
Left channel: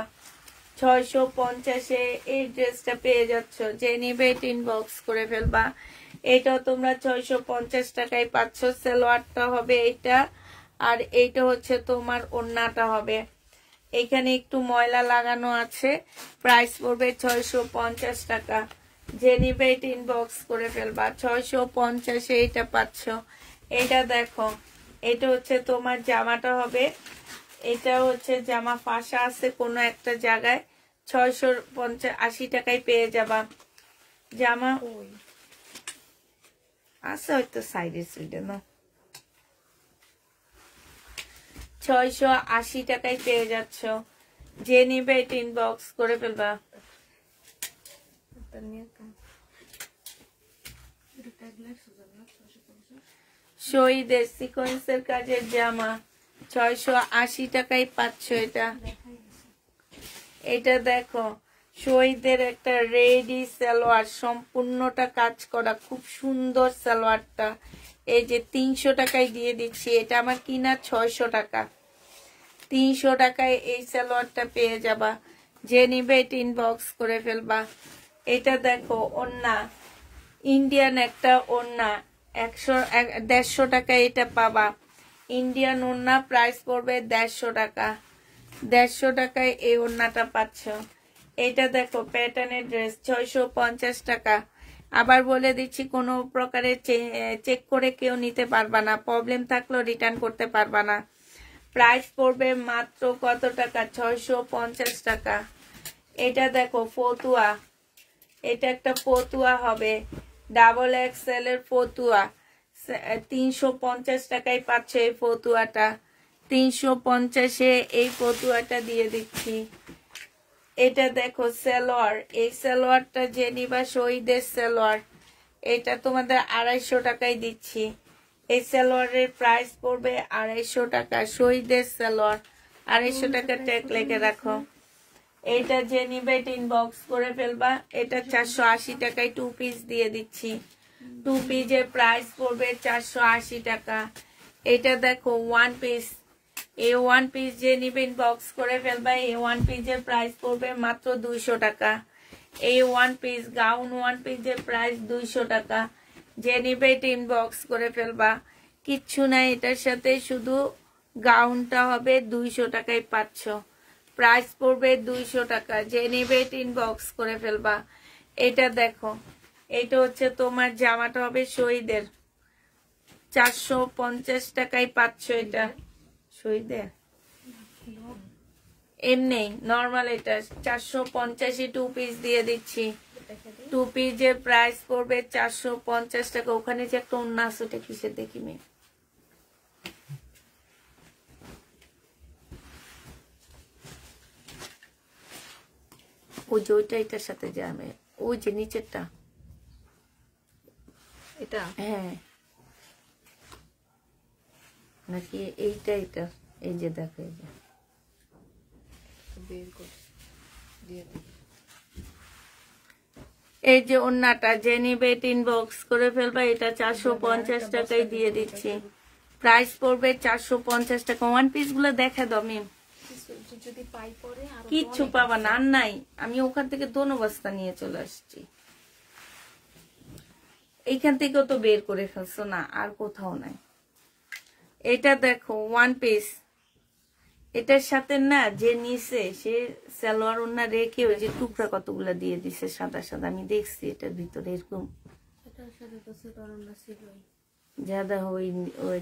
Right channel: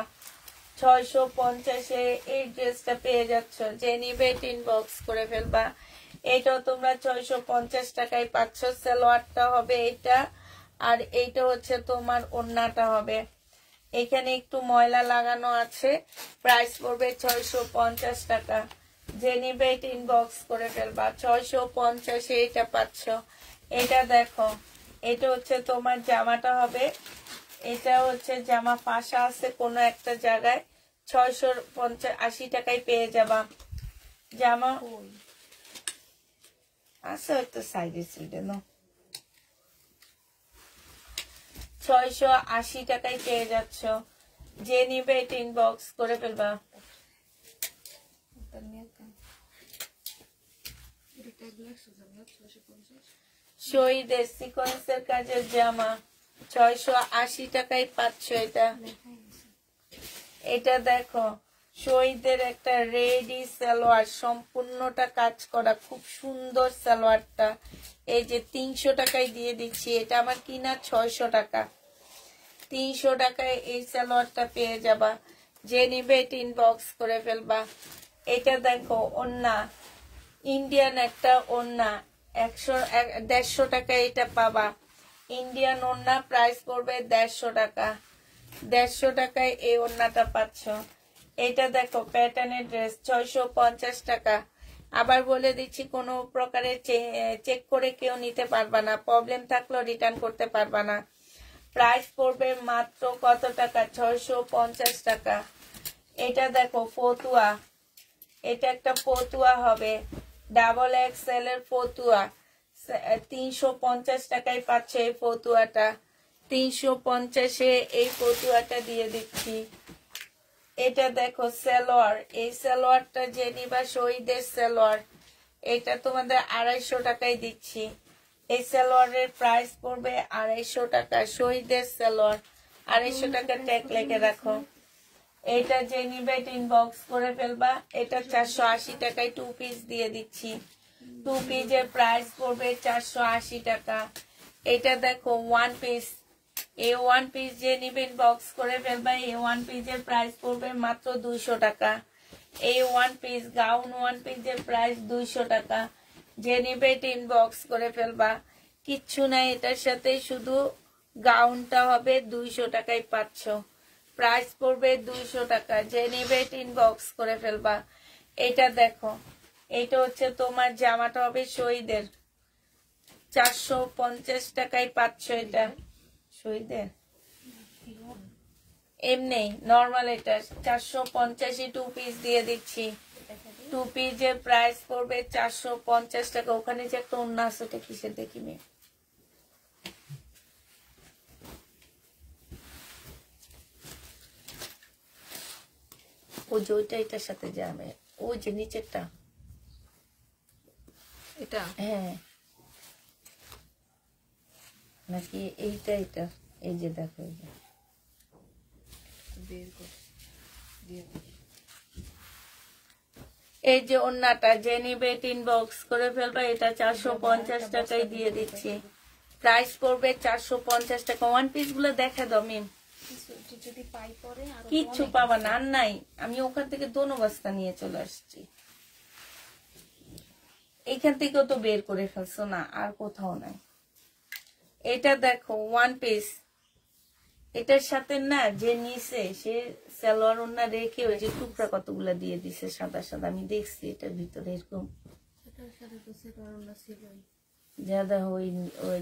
650-এ এই ড্রেসটা পেয়ে যাচ্ছ। যে নিবে ইনবক্স করে ফেলবা। এটাও তোমরা 650 টাকায় পাচ্ছ। সালোয়ারটা হবে এটা, আর এইটা হচ্ছে তোমার ওড়নাটা হবে। এখানে একটু ময়লা লাগানো আছে। প্রাইস পড়বে 650 টাকা। যে নিবে ইনবক্স করে ফেলবা। 650-এ এটা পাচ্ছ। এটা দেখো, এটা হচ্ছে তোমার জামাটা হবে। এটা হচ্ছে জামা ফাঁসা আছে কোনো একটা জায়গায়। 680 টাকায় পেয়ে যাবা। জামা আছে হয়তো সাইডে সাইডে না। 680 টাকায় পেয়ে যাচ্ছ। যে নিবে ইনবক্স করে ফেলবা। শহীদের সিকোয়েন্সের কাজের জামা 680 টাকায় পাচ্ছ। এটা দেখো, শহীদের একটা রেডি সালোয়ার, সম্পূর্ণটা কাজ করা, খুব সুন্দর সালোয়ারটা। এই যে 300 টাকায় দিয়ে দিচ্ছি। এটা আমার কিনা 600 টাকা। 300 টাকায় এই সালোয়ারটা পেয়ে যাবা। যে নিবে ইনবক্স করে ফেলবা। এটা দেখো ওড়না, ইন্ডিয়ান একটা ওড়না, 150 টাকায় এটা পাবা। ইন্ডিয়ান ওড়না, প্রাইস পড়বে 150 টাকা। 150 টাকায় এই ওড়নাটা পাচ্ছ। এটা দেখো প্যাটার্নের ড্রেস, 650 টাকা। আবার বলে দিচ্ছি, কোনো প্রকারে চেক করে কেউ নিতে পারবা না, প্রবলেম থাকলেও রিটার্ন করতে পারবা না। প্রাইস পড়বে মাত্র কত টাকা? 650 টাকা। এটা দেখো ফতুয়া, এটা একটা ফতুয়া হবে, ডাবল এক্সেল এর ফতুয়া। 350 টাকায় পাচ্ছে এই ফতুয়াটা। 350-এ এই ফতুয়াটা দিয়ে দিচ্ছি। এটা দেখো সালোয়ার, এই সালোয়ারটা যে নিবা শহীদের সালোয়ার, এটা তোমাদের 250 টাকায় দিচ্ছি। এই সালোয়ারের প্রাইস পড়বে 250 টাকা। শহীদের সালোয়ার 250 টাকা ট্যাগ লেগে রাখো। এটা যে নিবে ইনবক্স করে ফেলবা। এটা 480 টাকায় 2 পিস দিয়ে দিচ্ছি। 2 পিসের প্রাইস পড়বে 480 টাকা। এটা দেখো 1 পিস, এই 1 পিস যে নিবে ইনবক্স করে ফেলবা। এই 1 পিসের প্রাইস পড়বে মাত্র 200 টাকা। এই 1 পিস গাউন 1 পিসের প্রাইস 200 টাকা। যে নিবে ইনবক্স করে ফেলবা। কিচ্ছু নাই এটার সাথে, শুধু গাউনটা হবে 200 টাকায় পাচ্ছ। প্রাইস পড়বে 200 টাকা। যে নিবে ইনবক্স করে ফেলবা। এটা দেখো, এটা হচ্ছে তোমার জামাটা হবে শহীদের, 450 টাকায় পাচ্ছ। এটা শহীদের এমনি নর্মাল, এটা 450-এ 2 পিস দিয়ে দিচ্ছি। দেখা দিই। টু পিসের প্রাইস পড়বে 450 টাকা। ওখানে যে একটা ওন্না আছে ওটা কিসের দেখি মেয়ে? ওই যে ওইটা এটার সাথে যাবে, ওই যে নিচেরটা। এটা হ্যাঁ নাকি এইটা? এটা এই যে দেখো, এই যে বের করে দিয়ে দিই। এই যে ওন্নাটা যে নিবে ইনবক্স করে ফেলবে। এটা 450 টাকায় দিয়ে দিচ্ছি। প্রাইস পড়বে 450 টাকা। ওয়ান পিস গুলো দেখে দাও মিম, যদি পাই পরে আর কিচ্ছু পাবা না। আর নাই, আমি ওখান থেকে দোনো বস্তা নিয়ে চলে আসছি। এইখান থেকেও তো বের করে ফেলছো না, আর কোথাও নাই। এটা দেখো ওয়ান পিস, এটার সাথে না যে নিছে সে সালোয়ার ওন্না রেখে ওই যে টুকরা কতগুলা দিয়ে দিছে সাদা সাদা। আমি দেখছি এটার ভিতরে এরকম যারা ওই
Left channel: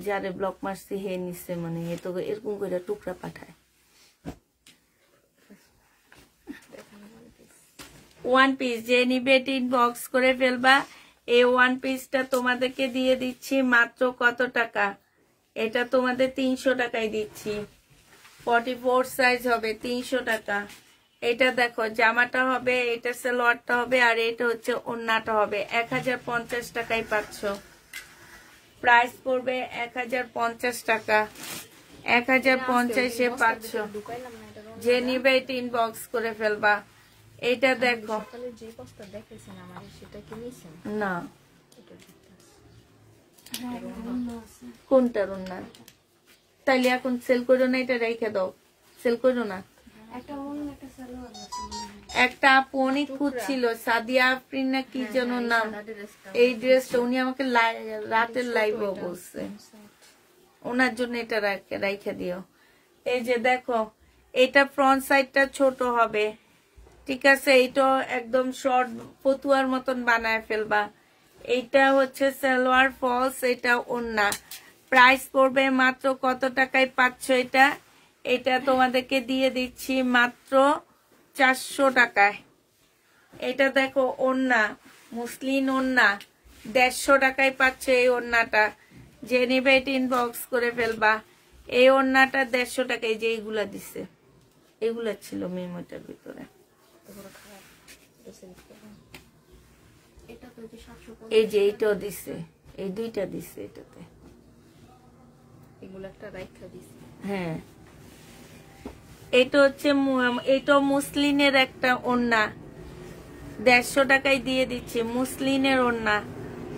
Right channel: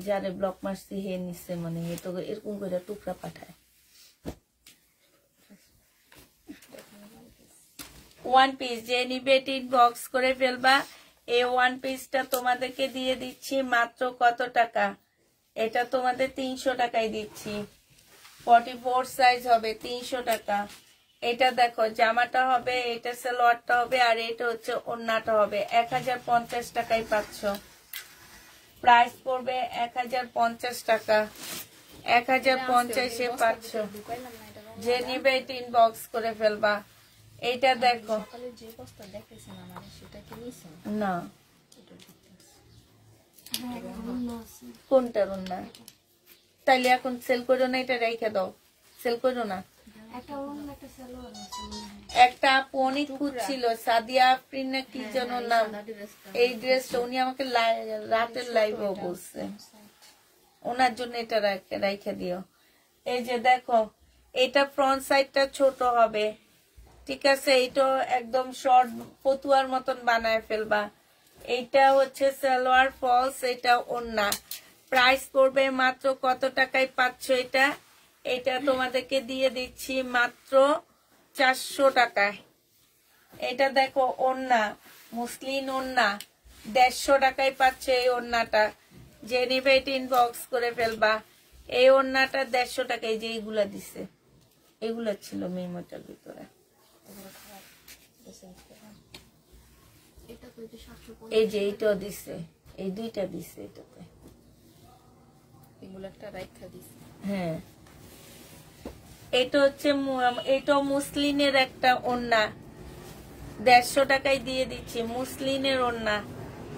যারে ব্লক মারছি হে নিচ্ছে, মানে এ তো এরকম করে টুকরা পাঠায়। ওয়ান পিস যে নিবে ইনবক্স করে ফেলবা। এই ওয়ান পিসটা তোমাদেরকে দিয়ে দিচ্ছি মাত্র কত টাকা? এটা তোমাদের 300 টাকায় দিচ্ছি। 44 সাইজ হবে, 300 টাকা। এটা দেখো জামাটা হবে, এটা সালোয়ারটা হবে, আর এটা হচ্ছে ওন্নাটা হবে। 1050 টাকায় পাচ্ছ। প্রাইস পড়বে 1050 টাকা। 1050-এ পাচ্ছ। যে নিবে এটা ইনবক্স করে ফেলবা। এইটা দেখো যে বস্তা দেখাইছেন আমার সেটা কি নিছেন? না, কোনটা ওন্না? তাইলে এখন সেল করো না, এটা রেখে দাও, সেল করো না। একটা আপু অনেক খুঁজছিল, সাদিয়া আফরিন না কি যেন নাম, এই ড্রেসটা উনি আমাকে রাতের লাইভও বলছে, ওনার জন্য এটা রেখে দিও। এই যে দেখো এটা ফ্রন্ট সাইডটা ছোট হবে, ঠিক আছে? এইটা একদম শর্ট ফতুয়ার মতন বানায় ফেলবা। এইটা হচ্ছে সালোয়ার ফলস, এটা ওন্না। প্রাইস পড়বে মাত্র কত টাকায় পাচ্ছ এটা? এটা তোমাদেরকে দিয়ে দিচ্ছি মাত্র 400 টাকায়। এটা দেখো ওন্না, মুসলিন ওন্না, 150 টাকায় পাচ্ছ এই ওন্নাটা। যে নিবে এটা ইনবক্স করে ফেলবা। এই ওন্নাটা 150 টাকায়। যে এইগুলা দিছে এগুলা ছিল মেমোটার ভিতরে। এই যে এইটাও দিছে, এই দুইটা দিছে এটাতে। এগুলো একটা রাইখা দিছি। হ্যাঁ এটা হচ্ছে এটা মুসলিনের একটা ওন্না, 150 টাকায় দিয়ে দিচ্ছি। মুসলিনের ওন্না,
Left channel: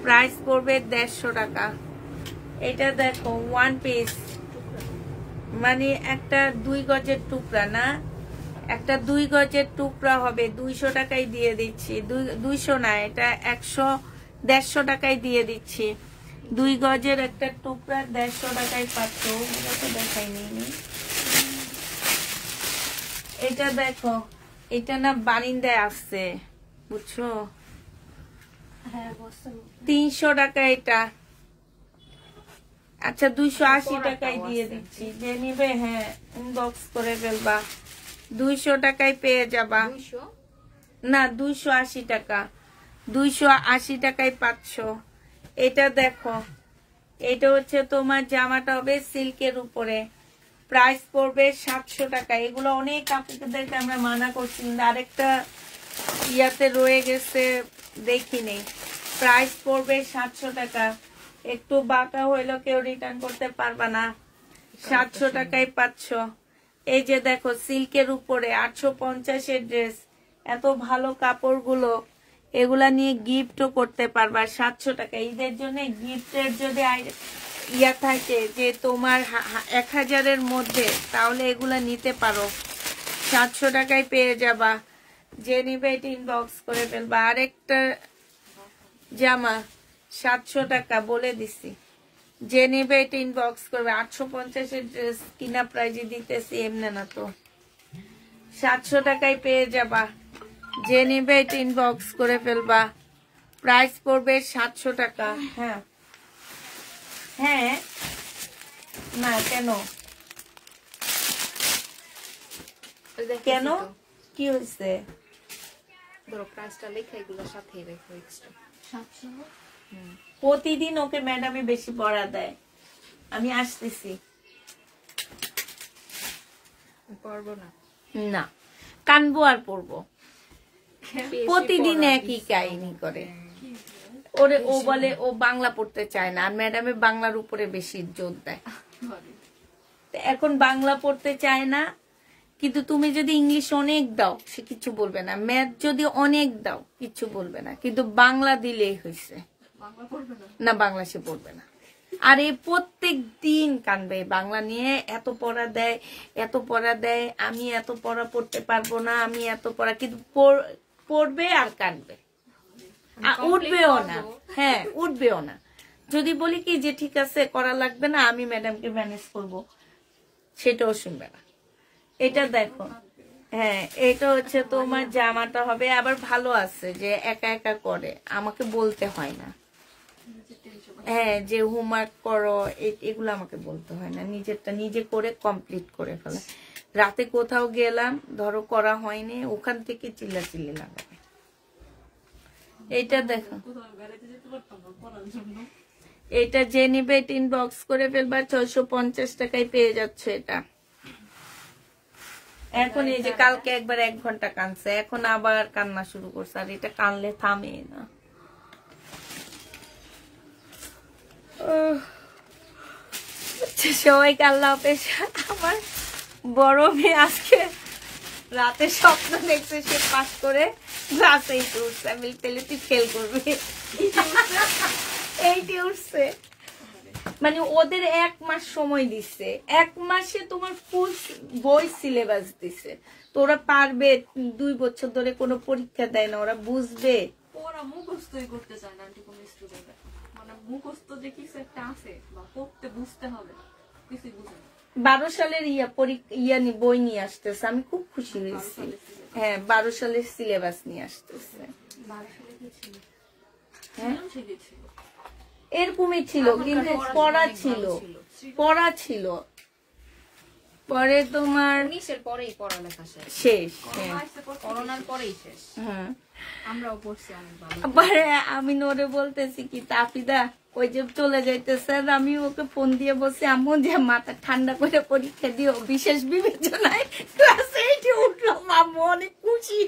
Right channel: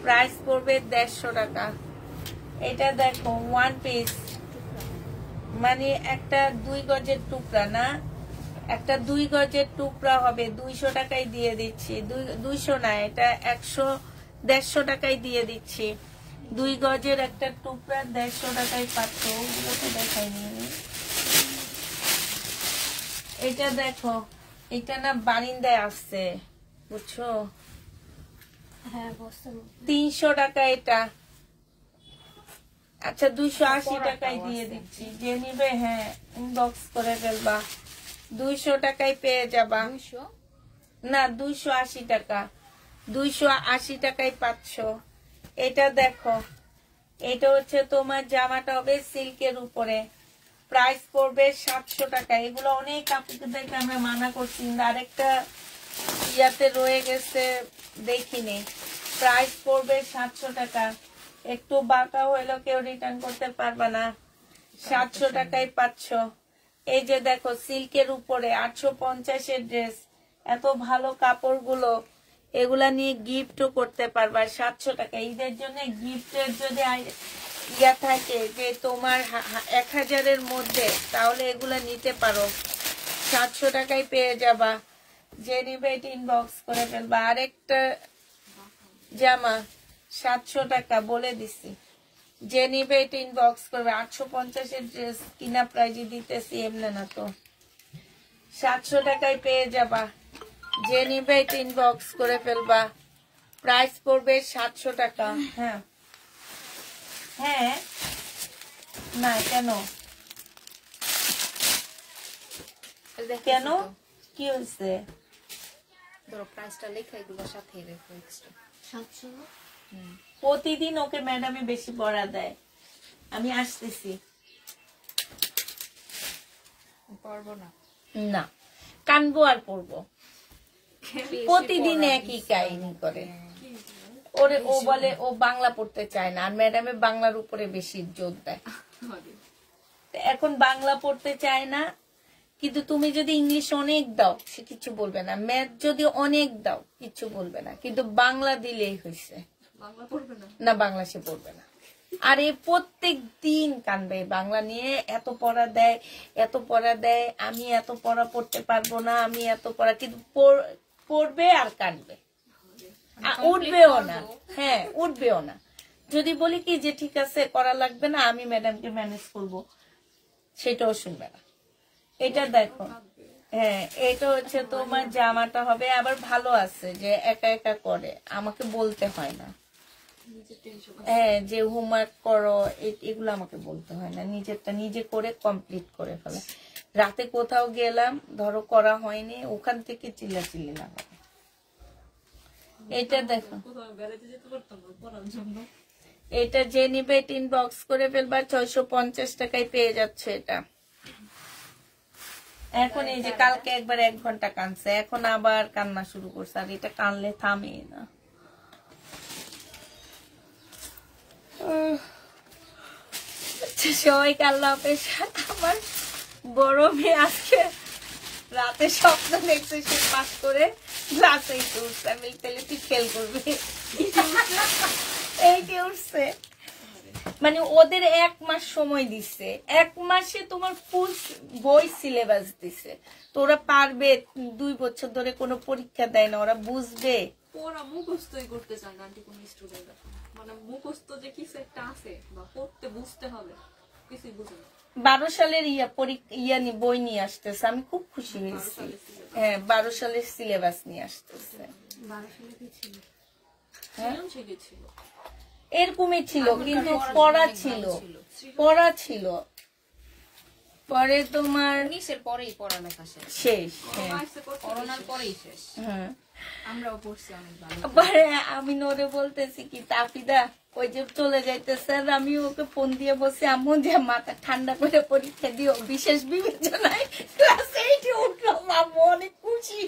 প্রাইস পড়বে 150 টাকা। এটা দেখো ওয়ান পিস, মানে একটা 2 গজের টুকরা না, একটা 2 গজের টুকরা হবে, 200 টাকায় দিয়ে দিচ্ছি। 200 না, এটা 150 টাকায় দিয়ে দিচ্ছি। 2 গজের একটা টুকরা 150 টাকায় পাচ্ছ। ওগুলো তো দেখাইনি। এটা দেখো, এটা না বারিন্দায় আসছে, বুঝছো? 300 টাকা এটা। আচ্ছা 280 টাকায় দিয়ে দিচ্ছি। যে নিবে হ্যাঁ ইনবক্স করে ফেলবা। 200 টাকায় পেয়ে যাবা। না 280 টাকা, 280 টাকায় পাচ্ছ। এটা দেখো, এটা হচ্ছে তোমার জামাটা হবে সিল্কের উপরে। প্রাইস পড়বে 700 টাকা। এগুলো অনেক আপুদেরকে আমরা মানা করছি, আরেকটা ইয়াতে রয়ে গেছে দেখিনি। প্রাইস পড়বে 700 টাকা। একটু বাঁকা হইলেও কেউ রিটার্ন করতে পারবা না। 700 টাকায় পাচ্ছ। এই যে দেখো সিল্কের উপরে 850-এর ড্রেস, এত ভালো কাপড়গুলো, এগুলা নিয়ে গিফটও করতে পারবা 700 টাকা। ঈদের জন্য গিফটের যদি ইয়া থাকে যে তোমার 1000-এর মধ্যে, তাহলে এগুলা নিতে পারো। 700 টাকায় পেয়ে যাবা। যে নিবে ইনবক্স করে ফেলবা। আরেকটা জামা 700 টাকা বলে দিছি। যে নিবে এটা ইনবক্স করবে। 850-এর ড্রেস কিনা প্রাইজে দিতেছি, এমনি না তো। 700 টাকায় পেয়ে যাবা। যে নিবে এটা ইনবক্স করে ফেলবা। প্রাইস পড়বে 700 টাকা। হ্যাঁ হ্যাঁ, না কেন কেন কি হয়েছে? ধরো প্রাইসটা লেখা এগুলোর সাথে রেখো এক্সট্রা 700 প্রতিদিন ওকে ম্যাডামে বেশি পড়া দেয়। আমি আসতেছি পারবো না। না, কানবো আর পড়বো। প্রতিদিন একই কাহিনী করে। ওরে ও বলে ও বাংলা পড়তে চায় না, আর ম্যাডামে বাংলার উপরে বেশি জোর দেয়। এখন বাংলা পড়তে চায় না, কিন্তু তুমি যদি ইংলিশ অনেক দাও সে কিছু বলবে না, ম্যাথ যদি অনেক দাও কিছু বলবে না, কিন্তু বাংলা দিলেই হয়েছে না, বাংলা সে পড়বে না। আর এ প্রত্যেক দিন কানবে বাংলা নিয়ে, এত পড়া দেয় এত পড়া দেয়, আমি এত পড়া পড়তে পারবো না, আমি এত পড়া, কিন্তু পড়বে আর কানবে, উঠবেও না। হ্যাঁ, উঠবেও না। যদি বলি কি যে ঠিক আছে করা লাগবে না, আমি ম্যাডামকে ম্যানেজ করবো, সেটাও শুনবে না। এটা দেখো, হ্যাঁ এটা হচ্ছে তোমার জামাটা হবে। আবার ভালো আছে যে একা একা করে, আমাকে বলতে হয় না। হ্যাঁ, যে হোমওয়ার্ক করো এগুলো আমাকে বলতে হয় না, নিজেরটা নিজে করে কমপ্লিট করে ফেলা। রাতে কোথাও গেলাম, ধরো করা হয়নি, ওখান থেকে চিল্লাচিল্লি লাগাবে। এটা দেখো, এটা যে নিবে ইনবক্স করে ফেলবা, 650 টাকায় পেয়ে যাচ্ছে এটা। এখন এই যে কালকে একবার 1 ঘন্টা কানছে, এখন আবার কান্না শুরু করছে, আর এটা কানলে থামে না। সবাইকে আল্লাহ হাফেজ। আমার বড় মেয়ে আজকে রাতে স্বপ্ন দেখছে সে পাস করে ক্লাসেই উঠছে, আমি পেলে তুই ফেল করবি, এইটি উঠছে। মানে ওদের 1 মাস সময় দিচ্ছে, 1 মাসে তোমার ফুল বই সিলেবাস দিছে, তো ওরা পারবে? 2 বছর ধরে কোনো পরীক্ষা দেয় না, ওরা বুঝবে? ওরা মুখস্থই করতে চায় না আন্টি, কোন স্টুডেন্ট মানে মুখস্থ যে কিছু একটা আছে বা পড়তে বুঝতে হবে, কিছু বুঝে না। 12 সালের বই নিয়ে আসতেছে, আমি খুব খুশি হয়েছি। হ্যাঁ, 12 সালের সিলেবাস নিয়ে আসতেছে। 12 সালে কি ছিল? হ্যাঁ ছিল এরকমই ছিল, কিন্তু পড়া ছিল। পরে তোমার 19-এর পরেই পড়ালেখা শেষ। হ্যাঁ, করোনার পরেই শেষ। হ্যাঁ, আমরাও পড়ছি অনেক ভালো। পরে আমি নোরে বলতেছি কি তাফিদা ওই যে চলে যাইতেছে, আমি ওকে ফোন দিয়ে বলছি আম্মু যে মাথা ঠান্ডা করে পরীক্ষা দিও, বিশেষ বিবেচনায় ক্লাস 8 উঠলো, আম্মু অনেক খুশি।